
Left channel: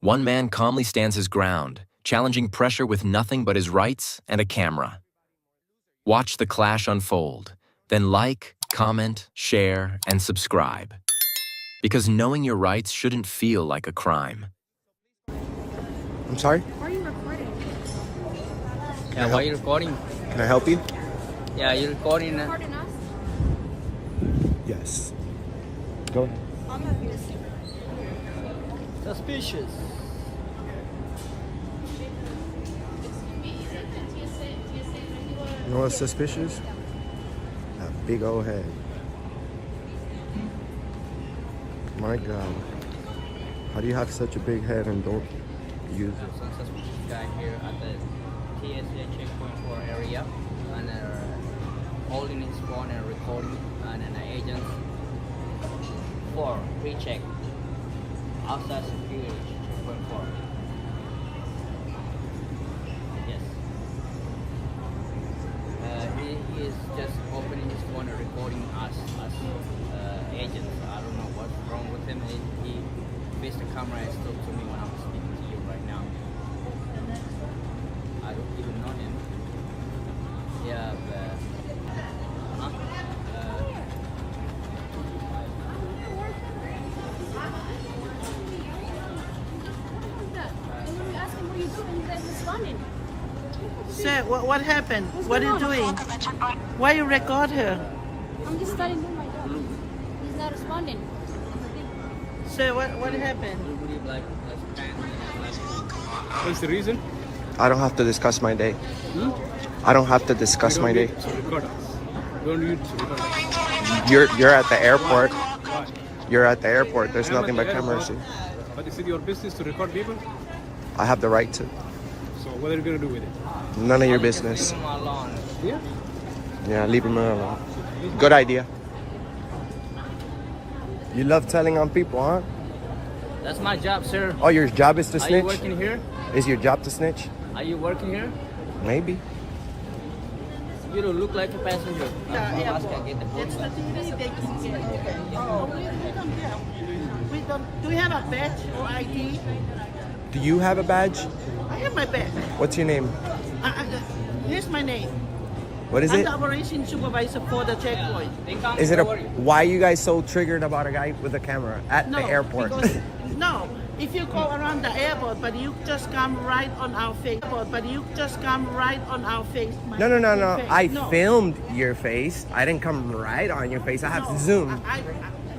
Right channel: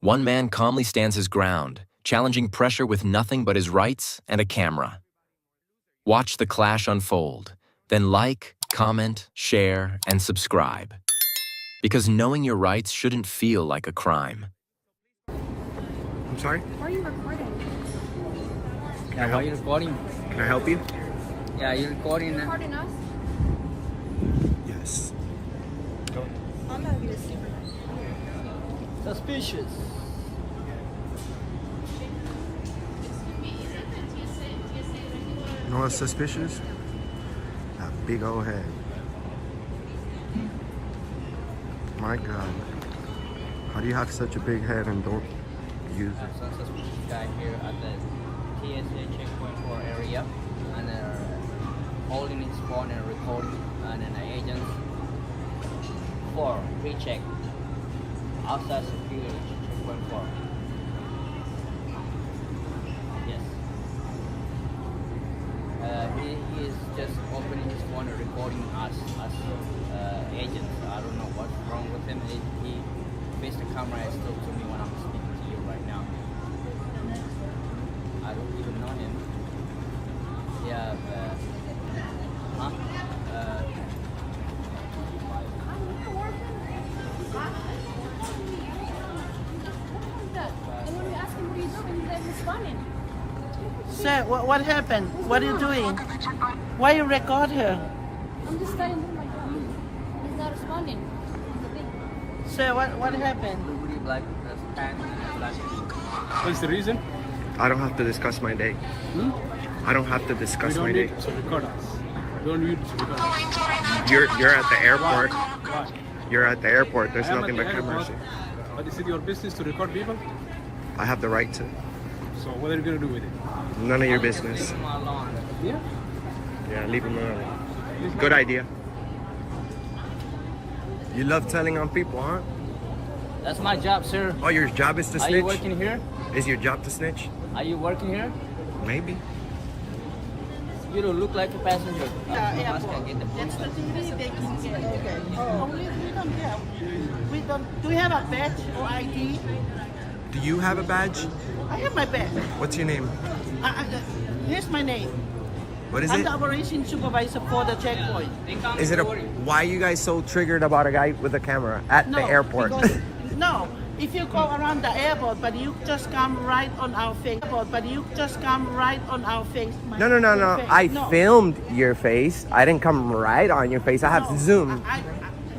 One man calmly stands his ground, challenging pressure with nothing but his rights and a camera. Watch the clash unfold, then like, comment, share, and subscribe. Because knowing your rights shouldn't feel like a crime. I'm sorry? Why are you recording? Can I help? Why are you recording? Can I help you? Yeah, you're recording. You recording us? Yes. Go. I'm gonna be a supervisor. Suspicious. You know what's suspicious? That big old head. My God. How do you have such a big head and don't use it? Some suspicious guy here at the TSA checkpoint 4 area, and holding his phone and recording, and an agent for pre-check outside security checkpoint 4. Yes. He is just opening his phone and recording us as agents. I don't know what's wrong with him. He faced the camera and spoke to me when I'm speaking to you right now. I don't even know him. Yeah, but And when we asked him what are you doing, he's like responding. Sir, what happened? What are you doing? Why you record her? I'm just trying to do my job. He's not responding. That's the thing. Sir, what happened? Would you like What's the reason? I don't have to discuss my day. I don't have to discuss my day. To record us. You don't need to record us. You're at the airport. Why? You're at the airport. There's I am nothing at but the cameras airport, here. But is it your business to record people? I have the right to. So what are you going to do with it? None of your business. Yeah? Yeah, leave him alone. Good idea. You love telling on people, huh? That's my job, sir. Oh, your job is to snitch? Are you working here? Is your job to snitch? Are you working here? Maybe. You don't look like a passenger. That's the duty they can get. Oh, we don't have. We don't. Do we have a badge or ID? Do you have a badge? I have my badge. What's your name? Here's my name. What is I'm it? the operations supervisor for the checkpoint. Is it a? Why are you guys so triggered about a guy with a camera at the airport? Because, no, if you go around the airport, but you just come right on our face. But you just come right on our face. No. I filmed your face. I didn't come right on your face. I have Zoom.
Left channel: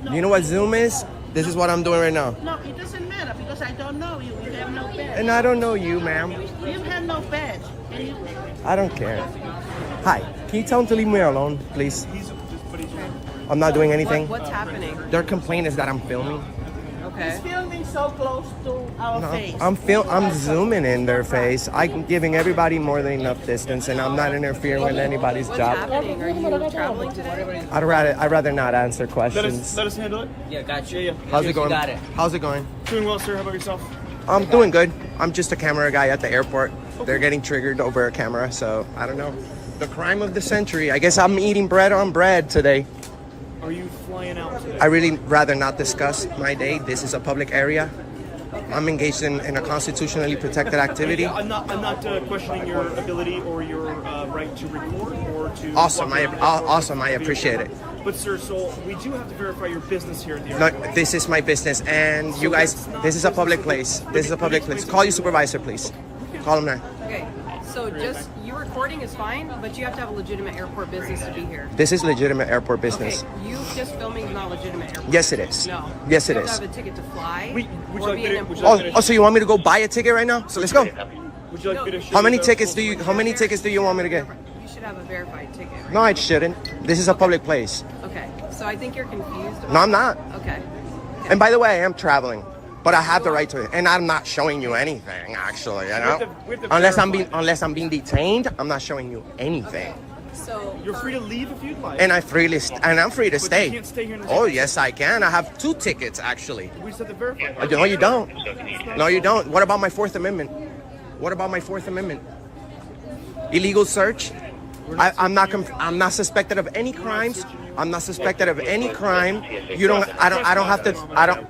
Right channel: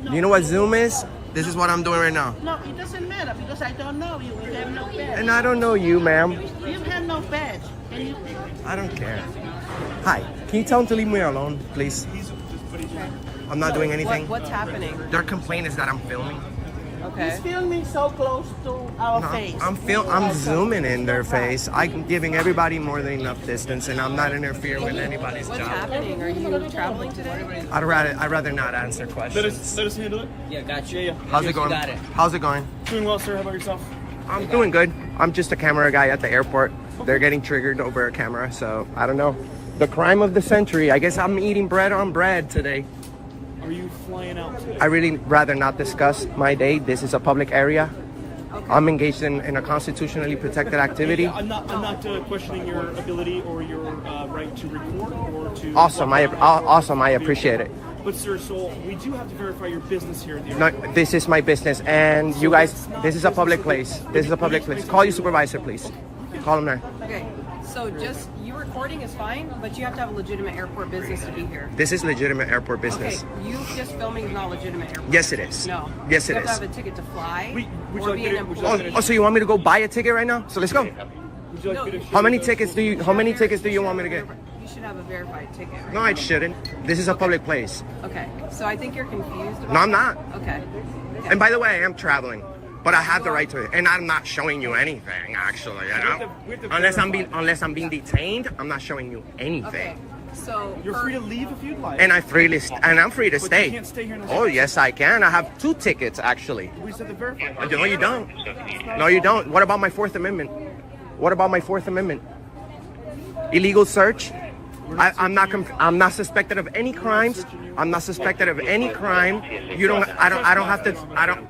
No. You know what Zoom is? This is what I'm doing right now. No, it doesn't matter because I don't know you. You have no badge. And I don't know you, ma'am. You have no badge. And you... I don't care. Hi, can you tell him to leave me alone, please? I'm not doing anything. What's happening? Their complaint is that I'm filming. Okay. He's filming so close to our face. I'm zooming in their face. I'm giving everybody more than enough distance, and I'm not interfering with anybody's What's job. happening? Are you traveling today? I'd rather not answer questions. Let us handle it. Yeah, gotcha. Yeah. How's it going? Got it. How's it going? Doing well, sir. How about yourself? I'm doing good. I'm just a camera guy at the airport. They're getting triggered over a camera, so I don't know. The crime of the century. I guess I'm eating bread on bread today. Are you flying out today? I really rather not discuss my day. This is a public area. I'm engaged in a constitutionally protected activity. Yeah, I'm not questioning your ability or your right to record or to. Awesome. I appreciate it. But sir, so we do have to verify your business here at the No, airport. this is my business, and you guys, this is a public place. This is a public place. Call your supervisor, please. Call him now. Okay. So just you recording is fine, but you have to have a legitimate airport business to be here. This is legitimate airport business. Okay. You just filming is not legitimate airport. Yes, it is. No. Yes, it you is. have to have a ticket to fly or be an employee. Oh, so you want me to go buy a ticket right now? So let's go. Would you like me to show How many you the- tickets do you? How many tickets do you want me to get? You should have a verified ticket. Right No, I shouldn't. This is a public place. Okay. So I think you're confused about No, I'm not. Okay. And by the way, I am traveling, but I have the right to it, and I'm not showing you anything. Actually, you know, unless I'm being detained, I'm not showing you anything. So you're free to leave if you'd like. And I'm free to But stay. you can't stay here in this Oh area. yes, I can. I have 2 tickets actually. We just have to verify. No, you don't. No, you don't. What about my Fourth Amendment? What about my Fourth Amendment? Illegal search. I'm not suspected of any crimes. I'm not suspected of any crime. You don't. I don't have to. I don't.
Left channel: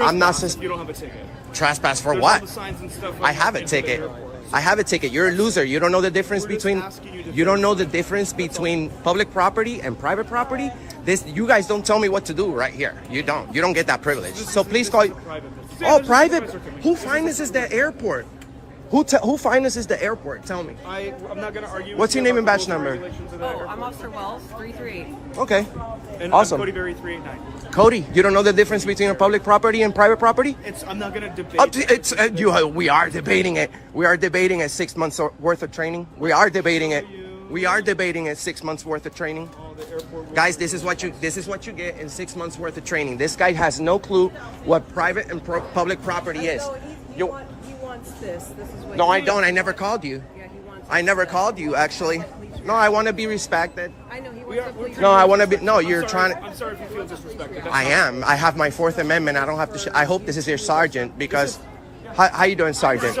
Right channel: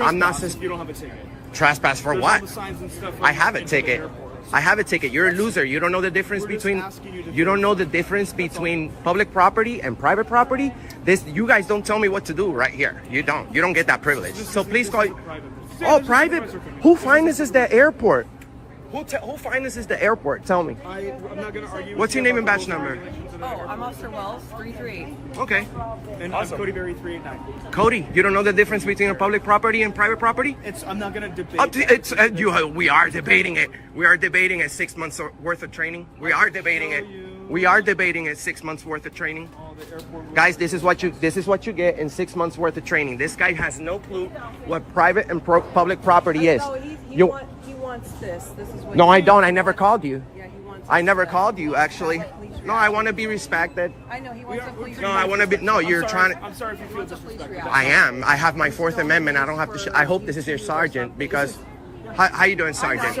I'm not. You don't have a ticket. Trespass for There's what? all the signs and stuff I have a into the ticket. airport. I have a ticket. You're a loser. You don't know the difference between. You don't know the difference between public property and private property. You guys don't tell me what to do right here. You don't. You don't get that privilege. So please call. Oh, private. Who finances the airport? Who finances the airport? Tell me. I'm not gonna argue. What's your name and badge number? Oh, I'm Officer Wells, 338. Okay. And Awesome. I'm Cody Berry, 389. Cody, you don't know the difference between a public property and private property? I'm not gonna debate. We are debating it. We are debating it. 6 months worth of training. We are debating it. We are debating it. 6 months worth of training. Guys, this is what you get in 6 months worth of training. This guy has no clue what private and public property is. He wants this. This is what. No, I don't. I never called you. Yeah, he wants. I never called you, actually. No, I want to be respected. I know he wants to please. No, I want to be. No, you're trying to. I'm sorry if you feel disrespected. I am. I have my Fourth Amendment. I don't have to. I hope this is your sergeant because. How you doing, Sergeant?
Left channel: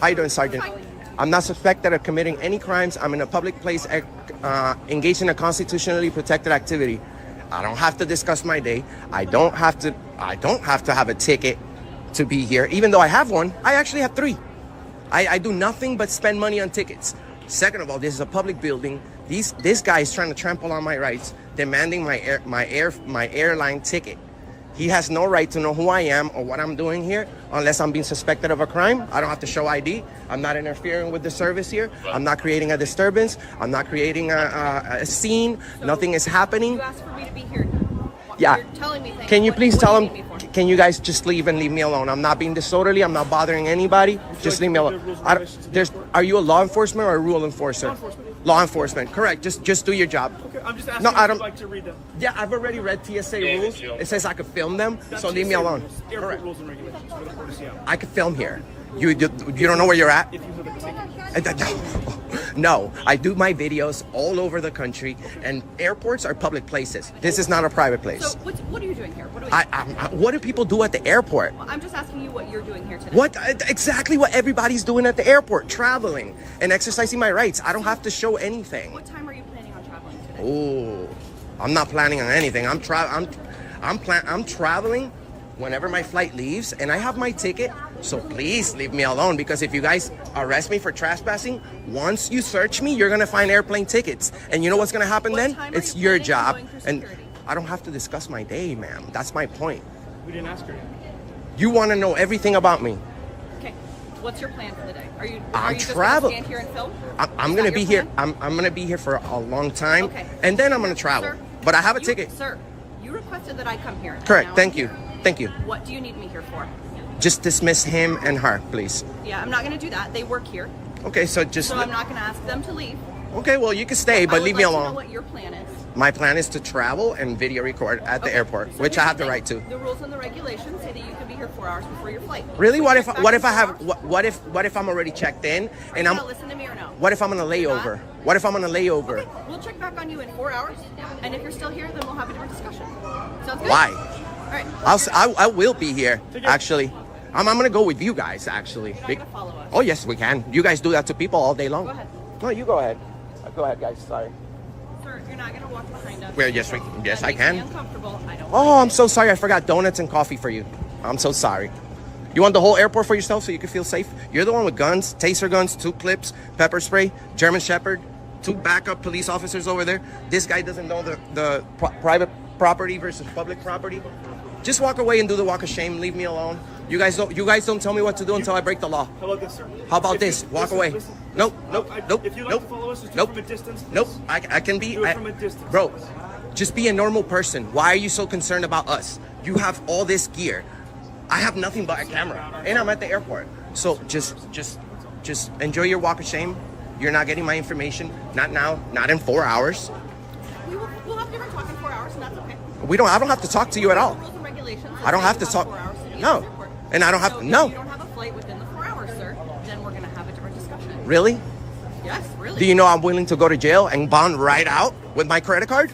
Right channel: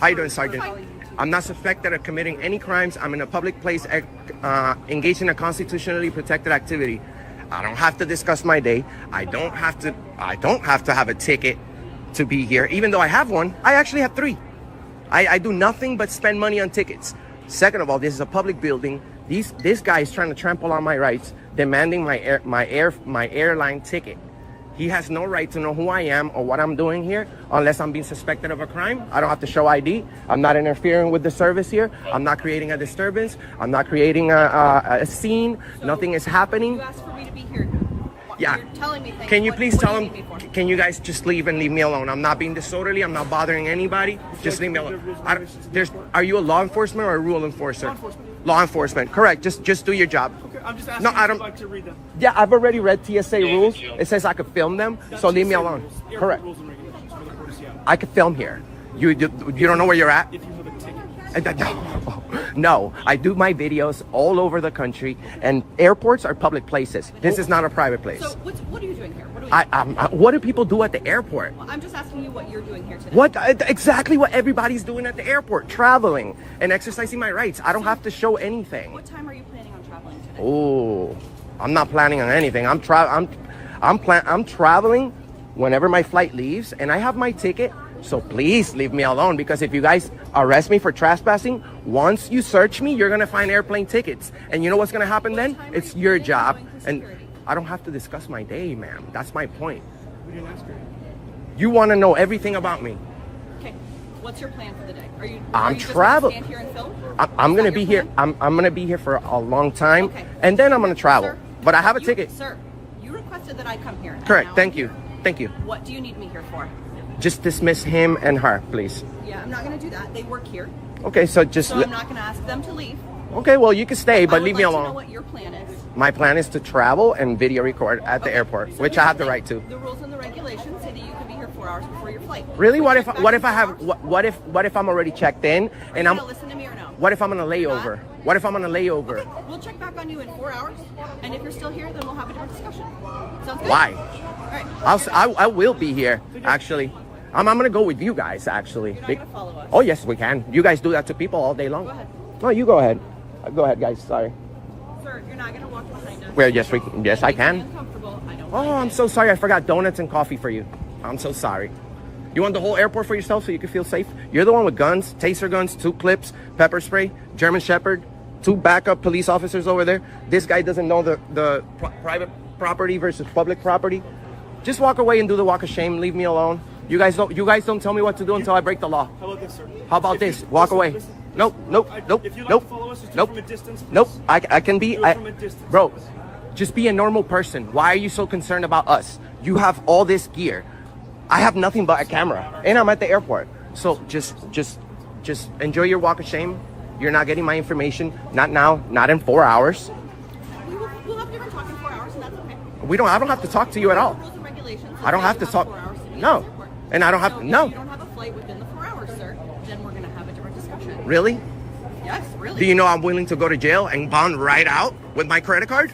How you doing, Sergeant? I'm not suspected of committing any crimes. I'm in a public place, engaged in a constitutionally protected activity. I don't have to discuss my day. I don't have to have a ticket to be here, even though I have one. I actually have 3. I do nothing but spend money on tickets. Second of all, this is a public building. This guy is trying to trample on my rights, demanding my airline ticket. He has no right to know who I am or what I'm doing here unless I'm being suspected of a crime. I don't have to show ID. I'm not interfering with the service here. I'm not creating a disturbance. I'm not creating a scene. Nothing is happening. You asked for me to be here. Yeah. You're telling me things. Can you please tell what do you him? need me for? Can you guys just leave and leave me alone? I'm not being disorderly. I'm not bothering anybody. Just leave me alone. Are you a law enforcement or a rule enforcer? Law enforcement. Law enforcement. Correct. Just do your job. Okay, I'm just asking No, if I you'd don't. like to read them. Yeah, I've already read TSA rules. It says I could film them, so leave me alone. Airport Correct. rules and regulations for the Port of Seattle. I could film here. You don't know where you're at? If you have a ticket. No, I do my videos all over the country, and airports are public places. This is not a private place. So what are you doing here? What are we? What do people do at the airport? Well, I'm just asking you what you're doing here today. What exactly what everybody's doing at the airport, traveling and exercising my rights. I don't have to show anything. What time are you planning on traveling today? Oh, I'm not planning on anything. I'm traveling whenever my flight leaves, and I have my ticket. So please leave me alone, because if you guys arrest me for trespassing, once you search me, you're gonna find airplane tickets. And you know what's gonna happen then? It's your job. And I don't have to discuss my day, ma'am. That's my point. We didn't ask her. You wanna know everything about me. Okay. What's your plan for the day? Are you I'm just travel- gonna stand here and film? I'm gonna be here. I'm gonna be here for a long time. Okay. And then I'm gonna travel. Sir, But I have a you- ticket. Sir, you requested that I come here. and Correct. now Thank I'm you. here. Thank you. What do you need me here for? Just dismiss him and her, please. Yeah, I'm not going to do that. They work here. Okay, so just... So I'm not going to ask them to leave. Okay, well, you can stay, but leave me I would like to know alone. what your plan is. My plan is to travel and video record at the airport, So which here's I have the thing. right to. The rules and the regulations say that you can be here 4 hours before your flight. Really? So What check if back what in if I 4 have hours. what if I'm already checked in Are and you I'm gonna listen to me or no? what if I'm on a layover? What if I'm on a layover? Okay, we'll check back on you in 4 hours, and if you're still here, then we'll have a different discussion. Sounds good? Why? All right. I will be here actually. I'm gonna go with you guys actually. You're not gonna follow us. Oh yes, we can. You guys do that to people all day long. Go ahead. No, you go ahead. Go ahead, guys. Sorry. Sir, you're not gonna walk behind us. Well, yes, That I makes me can. uncomfortable. I don't Oh, like I'm it. so sorry. I forgot donuts and coffee for you. I'm so sorry. You want the whole airport for yourself so you can feel safe? You're the one with guns, taser guns, 2 clips, pepper spray, German Shepherd, 2 backup police officers over there. This guy doesn't know the private property versus public property. Just walk away and do the walk of shame. Leave me alone. You guys don't tell me what to do until I break the law. How about this, sir? How about If this? you- Walk listen, away. listen. Nope, nope, nope, If you like nope, to follow us, just do nope, it from a distance. Please. nope. I can be. Do it from a distance. Bro, just be a normal person. Why are you so concerned about us? You have all this gear. I have nothing but a camera, and I'm at the airport. So just enjoy your walk of shame. You're not getting my information. Not now. Not in 4 hours. We'll have different talk in 4 hours, and that's okay. I don't have to talk to you at all. Rules and regulations. I don't say have you to talk. 4 hours to be at No, the airport. and I don't have So to. No. If you don't have a flight within the 4 hours, sir, then we're gonna have a different discussion. Really? Yes, really. Do you know I'm willing to go to jail and bond right out with my credit card?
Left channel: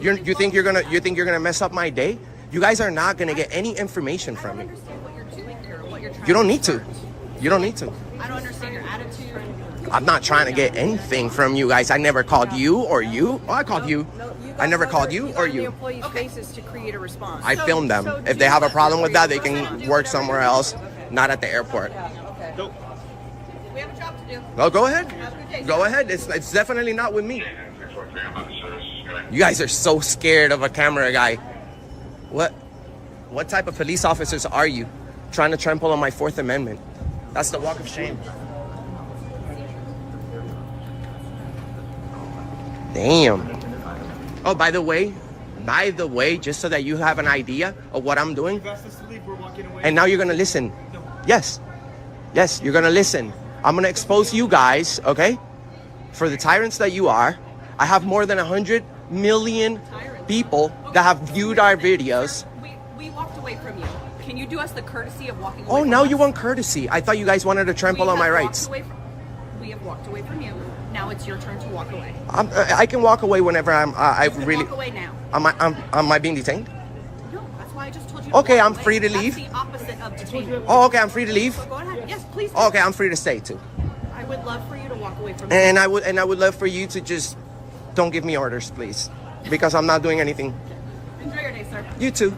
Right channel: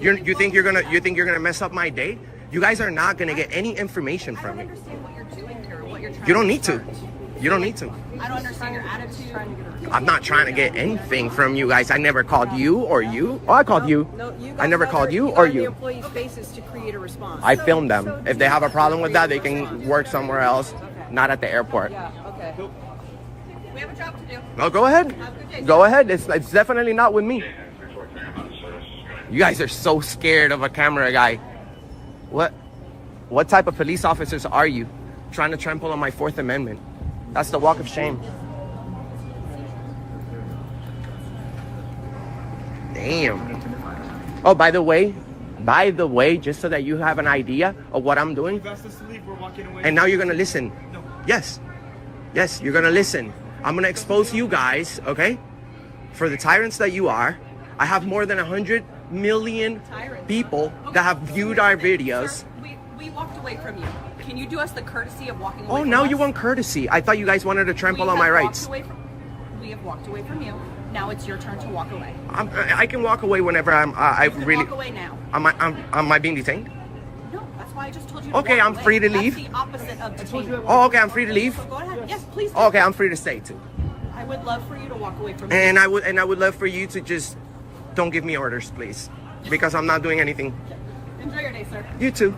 You think you're gonna mess up my day? You guys are not gonna get any information from me. I don't understand what you're doing here. What you're trying. You don't need to. You don't need to. I don't understand your attitude. I'm not trying to get anything from you guys. I never called you or you. Oh, I called you. I never called you or The you. employees' faces to create a response. I filmed them. If they have a problem with that, they can work somewhere else, not at the airport. We have a job to do. No, go ahead. Have a good day. Go ahead. It's definitely not with me. You guys are so scared of a camera guy. What type of police officers are you? Trying to trample on my 4th Amendment. That's the walk of shame. Damn. Oh, by the way, just so that you have an idea of what I'm doing. You've asked us to leave. We're walking away. And now you're gonna listen. Yes. Yes, you're gonna listen. I'm gonna expose you guys, okay? For the tyrants that you are. I have more than 100 million people that have viewed our videos. We walked away from you. Can you do us the courtesy of walking away Oh, from now us? you want courtesy. I thought you guys wanted to trample We on my have walked rights. we have walked away from you. Now it's your turn to walk away. I can walk away whenever I You can really. walk away now. Am I being detained? No, that's why I just told you to Okay, walk I'm away. free to That's leave. the opposite of detainment. Oh, okay, I'm free to leave. So go ahead. Yes, please. do. Okay, I'm free to stay too. I would love for you to walk away from And me. I would love for you to just don't give me orders, please, because I'm not doing anything. Enjoy your day, sir. You too.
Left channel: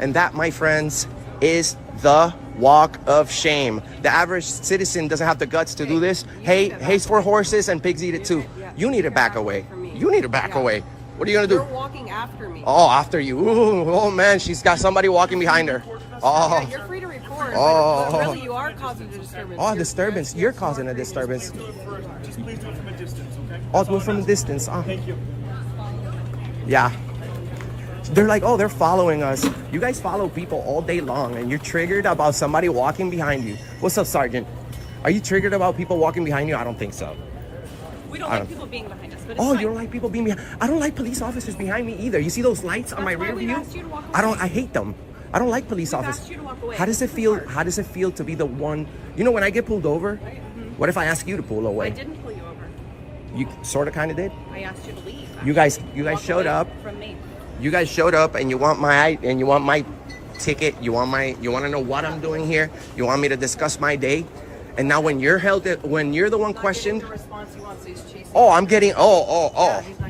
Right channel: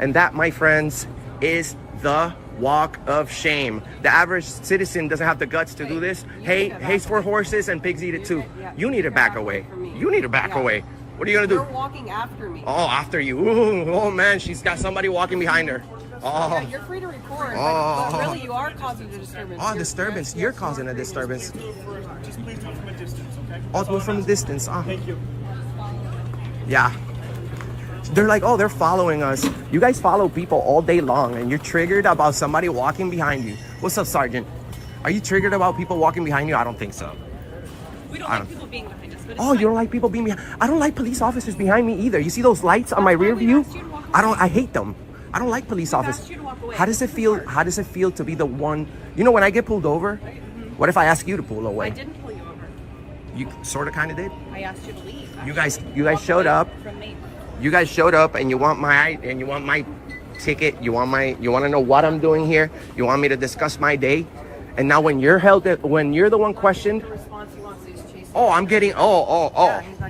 And that, my friends, is the walk of shame. The average citizen doesn't have the guts to do this. Hey, hay's for horses and pigs eat it too. You need to back away. You need to back away. What are you gonna You're do? walking after me. Oh, after you. Ooh, oh man, she's got somebody walking behind her. Yeah, Oh, you're free to record, Oh. but really you are causing a disturbance. oh, disturbance. You're causing a disturbance. Just please do it from a distance, okay? Oh, do it from a distance. Thank you. Yeah. They're like, oh, they're following us. You guys follow people all day long and you're triggered about somebody walking behind you. What's up, Sergeant? Are you triggered about people walking behind you? I don't think so. We don't like people being behind us, but it's Oh, fine. you don't like people being behind? I don't like police officers behind me either. You see those lights on my rear view? I hate them. I don't like police officers. you to walk away. How does it feel? How does it feel to be the one? You know, when I get pulled over, what if I ask you to pull I away? didn't pull you over. You sort of kind of did. I asked you to leave. You guys Walk showed away up. from me. You guys showed up and you want my ticket. You want to know what I'm doing here. You want me to discuss my day. And now when you're the one questioned, The response he wants is chasing. oh, I'm getting, oh.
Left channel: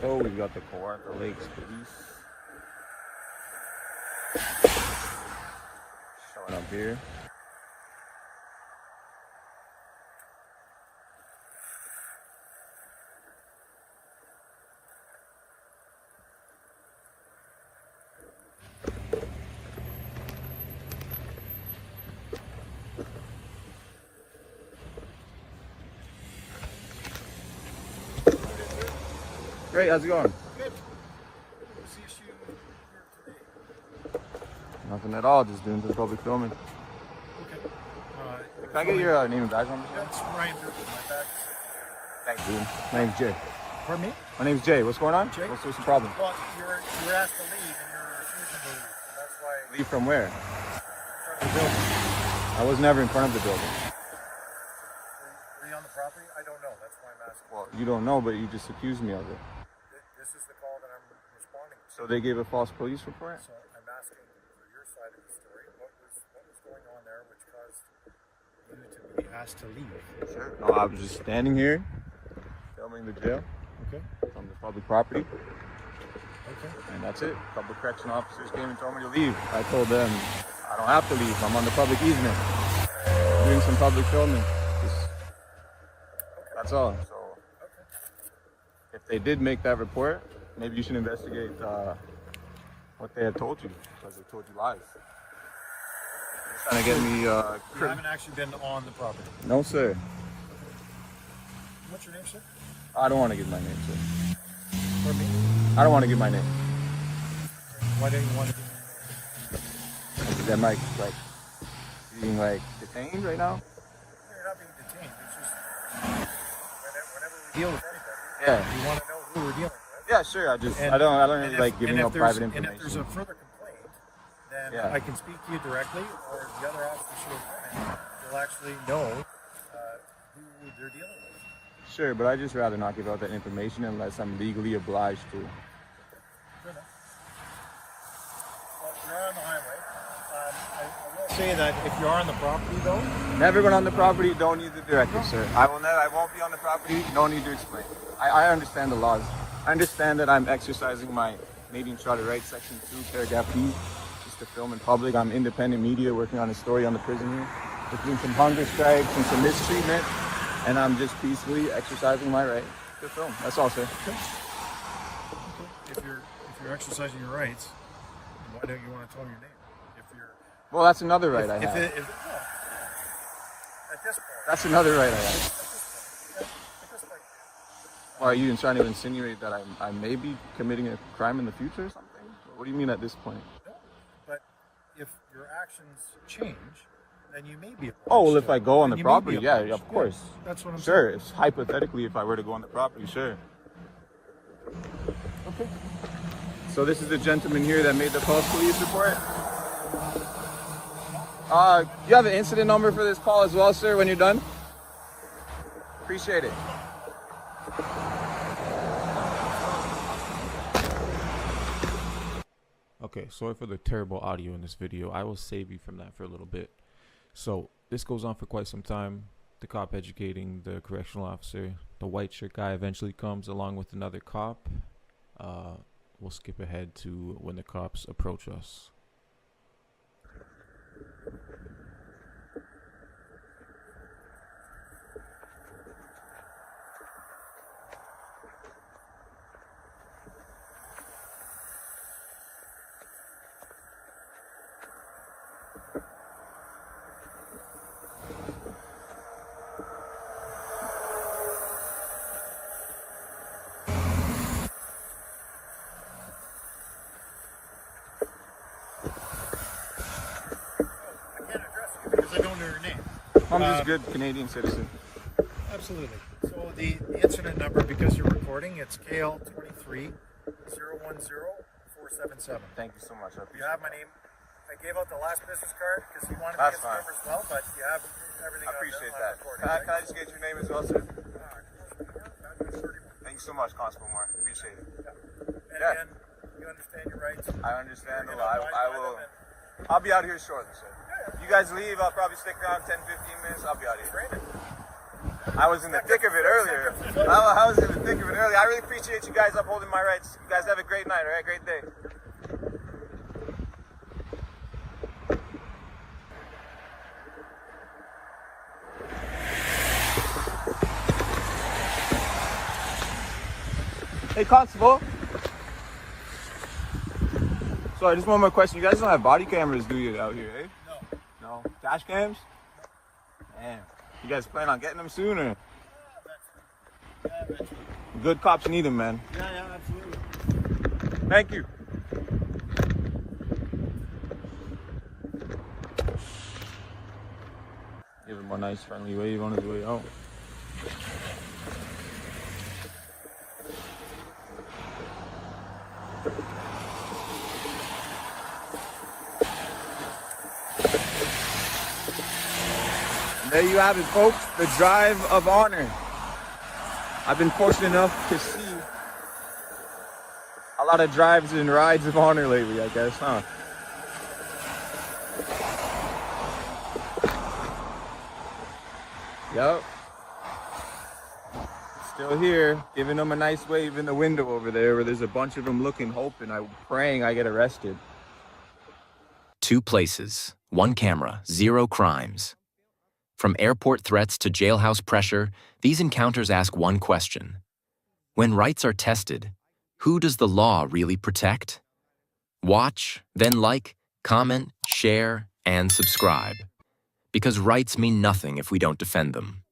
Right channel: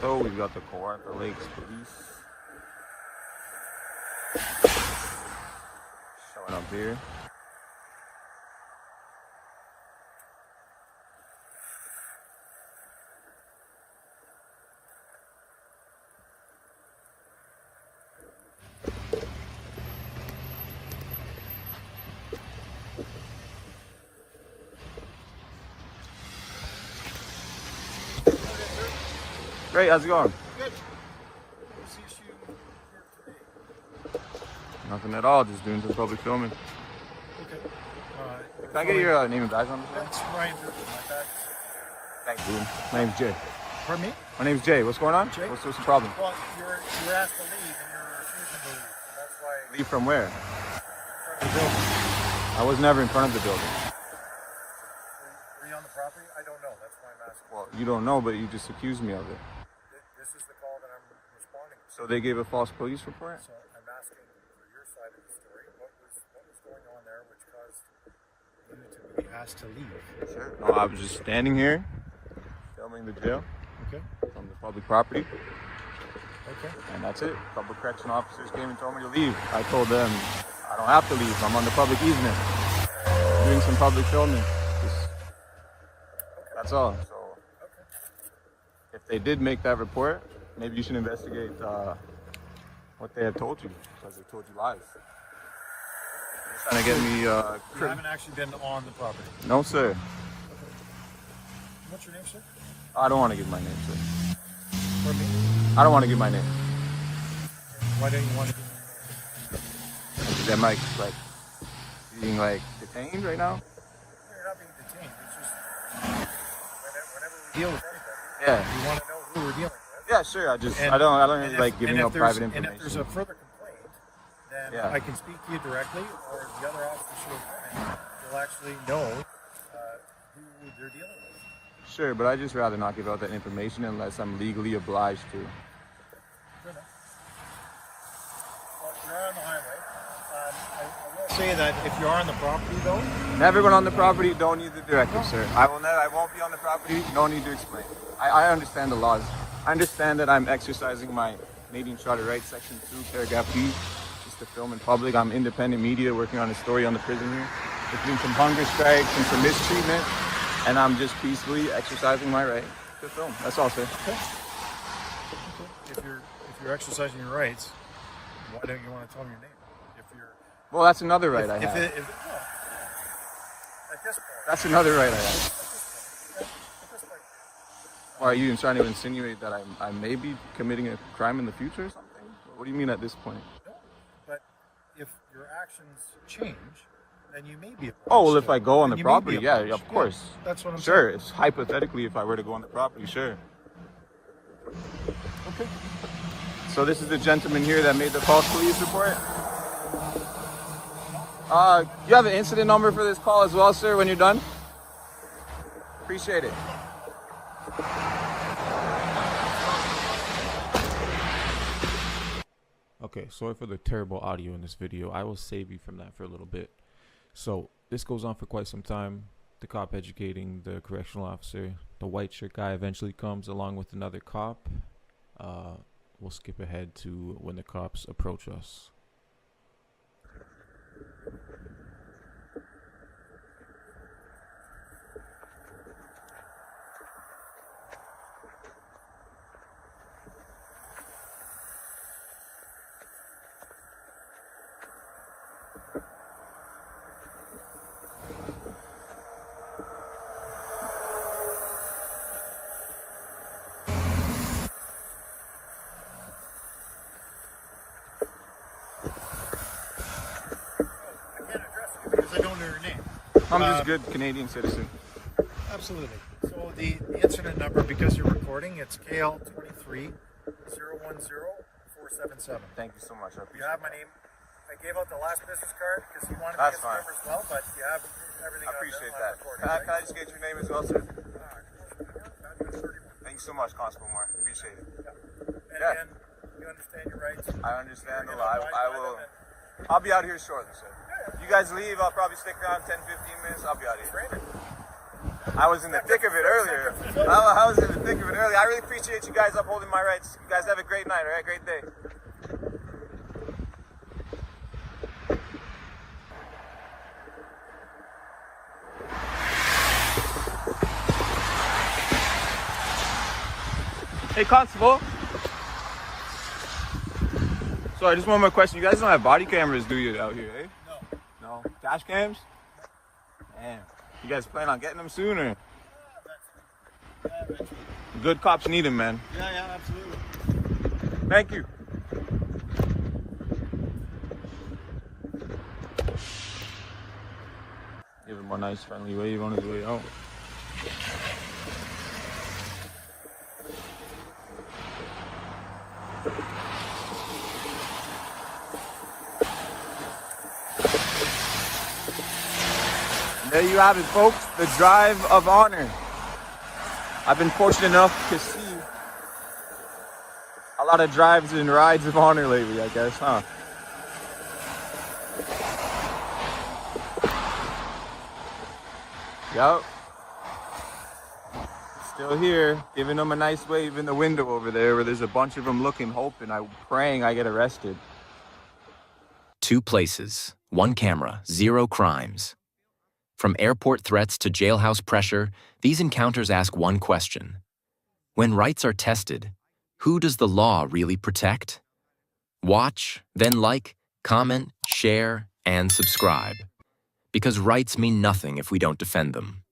So we've got the Kawartha Lakes Police showing up here. Great, how's it going? Good. Nothing at all, just doing some public filming. Okay. Can I get your name and badge number? Yeah, it's Ryan. My badge. Thanks, dude. My name's Jay. Pardon me? My name's Jay. What's going on? Jay? What's the problem? Well, you're asked to leave and you're refusing to leave. So that's why. Leave from where? From the building. I was never in front of the building. Were you on the property? I don't know. That's why I'm asking. Well, you don't know, but you just accused me of it. This is the call that I'm responding to. So they gave a false police report? So I'm asking for your side of the story. What was going on there which caused you to be asked to leave? Sure. No, I was just standing here, filming the jail. Okay. From the public property. Okay. And that's it. A couple of correction officers came and told me to leave. I told them I don't have to leave. I'm on the public easement. Doing some public filming. That's all. So if they did make that report, maybe you should investigate what they have told you, because they told you lies. They're trying to get me. You haven't actually been on the property. No, sir. What's your name, sir? I don't want to give my name, sir. For me? I don't want to give my name. Why don't you want to give your name? Because that might being detained right now. You're not being detained. It's just whenever we deal with anybody, Yeah. we want to know who we're dealing with. Yeah, sure. I don't really like giving out private information. And if there's a further complaint, then Yeah. I can speak to you directly, or the other officer will actually know who they're dealing with. Sure, but I'd just rather not give out that information unless I'm legally obliged to. Good enough. Well, you're on the highway. I will say that if you are on the property, though, Never been on the property, don't need the directive, sir. I won't be on the property, no need to explain. I understand the laws. I understand that I'm exercising my Canadian Charter Rights, Section 2, Paragraph B, just to film in public. I'm independent media working on a story on the prison here. We're doing some hunger strikes and some mistreatment, and I'm just peacefully exercising my right to film. That's all, sir. okay. If you're exercising your rights, why don't you want to tell me your name? Well, that's another right I have. At this point. That's another right I have. Well, are you trying to insinuate that I may be committing a crime in the future or something? What do you mean at this point? No, but if your actions change, then you may be obliged. Oh, well, if I go on the Then you may property, be yeah, obliged. of course. Yeah, that's what I'm Sure, saying. it's hypothetically if I were to go on the property, sure. Okay. So this is the gentleman here that made the false police report? You have an incident number for this call as well, sir, when you're done? Appreciate it. Okay, sorry for the terrible audio in this video. I will save you from that for a little bit. So this goes on for quite some time. The cop educating the correctional officer. The white shirt guy eventually comes along with another cop. We'll skip ahead to when the cops approach us. Because I don't know your name. I'm just a good Canadian citizen. Absolutely. So the incident number, because you're recording, it's KL23 010-477. Thank you so much. You have my name. I gave out the last business card because you wanted That's to get the number as well, but you have everything I appreciate on that. recording. Can I just get your name as well, sir? Thank you so much, Constable Moore. Appreciate it. And again, you understand your rights. I understand a lot. I'll be out here shortly, sir. You guys leave, I'll probably stick around 10-15 minutes. I'll be out here. I was in the thick of it earlier. I was in the thick of it earlier. I really appreciate you guys upholding my rights. You guys have a great night, all right? Great day. Hey, Constable. Sorry, just one more question. You guys don't have body cameras, do you, out here, eh? No. No? Dash cams? Man, you guys plan on getting them soon, or? Good cops need them, man. Yeah, absolutely. Thank you. Give him a nice friendly wave on his way out. And there you have it, folks, the drive of honor. I've been fortunate enough to see a lot of drives and rides of honor lately, I guess, huh? Yup. Still here, giving them a nice wave in the window over there where there's a bunch of them looking, hoping, praying I get arrested. 2 places, 1 camera, 0 crimes. From airport threats to jailhouse pressure, these encounters ask one question. When rights are tested, who does the law really protect? Watch, then like, comment, share, and subscribe. Because rights mean nothing if we don't defend them.